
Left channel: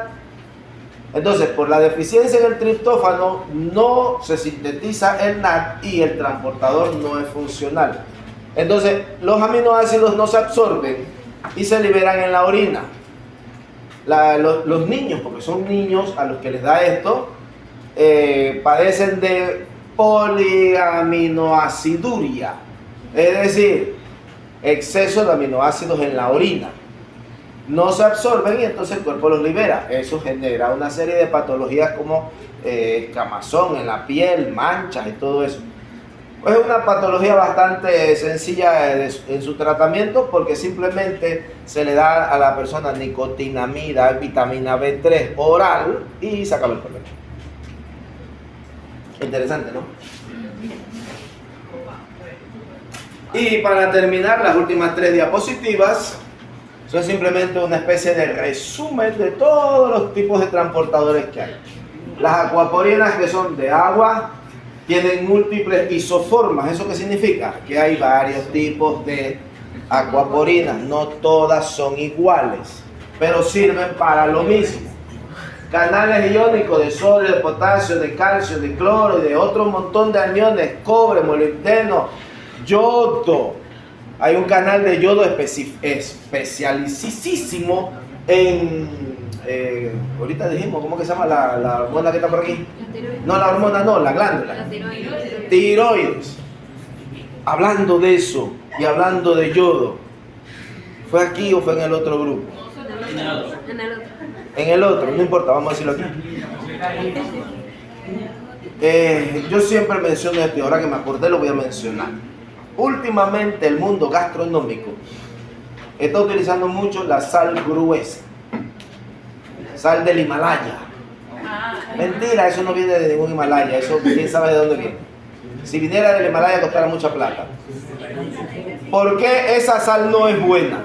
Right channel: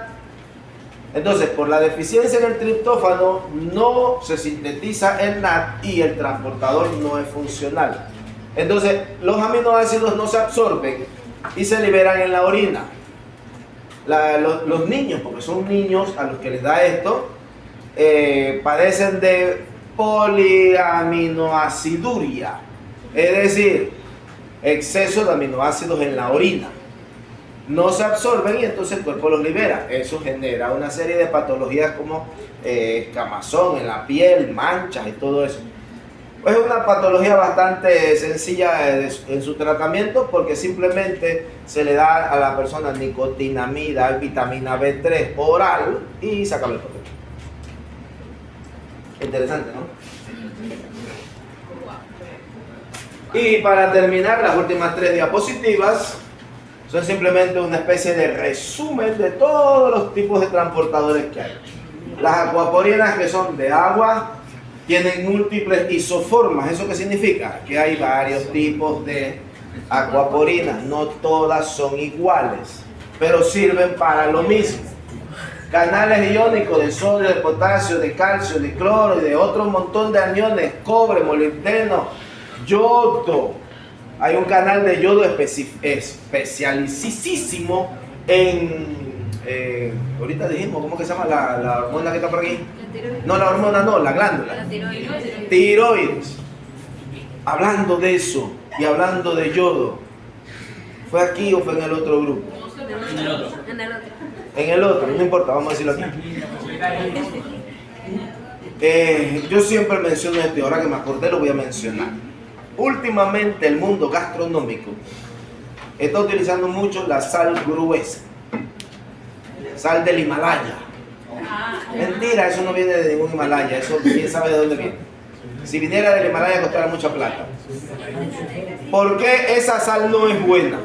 Entonces, por la deficiencia en el triptófano no se sintetiza el NAD y el transportador no es funcional. Entonces, los aminoácidos no se absorben y se liberan en la orina. Los niños, porque son niños a los que les da esto, padecen de poliaminoaciduria, es decir, exceso de aminoácidos en la orina. No se absorben y entonces el cuerpo los libera. Eso genera una serie de patologías como escamazón en la piel, manchas y todo eso. Es una patología bastante sencilla en su tratamiento, porque simplemente se le da a la persona nicotinamida, vitamina B3 oral y se acaba el problema. Interesante, ¿no? Y para terminar, las últimas 3 diapositivas son simplemente una especie de resumen de todos los tipos de transportadores que hay. Las acuaporinas, que son de agua, tienen múltiples isoformas. ¿Eso qué significa? Que hay varios tipos de acuaporinas, no todas son iguales, pero sirven para lo mismo. Canales iónicos de sodio, de potasio, de calcio, de cloro y de otro montón de aniones, cobre, molibdeno, yodo. Hay un canal de yodo especialicísimo en... ahorita dijimos, ¿cómo que se llama la hormona que está por aquí? No, la hormona no, la glándula. La tiroides. Tiroides. Hablando de eso y hablando de yodo, ¿fue aquí o fue en el otro grupo? En el otro. En el otro, no importa, vamos a decirlo aquí. Yo siempre menciono esto y ahora que me acordé lo voy a mencionar. Últimamente el mundo gastronómico está utilizando mucho la sal gruesa, sal del Himalaya. Mentira, eso no viene de ningún Himalaya, eso quién sabe de dónde viene. Si viniera del Himalaya costara mucha plata. ¿Por qué esa sal no es buena?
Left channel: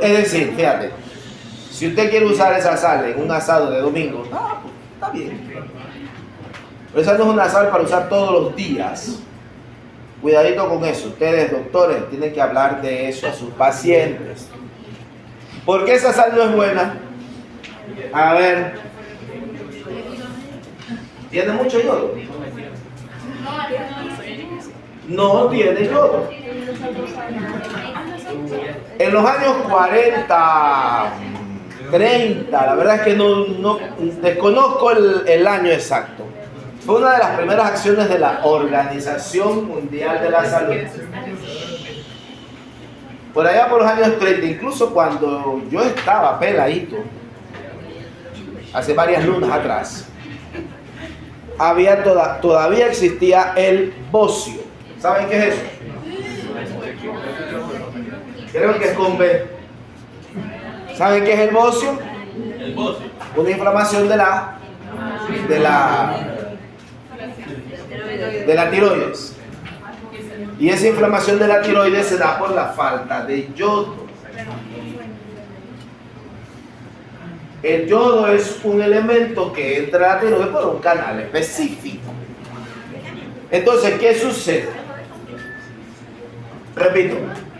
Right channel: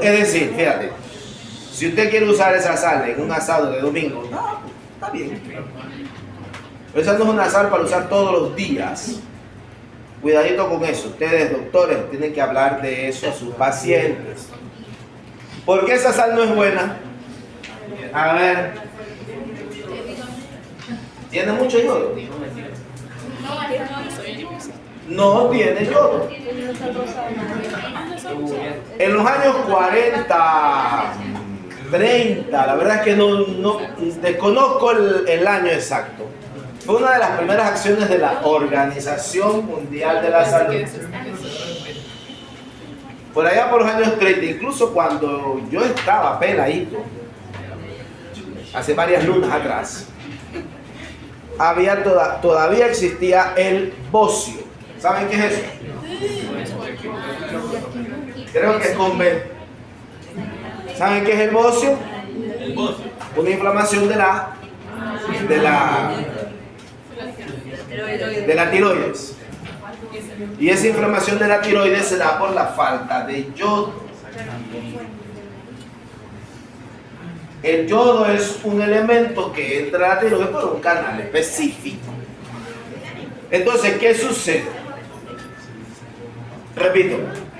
Es decir, fíjate, si usted quiere usar esa sal en un asado de domingo, está bien. Pero esa no es una sal para usar todos los días. Cuidadito con eso. Ustedes, doctores, tienen que hablar de eso a sus pacientes. ¿Por qué esa sal no es buena? A ver. ¿Tiene mucho yodo? No tiene yodo. En los años 40, 30, la verdad es que no desconozco el año exacto. Fue una de las primeras acciones de la Organización Mundial de la Salud. Por allá por los años 30, incluso cuando yo estaba peladito, hace varias lunas atrás, todavía existía el bocio. ¿Saben qué es eso? Creo que es con B. ¿Saben qué es el bocio? Una inflamación de la tiroides. Y esa inflamación de la tiroides se da por la falta de yodo. El yodo es un elemento que entra a la tiroides por un canal específico. Entonces, ¿qué sucede? Repito,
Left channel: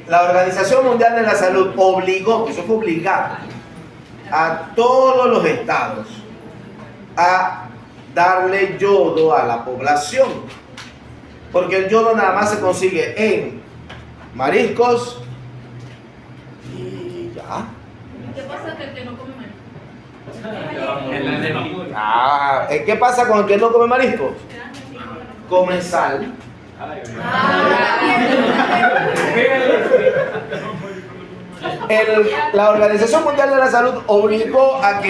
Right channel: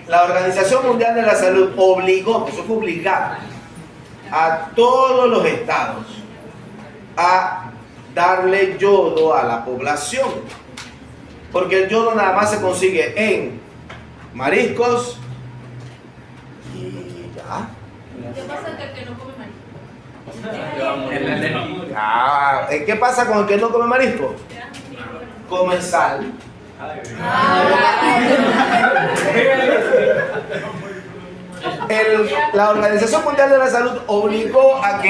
la Organización Mundial de la Salud obligó, eso fue obligado, a todos los estados a darle yodo a la población, porque el yodo nada más se consigue en mariscos y ya. ¿Qué pasa con el que no come marisco? ¿Qué pasa con el que no come mariscos? Come sal La Organización Mundial de la Salud obligó a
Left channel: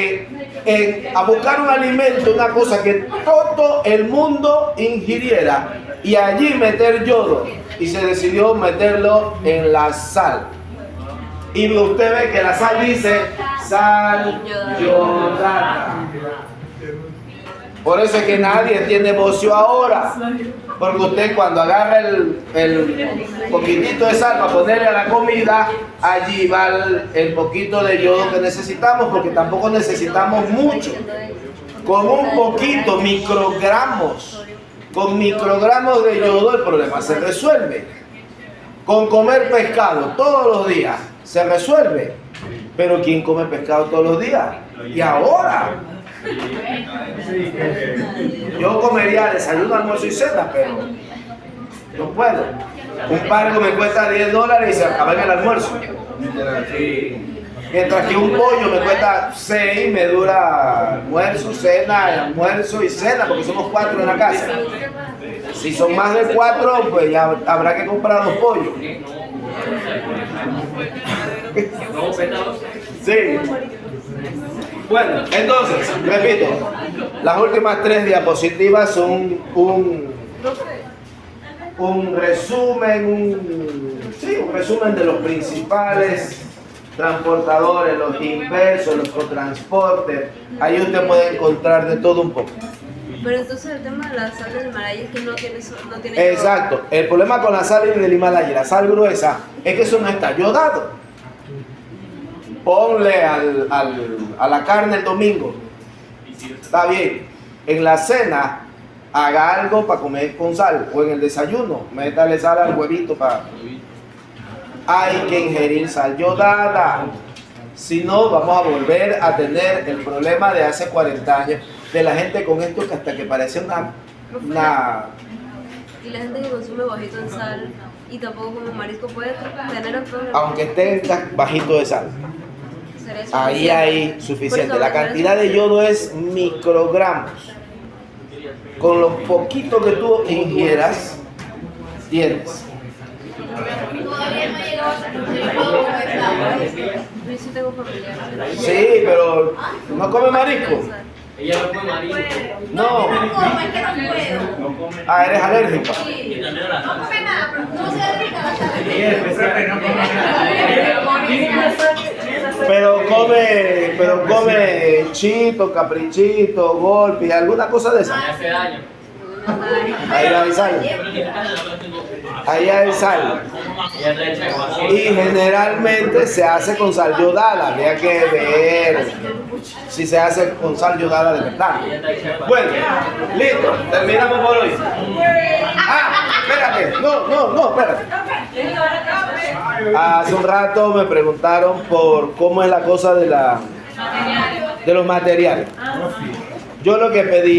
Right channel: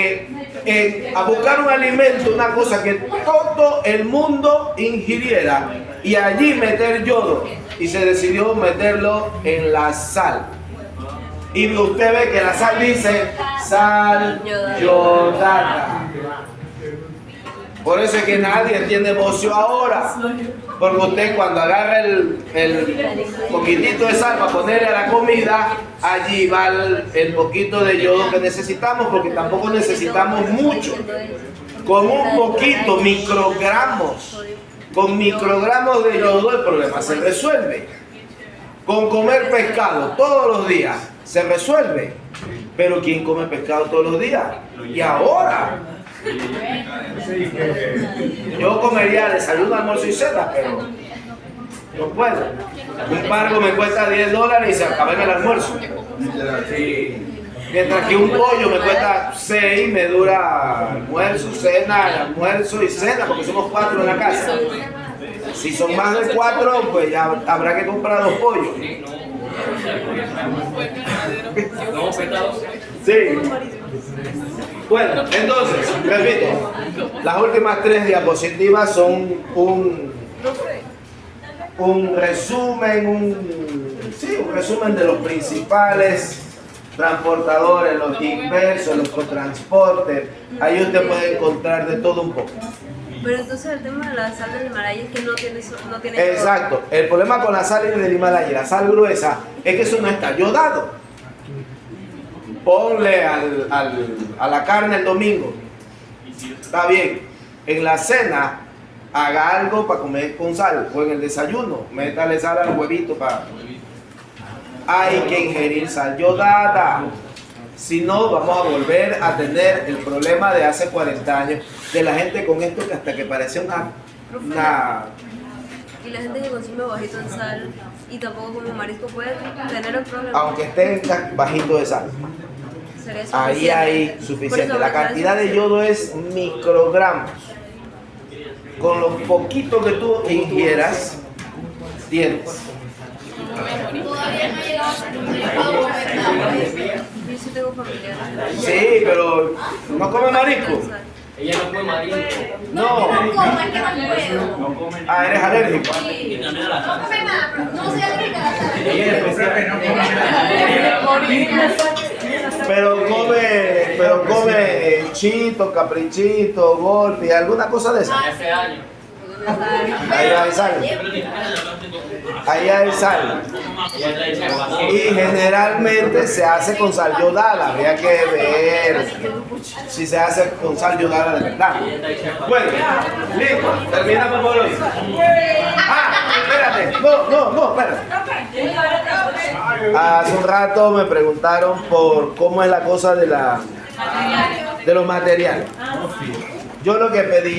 buscar un alimento, una cosa que todo el mundo ingiriera, y allí meter yodo, y se decidió meterlo en la sal. Y usted ve que la sal dice sal yodada. Por eso es que nadie tiene negocio ahora. Porque usted cuando agarra el poquitito de sal para ponerle a la comida, allí va el poquito de yodo que necesitamos, porque tampoco necesitamos mucho. Con un poquito, con microgramos de yodo el problema se resuelve. Con comer pescado todos los días se resuelve. Pero ¿quién come pescado todos los días? Y ahora. Yo comería desayuno, almuerzo y cena, pero no puedo. Un pargo me cuesta $10 y se acaba en el almuerzo. Mientras que un pollo me cuesta 6, me dura almuerzo, cena, almuerzo y cena, porque somos 4 en la casa. Si son más de 4, pues ya habrá que comprar 2 pollos. Sí. Bueno, entonces, repito, las últimas 3 diapositivas son un resumen, un resumen de los principales transportadores, los inversos, los cotransportes. Ahí usted puede encontrar de todo un poco. Pero entonces el tema de la sal del Himalaya es que no tiene Exacto. El problema con la sal del Himalaya y la sal gruesa es que eso no está yodado. Ponle a la carne el domingo. Está bien. En la cena, haga algo para comer con sal. O en el desayuno, métale sal al huevito para... Hay que ingerir sal yodada. Si no, vamos a volver a tener el problema de hace 40 años de la gente con esto que hasta que parece una... Y la gente que consume bajito en sal y tampoco come marisco puede tener el problema. Aunque esté bajito de sal. Ahí hay suficiente. La cantidad de yodo es microgramos. Con lo poquito que tú ingieras, tienes. Yo sí tengo familiares. Sí, pero no come marisco. Ella no come marisco. No. Es que no puedo. Ah, eres alérgico. No come nada, pero no soy alérgica a la sal. Ella es especial que no Pero come chito, caprichito, golpe, alguna cosa de esa. Hace daño. Ahí hay sal. Ahí hay sal. Ella está hecha con Y generalmente se hace con sal yodada. Habría que ver si se hace con sal yodada de verdad. Bueno, listo. Terminamos por hoy. Ah, espérate. No, espérate. Hace un rato me preguntaron por cómo es la cosa de los materiales. Yo lo que pedí